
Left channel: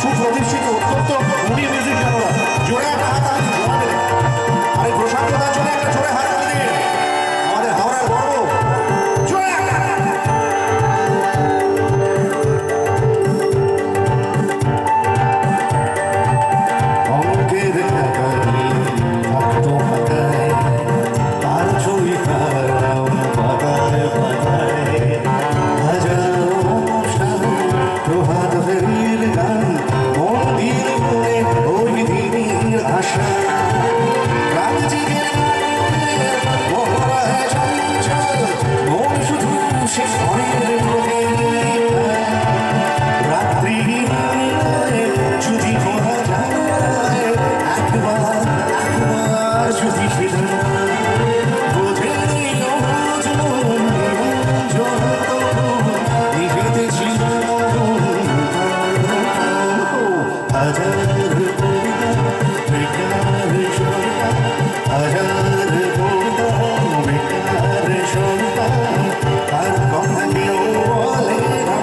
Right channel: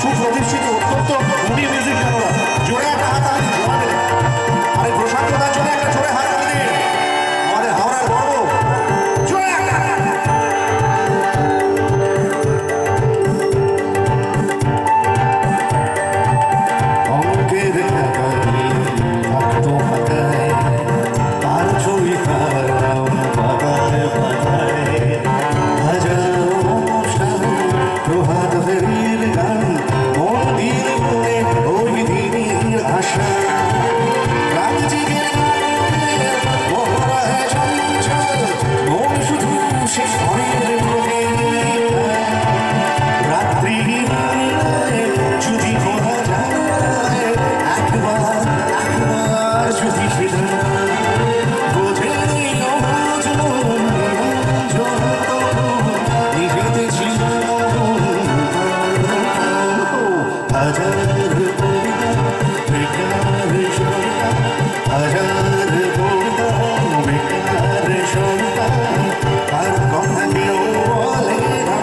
সুপ্রতিষ্ঠিত অত্যন্ত গুণী মিউজিশিয়ানরা জোরে একটা হাত তালি দিন। আরে প্রশান্ত দার জন্য একটা জোরে হাত তালি দিন। আমাদের হাওড়ার গর্ব জোরে একটা অঙ্কের খাতায় ভক্ত পাতায় তার ছবি তার নাম পাতায় পাতায় হাজারো অনুষ্ঠান প্রভাত ফেরির গান মন্দির মনে ওই দিনের আশা রাত জেগে মহড়ায় চঞ্চল মন শুধু সে ঘরের রাত্রি যদি বলা যায় একবার যদি সেটা বোঝে নিজেতে ছিল হাজার কবিতা বেকার সরকার হাজার কবিতা বেকার সরকার তার কথা কেউ বলে না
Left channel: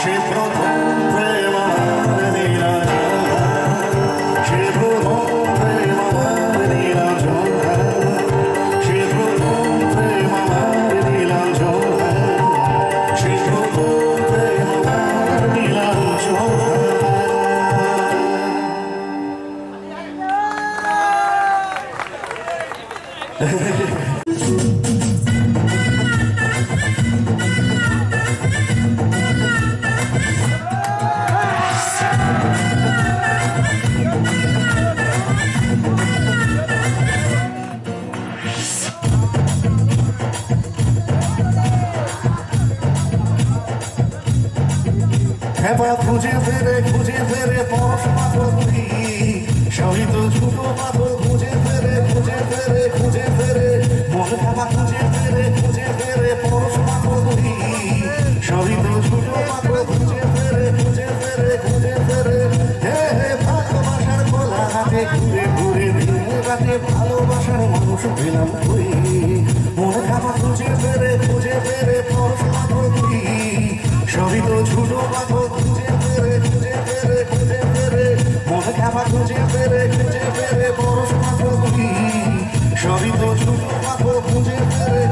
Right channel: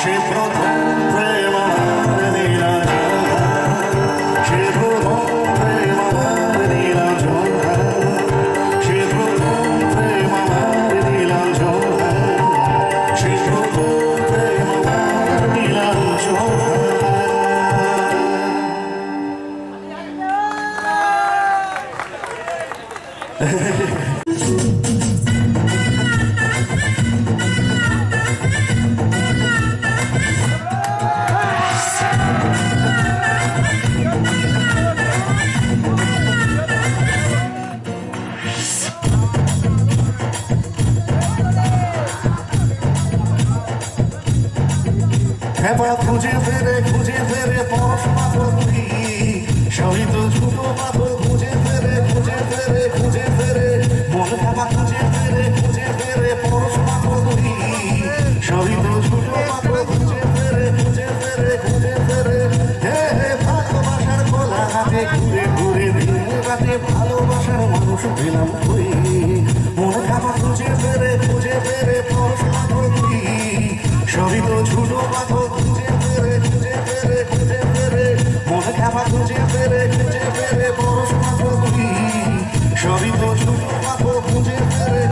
সে প্রথম প্রেম আমার দিলাম সে প্রথম প্রেম আমার দিলাম জোড়া সে প্রথম প্রেম আমার দিলাম জোড়া সে প্রথম প্রেম আমার দিলাম জোড়া এবার খুঁজে ফেরে পড়াশোনা করবি সবই তো ছোট পাথর খুঁজে ফেরে মনে ভাবা খুঁজে ফেরে পড়াশোনা করবি সবই তো ছোট পাথর খুঁজে ফেরে হে ভালোবাসার খোলা হাতে ঘুরে দিনে রাতে ভালোবাসার মানুষ পেলাম তুই মনে ভাবা খুঁজে ফেরে পড়াশোনা করবি সবই তো ছোট পাথর খুঁজে ফেরে মনে খাবার খুঁজে ফেরে পড়াশোনা করবি সবই তো ছোট পাথর খুঁজে ফেরে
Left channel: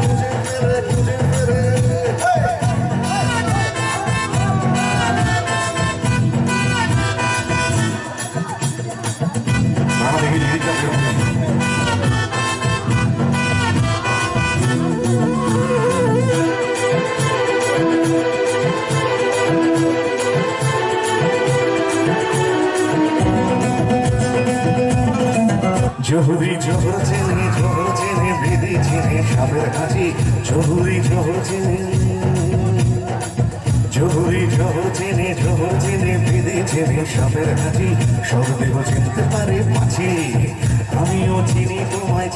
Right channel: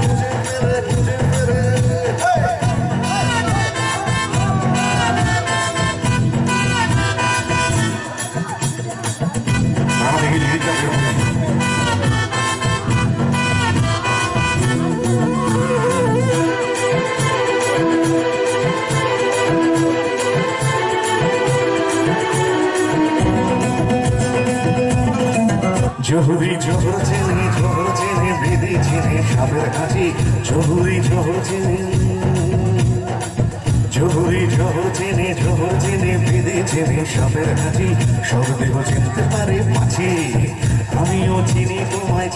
শহর চেনে বেঁধে চেনে সাপের হাঁচি সব দেহ চিনতে পারে মাছি আমিও চিনি তোমায়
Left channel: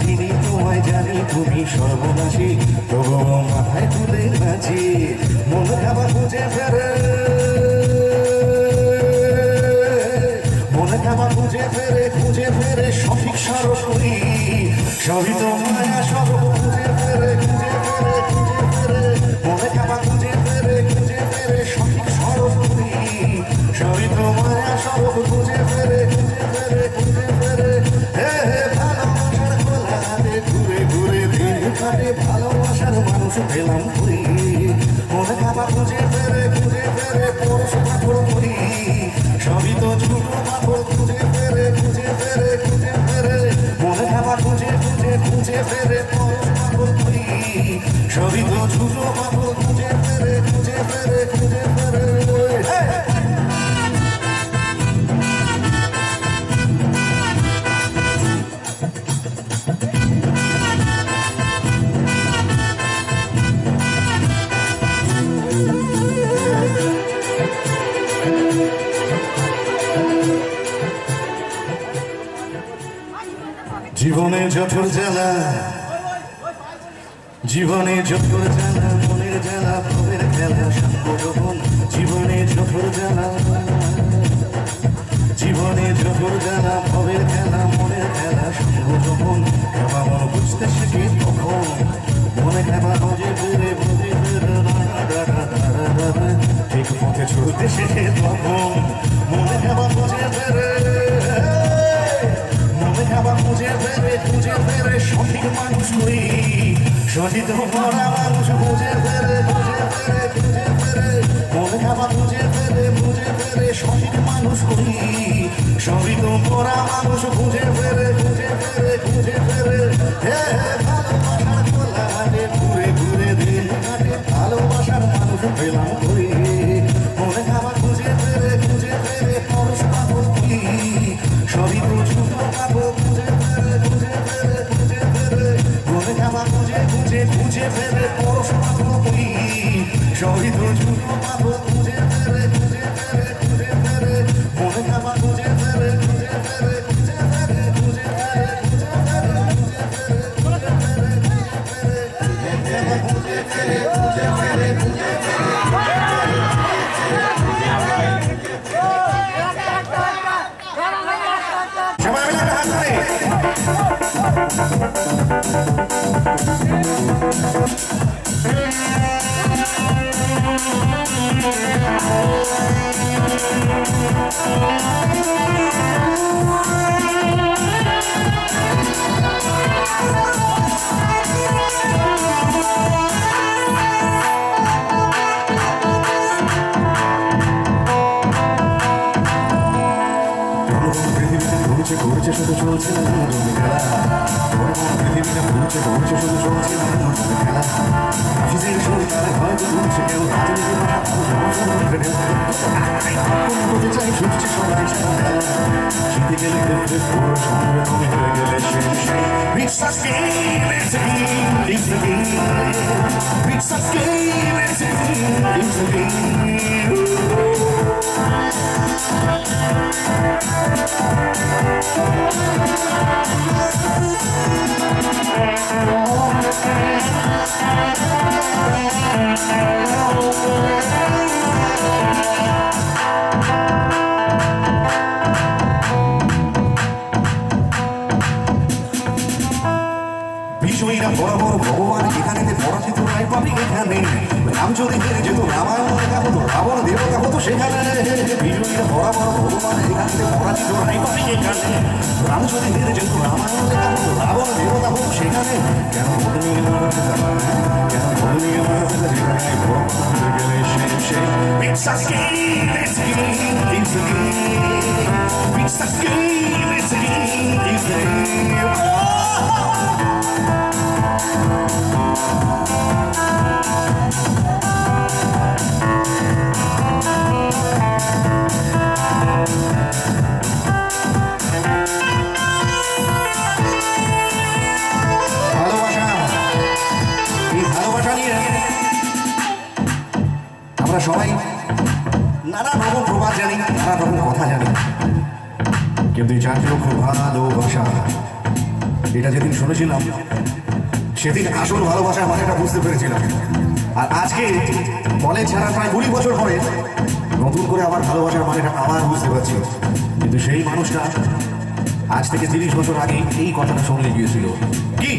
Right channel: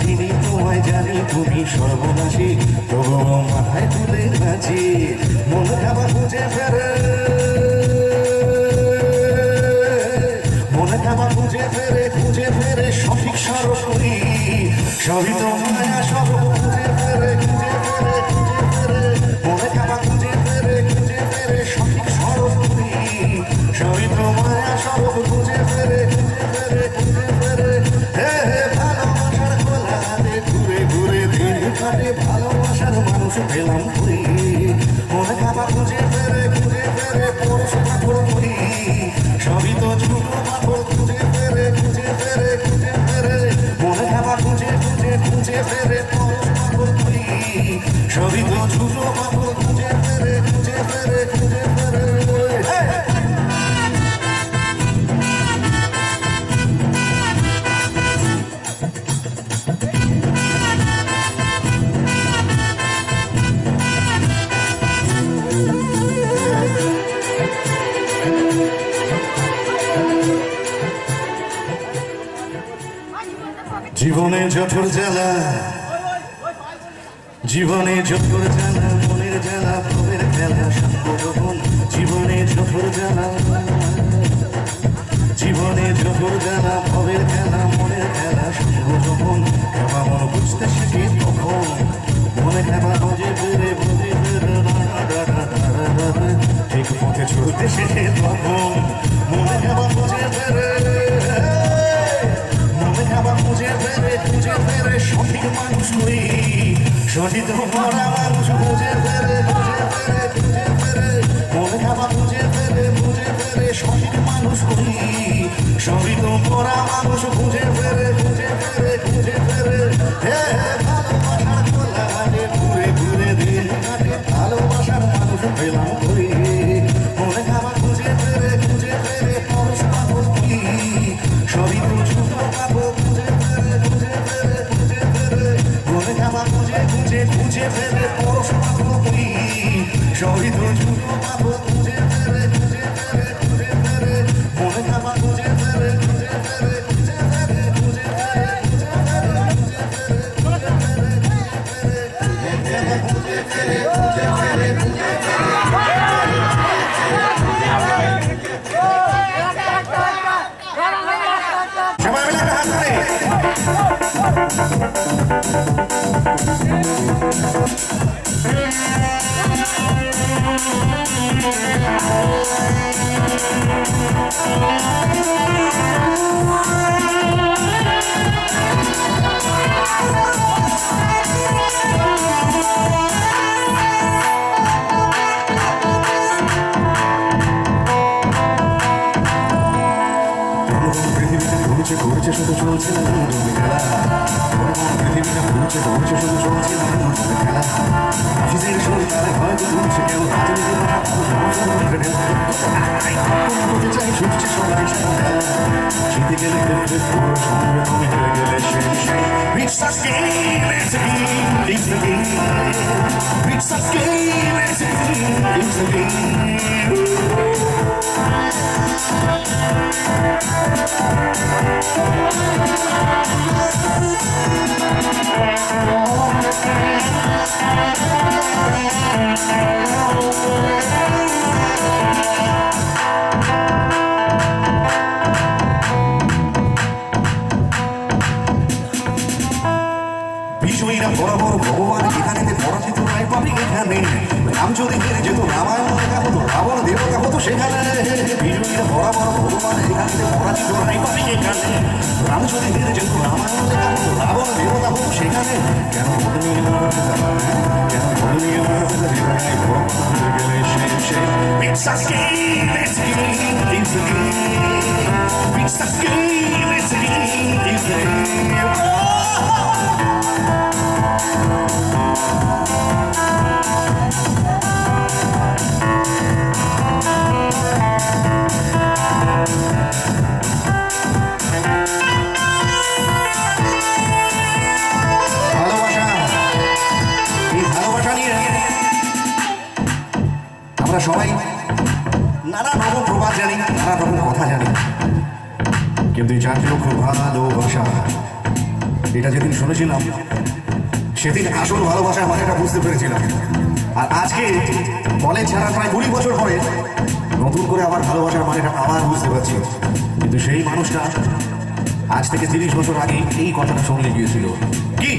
জানি তুমি সর্বনাশী তবুও মাথায় তুলে নাচি মন খাবার খুঁজে ফেরে খুঁজে ফেরে সঠিক সরসরি সবই তো মায়া সব খুঁজে ফেরে মনে খাবার খুঁজে ফেরে সঠিক সরসরি সবই তো মায়া সব খুঁজে ফেরে ভালোবাসার খোলাতে ঘুরে দিন কাটে ভালোবাসার মানুষ পেলাম ঘুরি মনে খাবার খুঁজে ফেরে পরশ পাথর করি সবই তো ছোট পাথর খুঁজে ফেরে মনে খাবার খুঁজে ফেরে পরশ পাথর করি সবই তো ছোট পাথর খুঁজে ফেরে জীবনে জঠর জ্বালা মনের জ্বালা ভবের খেলা সংগঠন জীবনে জঠর জ্বালা ভবের খেলা মনের খেলা সংগঠন খেলা মন বুঝতে শিখি তখন মনে খেলা বুঝে ফেরে ঠিক পথে চলতে শিখে তখন মনে খেলা বুঝে ফেরে খুঁজে ফেরে সঠিক মানুষ করি সঠিক মরা মানুষ খুঁজে ফেরে মনে খাবার খুঁজে ফেরে সঠিক মানুষ করি সঠিক মরা মানুষ খুঁজে ফেরে ভালোবাসার খোলা হাটে ঘুরে দিন কাটে ভালোবাসার মানুষ পেলাম করি মনে খাবার খুঁজে ফেরে পরশ পাথর করি সবই তো ছোট পাথর মনে খাবার খুঁজে ফেরে পরশ পাথর করি সবই তো ছোট পাথর খুঁজে ফেরে মনে খাবার খুঁজে ফেরে ঘুরছে শুধু চলছে না খেলা পৃথিবীটা ঘুরছে শুধু চলছে না খেলা নিজের শরীর তাদের হয়তো ঘুরছে কেউ করতে চাই ছুটছে সবাই জিতে গেলে সঙ্গে তুমি হয়ে গেলে It's a game, it's a game, it's a game. It's a game, it's a game, it's a বিজয়ীরা বড় বড় ভগবান এখানে পরাজিত নাই পাবি এখানে রাম যদি ফিরে যেত রামায়ণ লেখা হতো রাবণ দেবতা হতো সেখানে বিজয়ীরা বড় বড় ভগবান এখানে পরাজিত নাই পাবি এখানে রাম যদি ফিরে যেত রামায়ণ লেখা হতো রাবণ দেবতা হতো সেখানে কেন বদলি It's a game, it's a game, it's a game. It's a game, it's a game, it's a game. আমরা সবাই নানা রকম প্রবাদ জানি, নানা রকম কথা জানি, কিন্তু জাতীয় খুব ভালোবাসা এটা যেদিন শুনেছিলাম সেদিন আসল ভালোবাসার মানেটা বুঝতে পেরেছিলাম। আর আজকে কলেজ ছাড়া প্রায় 20 বছর পরে নতুন করে আবার ভালোবাসার মানেটা আবার বুঝতে পারছি। কিন্তু সেই মানুষটা আজ থেকে 30 বছর আগে এই কথাটা শুনে গিয়েছিল। কি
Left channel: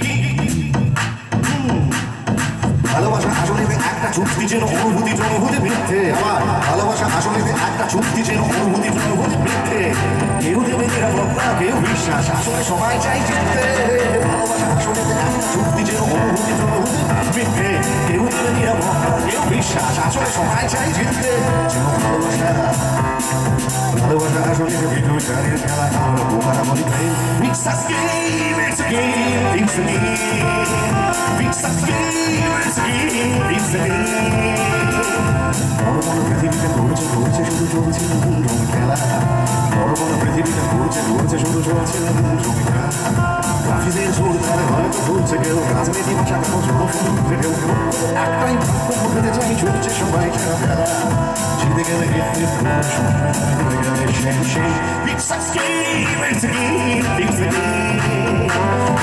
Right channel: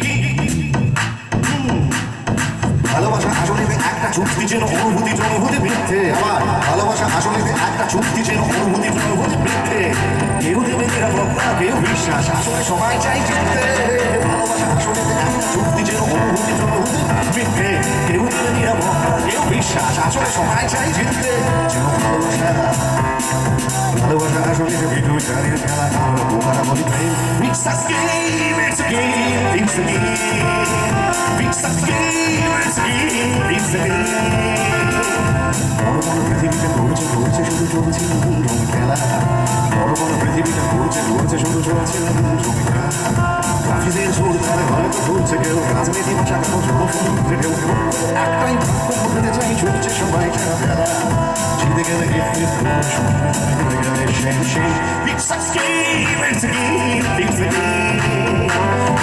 ভালোবাসা আসলে একটা চুক্তি যেন অনুভূতি অনুভূতি মিথ্যে। আবার ভালোবাসা আসলে একটা চুক্তি যেন অনুভূতি অনুভূতি মিথ্যে। কেউ দেবে নিরাপত্তা, কেউ বিশ্বাস, আসলে সবাই চাই জিততে। ভালোবাসা আসলে একটা চুক্তি যেন অনুভূতি অনুভূতি মিথ্যে। কেউ দেবে নিরাপত্তা, কেউ বিশ্বাস, আসলে সবাই চাই জিততে। যেন ভালোবাসা ভালোবাসা আসলে ভিডিও চারের খেলা, আমরা বোকারা বলি প্রেম। It's a game, it's a game, it's a game. It's a game, it's a game, it's a game. বড় বড় পৃথিবীতে ঘুরছে ঘুরছে শুধু চলছে রঙ খেলা। বড় বড় পৃথিবীতে ঘুরছে ঘুরছে শুধু চলছে রঙ খেলা। ট্রাফিকের সুর তারা হয়তো ঘুরছে কেউ, রাজনীতি ভাষা সমুদ্রে কেউ কেউ। একটাই ভাগ্য বদলে যাই ছুটছে সবাই খেলা ফেলা। জিতে গেলে জিতে গেলে সেই It's a game, it's a game, it's a game.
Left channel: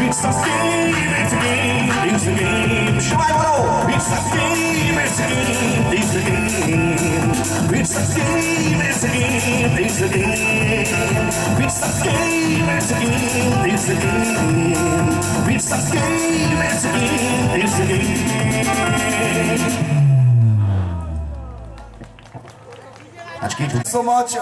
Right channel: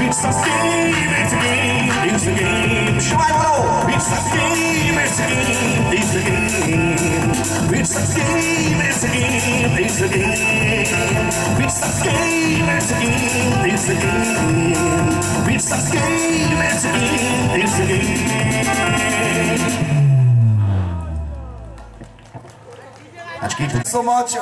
It's a game, it's a game, it's a game. সবাই বলো It's a game, it's a game, it's a game. It's a game, it's a game, it's a game. It's a game, it's a game, it's a game. It's a game, it's a game, it's a game. So much,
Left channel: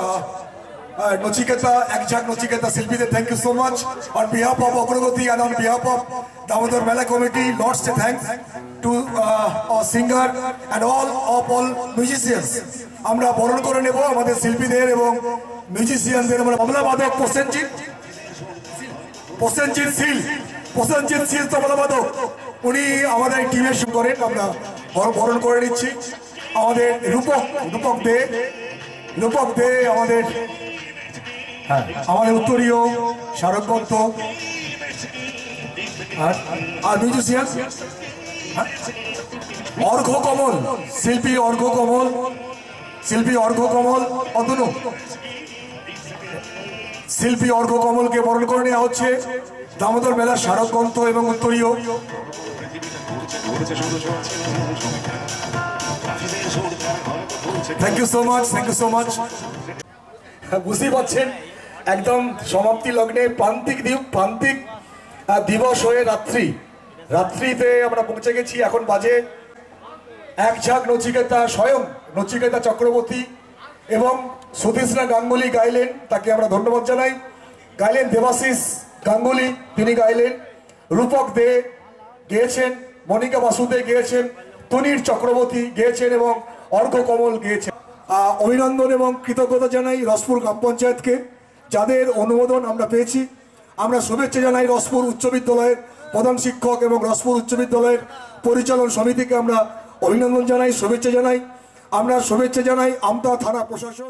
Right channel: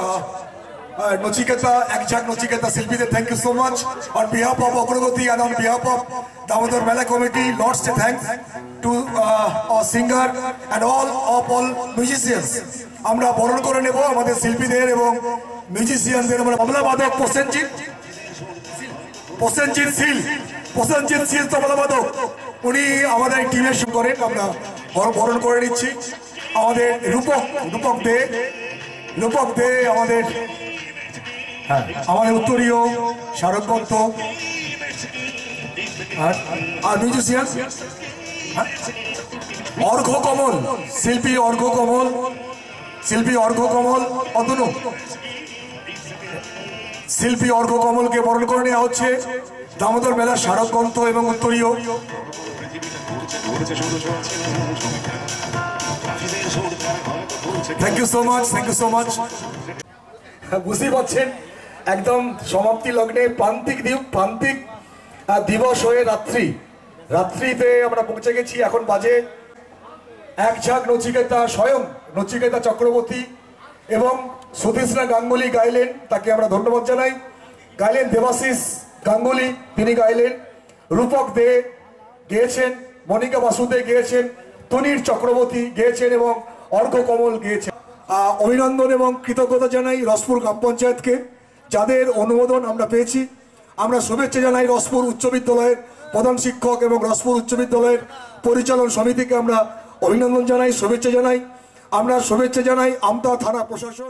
Nochiketa, Ekjhak Nochiketa Silpide, thank you so much. On behalf of Agragoti and on behalf of Damodar Mela Committee, lots of thanks to our singer and all musicians. আমরা বরণ করে নেব আমাদের শিল্পীদের এবং মিউজিশিয়ানদের। আমরা তবলা বাদক প্রসেনজিৎ শীল তবলা বাদক, উনি আমাদের টিমের শুরু করেন। আমরা বরণ করে নিচ্ছি আমাদের রূপক দে আমাদের উত্তরীয় শারদ দত্ত আর মিউজিশিয়ান শিল্পী অর্ঘ্য কমল অতনু শিল্পী অর্ঘ্য কমলকে বরণ করে নেওয়া হচ্ছে দামোদর মেলার শারদ গ্রন্থ এবং উত্তরীয়। Thank you so much. বুঝতেই পারছেন একদম সমাপ্তি লগ্নে প্রান্তিক দিবস হয়ে রাত্রিতে আমরা পৌঁছে গেছি। এখন বাজে এক ঝাঁক নচিকেতা, স্বয়ং নচিকেতা চক্রবর্তী এবং সুতৃষ্ণা গাঙ্গুলি গাইলেন, তাকে আমরা ধন্যবাদ জানাই। গাইলেন দেবাশিস গাঙ্গুলি, তিনি গাইলেন। রূপক দে গেয়েছেন, মনিকা বাসুদে গেয়েছেন, তুনির চক্রবর্তী গেয়েছেন এবং অর্ঘ্য কমল গেয়েছেন। অভিনন্দন এবং কৃতজ্ঞতা জানাই রসপুর গ্রাম পঞ্চায়েতকে, যাদের অনুমোদন আমরা পেয়েছি। আমরা শুভেচ্ছা জানাই রসপুর উচ্চ বিদ্যালয়ের প্রধান শিক্ষক এবং রসপুর উচ্চ বিদ্যালয়ের পরিচালন সমিতিকে আমরা অভিনন্দন জানাই, শুভেচ্ছা জানাই। আমরা শুভেচ্ছা জানাই আমতা থানা প্রশাসন।